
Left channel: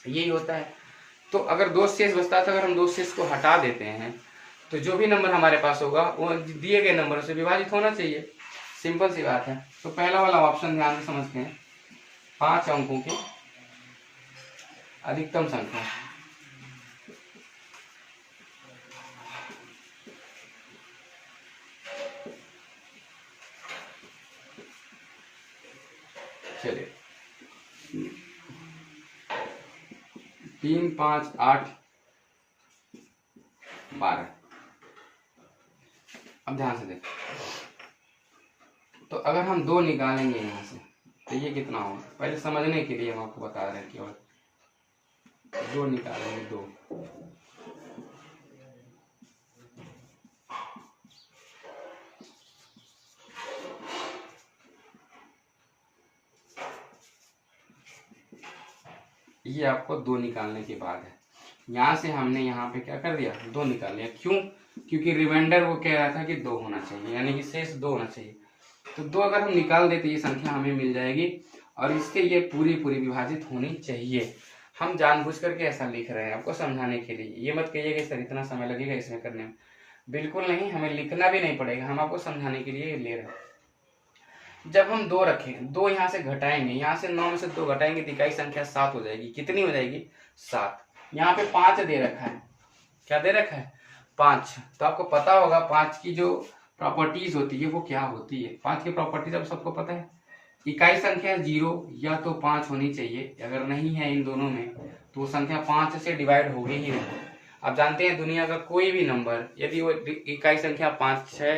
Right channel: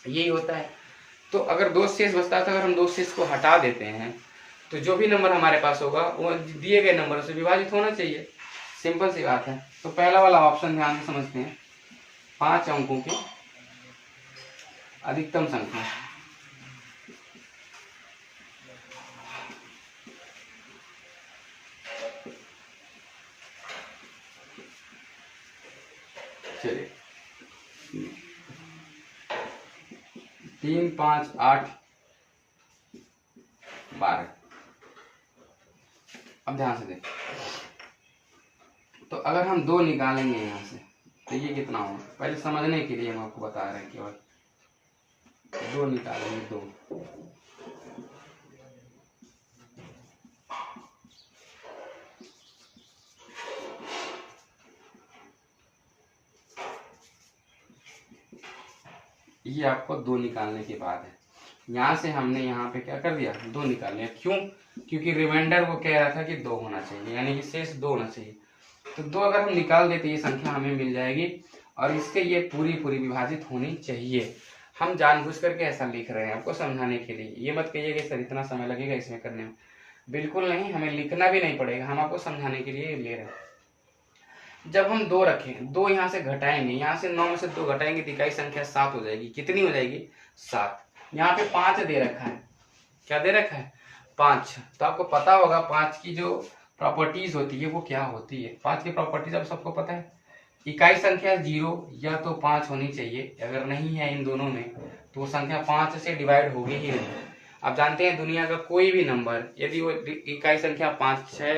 यही होता है। तो अगर 2 शेष बचता है, तो अगर हम 2 शेष को हटा देते हैं तो जो भी नंबर हमारे पास होगा वो दिए गए नंबरों से विभाजित होना चाहिए। सिंपल सी बात है। तो पहला वाला ऑप्शन ध्यान से समझते हैं, 5 अंकों की अधिकतम संख्या। चलिए 3, 5, 8, 12। अब ध्यान से देख, तो अगर हम 2 निकालेंगे यहाँ से तो ये कितना होगा, पहले समझने के लिए हम आपको बता रहे हैं केवल। 2 निकालेंगे, 2, ये आपको 2 निकालने के बाद है। यहाँ से हमने यहाँ पे क्या कर दिया, 2 निकाल लिया। क्यों? क्योंकि रिमाइंडर वो कह रहा था कि 2 होना चाहिए, यानी कि शेष 2 होना चाहिए। तो 2 अगर हम निकाल देते ये संख्या हमें मिल जाएगी और इससे ये पूरी पूरी विभाजित होनी चाहिए। हम जानबूझ करके ऐसा लिख रहे हैं आपको समझाने के लिए। ये मत कहिए कि सर इतना समय लगेगा इसमें करने में, बिल्कुल नहीं, हमें लिखना भी नहीं पड़ेगा, हम आपको समझाने के लिए ले रहे हैं। जब हम 2 रखेंगे, 2 यहाँ से घटाएंगे, यहाँ से 9 में से 2 घटाएंगे तो इकाई संख्या 7 हो जाएगी। कितनी हो जाएगी? 7। यहाँ पे 5 दे रखा है, क्या दे रखा है? 5। तो आपको पता होगा 5 की जो प्रॉपर्टीज होती है वो क्या होती है। 5 की प्रॉपर्टीज अब सबको पता है। इकाई संख्या 0 या तो 5 होनी चाहिए, अगर नहीं है इन दोनों में तो वो संख्या 5 से डिवाइड होगी ही नहीं। आप जानते हैं दुनिया का कोई भी नंबर यदि वो इकाई संख्या 5 है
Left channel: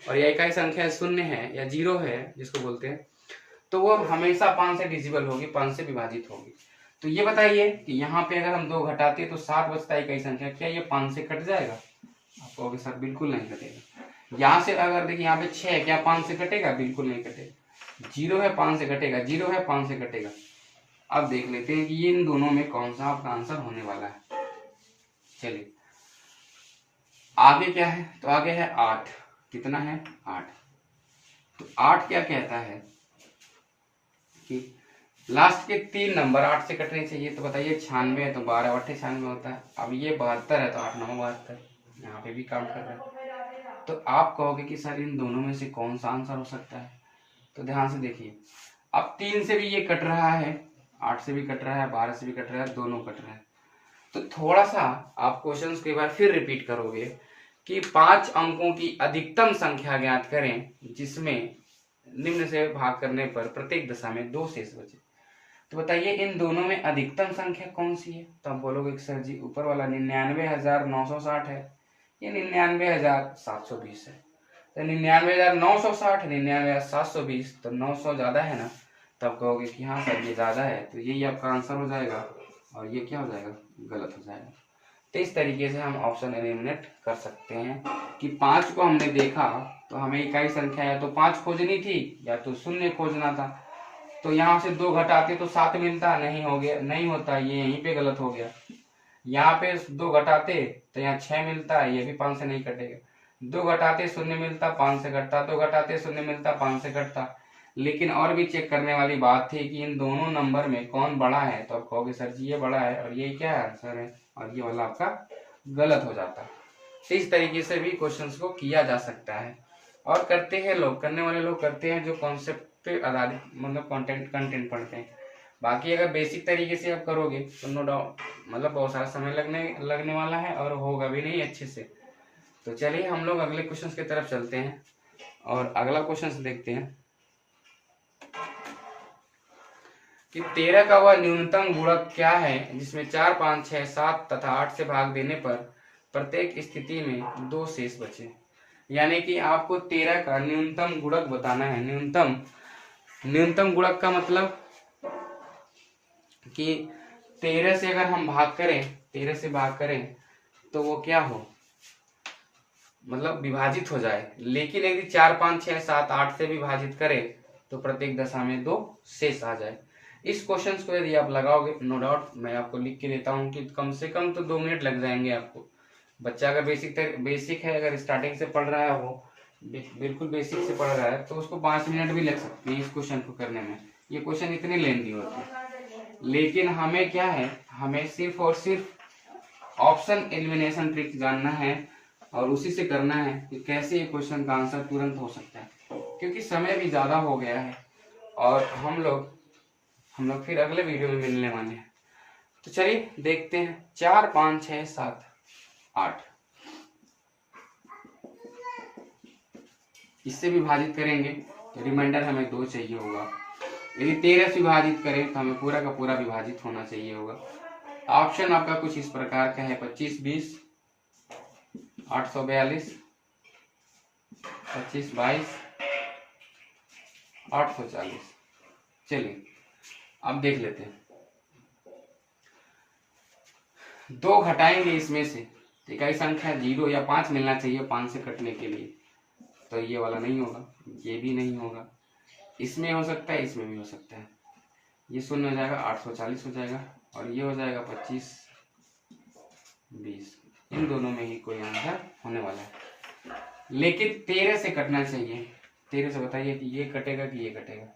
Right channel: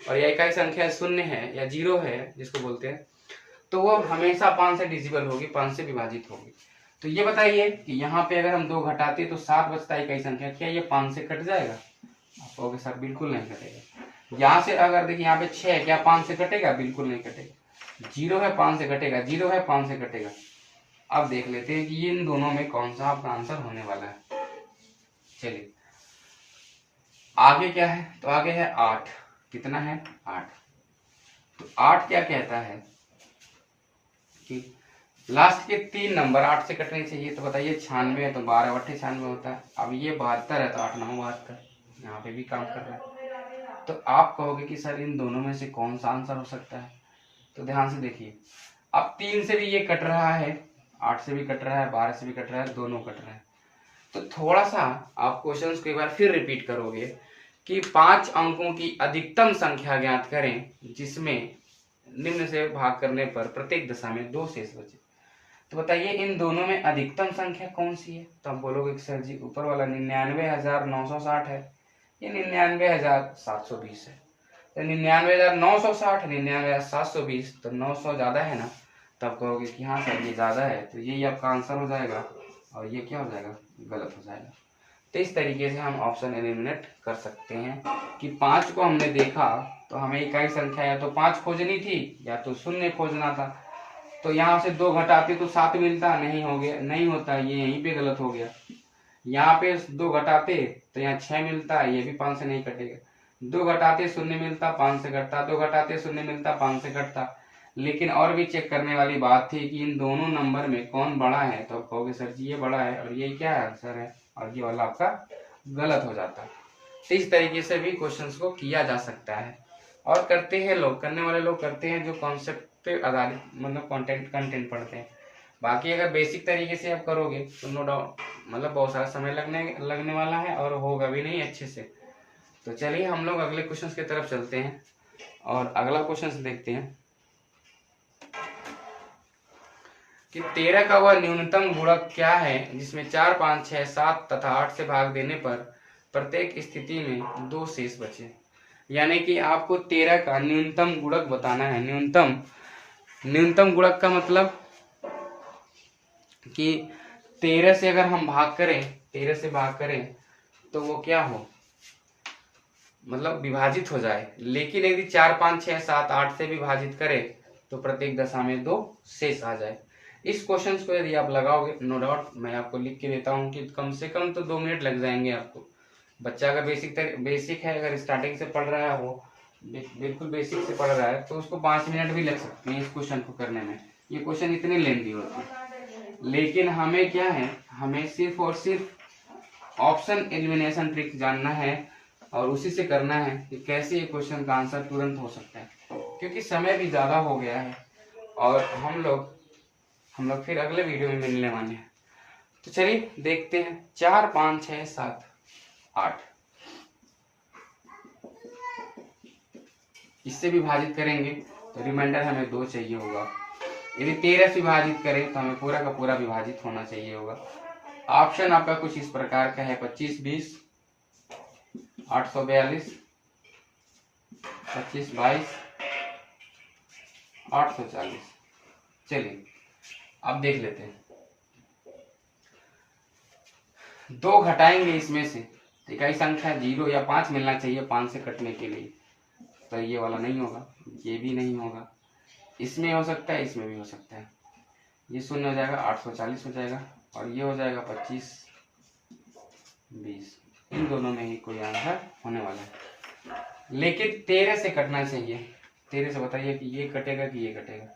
और या इकाई संख्या 0 है या 0 है जिसको बोलते हैं, तो वो हमेशा 5 से डिविजिबल होगी, 5 से विभाजित होगी। तो ये बताइए कि यहाँ पे अगर हम 2 घटाते तो 7 बचता है इकाई संख्या, क्या ये 5 से कट जाएगा? आप कहोगे सर बिल्कुल नहीं कटेगा। यहाँ से अगर देखिए यहाँ पे 6 है, क्या 5 से कटेगा? बिल्कुल नहीं कटेगा। 0 है 5 से कटेगा, 0 है 5 से कटेगा। अब देख लेते हैं कि इन दोनों में कौन सा आपका आंसर होने वाला है। चलिए आगे क्या है, तो आगे है 8। कितना है? 8। तो 8 क्या कहता है कि लास्ट के 3 नंबर 8 से कटने चाहिए। तो बताइए 96 है तो 12 8 96 होता है। अब ये 72 है तो 8 9 72, यहाँ पे भी काम कर रहा है। तो आप कहोगे कि सर इन दोनों में से कौन सा आंसर हो सकता है? तो ध्यान से देखिए, अब 3 से भी ये कट रहा है, 8 से भी कट रहा है, 12 से भी कट रहा है, दोनों कट रहे हैं। तो थोड़ा सा आप क्वेश्चंस को एक बार फिर रिपीट करोगे कि 5 अंकों की अधिकतम संख्या ज्ञात करें जिसमें निम्न से भाग करने पर प्रत्येक दशा में 2 शेष बचे। तो बताइए इन दोनों में अधिकतम संख्या कौन सी है? तो आप बोलोगे कि सर जी ऊपर वाला 99,960 है, ये 99,720 है। तो 99,960 99,720, तो 900 ज्यादा है ना? तब कहोगे कि हाँ सर ये ज्यादा है, तो यही आपका आंसर हो जाएगा और ये क्या हो जाएगा? गलत हो जाएगा। तो इस तरीके से हम ऑप्शन एलिमिनेट कर सकते हैं कि 5 को हमने देखा तो हमें इकाई संख्या या तो 5 खोजनी थी या तो 0 खोजना था। तो यहाँ से 2 घटाते तो 7 मिलता, नहीं हो गया, नहीं होता, ये यहीं पे गलत हो गया। यहाँ पे 2 घटाते तो यहाँ 6 मिलता, ये भी 5 से नहीं कटेगा। 2 घटाते 0 मिलता, 5 से कटता, 2 घटाते 0 मिलता, 5 से कटता। लेकिन और भी चेक करने वाली बात थी कि इन दोनों नंबर में कौन बड़ा है। तो आप कहोगे सर जी ये बड़ा है और ये क्या आंसर है, और ये वाला आपका गलत हो जाता। तो इस तरीके से भी क्वेश्चंस को किया जा सकता है और करते हैं लोग, करने वाले लोग करते हैं जो कॉन्सेप्ट पे आधारित मतलब कंटेंट पढ़ते हैं। बाकी अगर बेसिक तरीके से आप करोगे तो नो डाउट मतलब बहुत सारा समय लगने वाला है और होगा भी नहीं अच्छे से। तो चलिए हम लोग अगले क्वेश्चन की तरफ चलते हैं और अगला क्वेश्चन देखते हैं कि 13 का वह न्यूनतम गुणक क्या है जिसमें 4 5 6 7 तथा 8 से भाग देने पर प्रत्येक स्थिति में 2 शेष बचे। यानी कि आपको 13 का न्यूनतम गुणक बताना है। न्यूनतम गुणक का मतलब कि 13 से अगर हम भाग करें, 13 से भाग करें तो वो क्या हो, मतलब विभाजित हो जाए। लेकिन यदि 4 5 6 7 8 से विभाजित करें तो प्रत्येक दशा में 2 शेष आ जाए। इस क्वेश्चन को यदि आप लगाओगे नो डाउट मैं आपको लिख के देता हूँ कि कम से कम तो 2 मिनट लग जाएंगे आपको। बच्चा अगर बेसिक है, अगर स्टार्टिंग से पढ़ रहा है, वो बिल्कुल बेसिक से पढ़ रहा है, तो उसको 5 मिनट भी लग सकते हैं इस क्वेश्चन को करने में। ये क्वेश्चन इतने लेंथी होते हैं। लेकिन हमें क्या है, हमें सिर्फ और सिर्फ ऑप्शन एलिमिनेशन ट्रिक जानना है और उसी से करना है कि कैसे ये क्वेश्चन का आंसर तुरंत हो सकता है, क्योंकि समय भी ज्यादा हो गया है और हम लोग फिर अगले वीडियो में मिलने वाले हैं। तो चलिए देखते हैं 4 5 6 7 8 इससे विभाजित करेंगे तो रिमाइंडर हमें 2 चाहिए होगा। यदि 13 से विभाजित करें तो हमें पूरा का पूरा विभाजित होना चाहिए होगा। ऑप्शन आपका कुछ इस प्रकार का है 25 20, 842, 25 22, 840। चलिए अब देख लेते हैं। 2 घटाएंगे इसमें से तो इकाई संख्या 0 या 5 मिलना चाहिए 5 से कटने के लिए, तो ये वाला नहीं होगा, ये भी नहीं होगा, इसमें हो सकता है, इसमें भी हो सकता है। ये 0 हो जाएगा, 840 हो जाएगा, और ये हो जाएगा 25 20। इन दोनों में ही कोई आंसर होने वाला है, लेकिन 13 से कटना चाहिए। 13 से बताइए कि ये कटेगा कि ये कटेगा,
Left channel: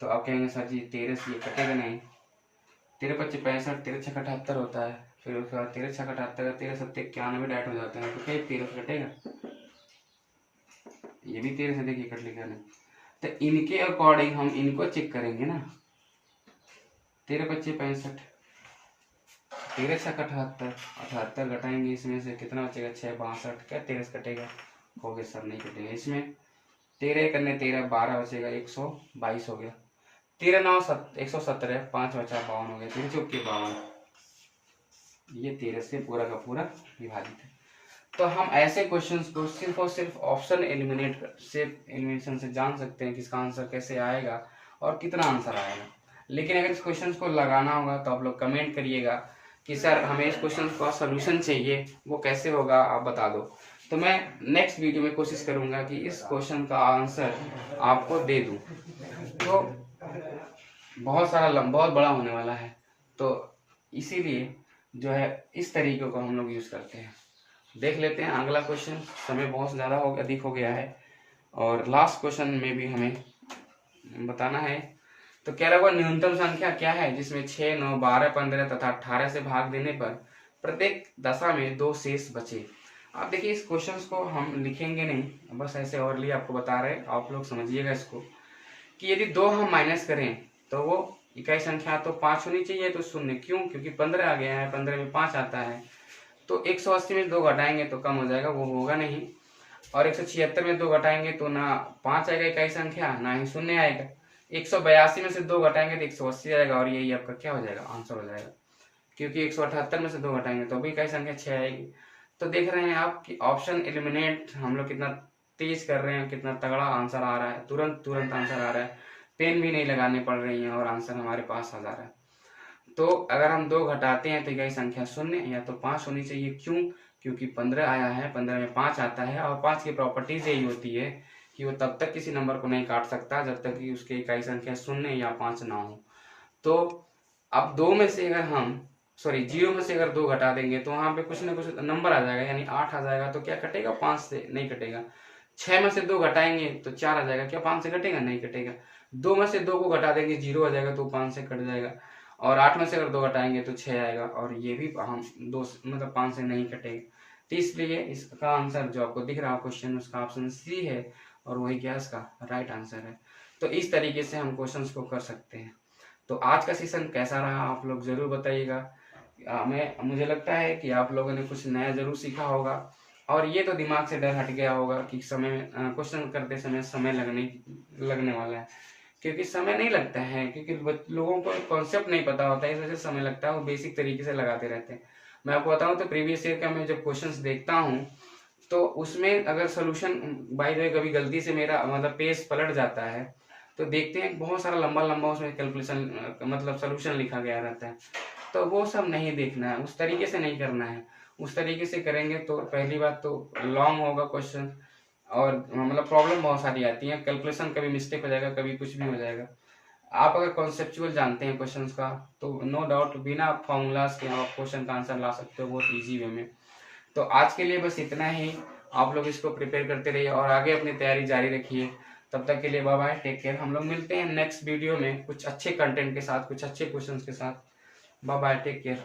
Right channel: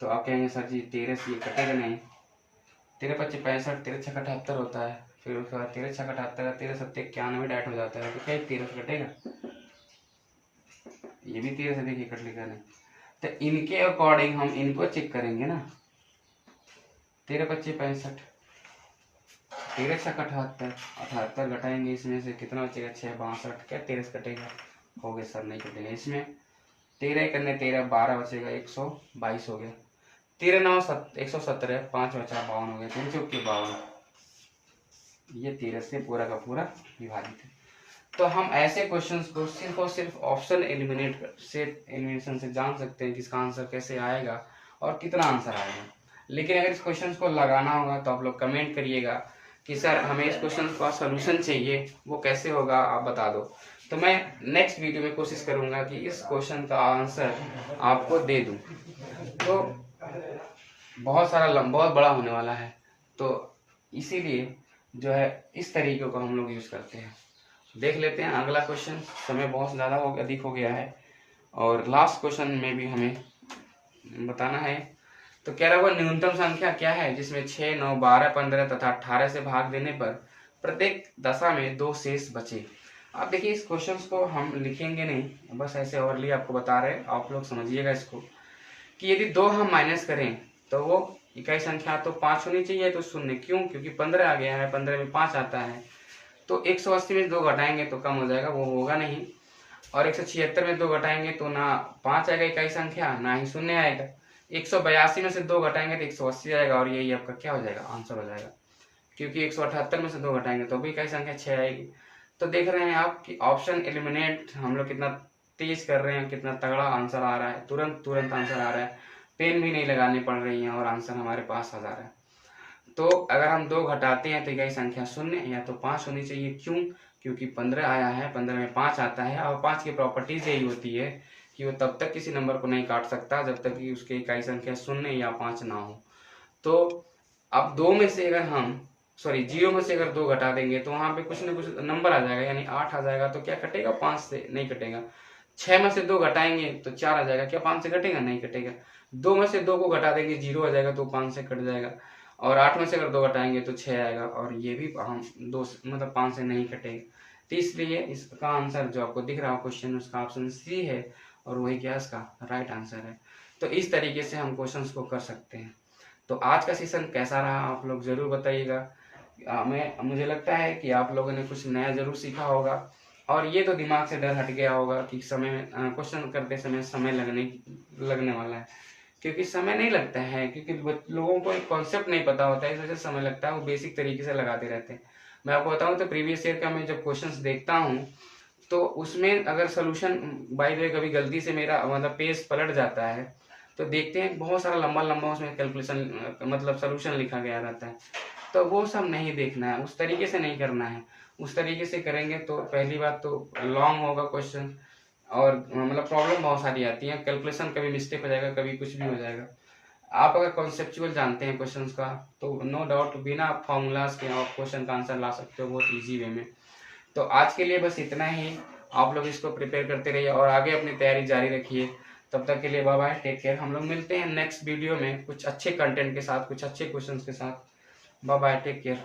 तो आप कहेंगे सर जी 13 से ये कटेगा नहीं। 13 25 65, 13 6 78 होता है, फिर उसके बाद 13 6 78, 13 7 91 डायरेक्ट हो जाता है, तो क्या 13 से कटेगा? ये भी 13 से देखिए कट लिखा नहीं, तो इनके अकॉर्डिंग हम इनको चेक करेंगे ना। 13 25 65, 13 6 78, 78 घटाएंगे इसमें से कितना बचेगा 6 62, क्या 13 से कटेगा? हो गया सर, नहीं कटेगा। इसमें 13 करने 13 12 बचेगा, 122 हो गया। 13 9 117, 5 बचा 52 हो गया, 3 चौके 52। ये 13 से पूरा का पूरा विभाजित है। तो हम ऐसे क्वेश्चंस को सिर्फ और सिर्फ ऑप्शन एलिमिनेशन से जान सकते हैं कि इसका आंसर कैसे आएगा और कितना आंसर आएगा। लेकिन अगर इस क्वेश्चन को लगाना होगा तो आप लोग कमेंट करिएगा कि सर हमें इस क्वेश्चन का सोल्यूशन चाहिए, वो कैसे होगा आप बता दो। तो मैं नेक्स्ट वीडियो में कोशिश करूंगा कि इस क्वेश्चन का आंसर आपको दे दूं। तो बहुत बड़ा होने वाला है, तो इसीलिए जो है इस तरीके को हम लोग यूज करते हैं। देख लेते हैं अगला क्वेश्चन। समय बहुत ज़्यादा अधिक हो गया है और लास्ट क्वेश्चन में भी हमें बताना है। तो कह रहा हुआ न्यूनतम संख्या क्या है जिसमें 6 9 12 15 तथा 18 से भाग देने पर प्रत्येक दशा में 2 शेष बचे। आप देखिए इस क्वेश्चन को हम लिखेंगे नहीं, बस ऐसे ओवरली आपको बता रहे, आप लोग समझिएगा इसको कि यदि 2 हम माइनस करें तो वो इकाई संख्या तो 5 होनी चाहिए, तो 0 क्यों? क्योंकि 15 आ गया है, 15 में 5 आता है, तो 180 में 2 घटाएंगे तो कम हो जाएगा, वो होगा नहीं। और 176 में 2 घटाएंगे तो ना 5 आएगा इकाई संख्या, ना ही 0 आएगा। 182 में से 2 घटाएंगे तो 180 आएगा, और यही आपका क्या हो जाएगा? आंसर हो जाएगा। क्योंकि 178 में से 2 घटाएंगे तो भी इकाई संख्या 6 आएगी। तो देख रहे हैं आप कि ऑप्शन एलिमिनेट हम लोग कितना तेज कर रहे हैं, कितना तगड़ा आंसर आ रहा है, तुरंत आंसर आ रहा है, पेन भी नहीं लगानी पड़ रही है और आंसर हमारे पास आ जा रहा है। तो अगर हम 2 घटाते हैं तो इकाई संख्या 0 या तो 5 होनी चाहिए। क्यों? क्योंकि 15 आया है, 15 में 5 आता है, और 5 की प्रॉपर्टीज यही होती है कि वो तब तक किसी नंबर को नहीं काट सकता जब तक कि उसकी इकाई संख्या 0 या 5 ना हो। तो अब 2 में से अगर हम 0 में से अगर 2 घटा देंगे तो वहां पे कुछ ना कुछ नंबर आ जाएगा, यानी 8 आ जाएगा। तो क्या कटेगा? 5 से नहीं कटेगा। 6 में से 2 घटाएंगे तो 4 आ जाएगा, क्या 5 से कटेगा? नहीं कटेगा। 2 में से 2 को घटा देंगे 0 आ जाएगा, तो 5 से कट जाएगा। और 8 में से अगर 2 घटाएंगे तो 6 आएगा, और ये भी हम 2 मतलब 5 से नहीं कटेगा। तो इसलिए इसका आंसर जो आपको दिख रहा है क्वेश्चन, उसका ऑप्शन सी है, और वही क्या इसका राइट आंसर है। तो इस तरीके से हम क्वेश्चंस को कर सकते हैं। तो आज का सेशन कैसा रहा आप लोग जरूर बताइएगा। मुझे लगता है कि आप लोगों ने कुछ नया जरूर सीखा होगा, और ये तो दिमाग से डर हट गया होगा कि क्वेश्चन करते समय समय लगने वाला है। क्योंकि समय नहीं लगता है, क्योंकि लोगों को एक कॉन्सेप्ट नहीं पता होता है, इस वजह से समय लगता है, वो बेसिक तरीके से लगाते रहते हैं। मैं आपको बताऊं तो प्रीवियस ईयर का मैं जब क्वेश्चंस देखता हूं तो उसमें अगर सोल्यूशन बाय द वे कभी गलती से मेरा मतलब पेज पलट जाता है तो देखते हैं बहुत सारा लंबा उसमें कैलकुलेशन मतलब सोल्यूशन लिखा गया रहता है। तो वो सब नहीं देखना है, उस तरीके से नहीं करना है। उस तरीके से करेंगे तो पहली बात तो लॉन्ग होगा क्वेश्चन, और मतलब प्रॉब्लम बहुत सारी आती है, कैलकुलेशन कभी मिस्टेक हो जाएगा, कभी कुछ भी हो जाएगा। आप अगर कॉन्सेप्चुअल जानते हैं क्वेश्चंस का तो नो डाउट बिना फॉर्मूलाज के आप क्वेश्चन का आंसर ला सकते हो बहुत इजी वे में। तो आज के लिए बस इतना ही। आप लोग इसको प्रिपेयर करते रहिए और आगे अपनी तैयारी जारी रखिए। तब तक के लिए बाय बाय, टेक केयर। हम लोग मिलते हैं नेक्स्ट वीडियो में कुछ अच्छे कंटेंट के साथ, कुछ अच्छे क्वेश्चन के साथ। Bye bye, take care.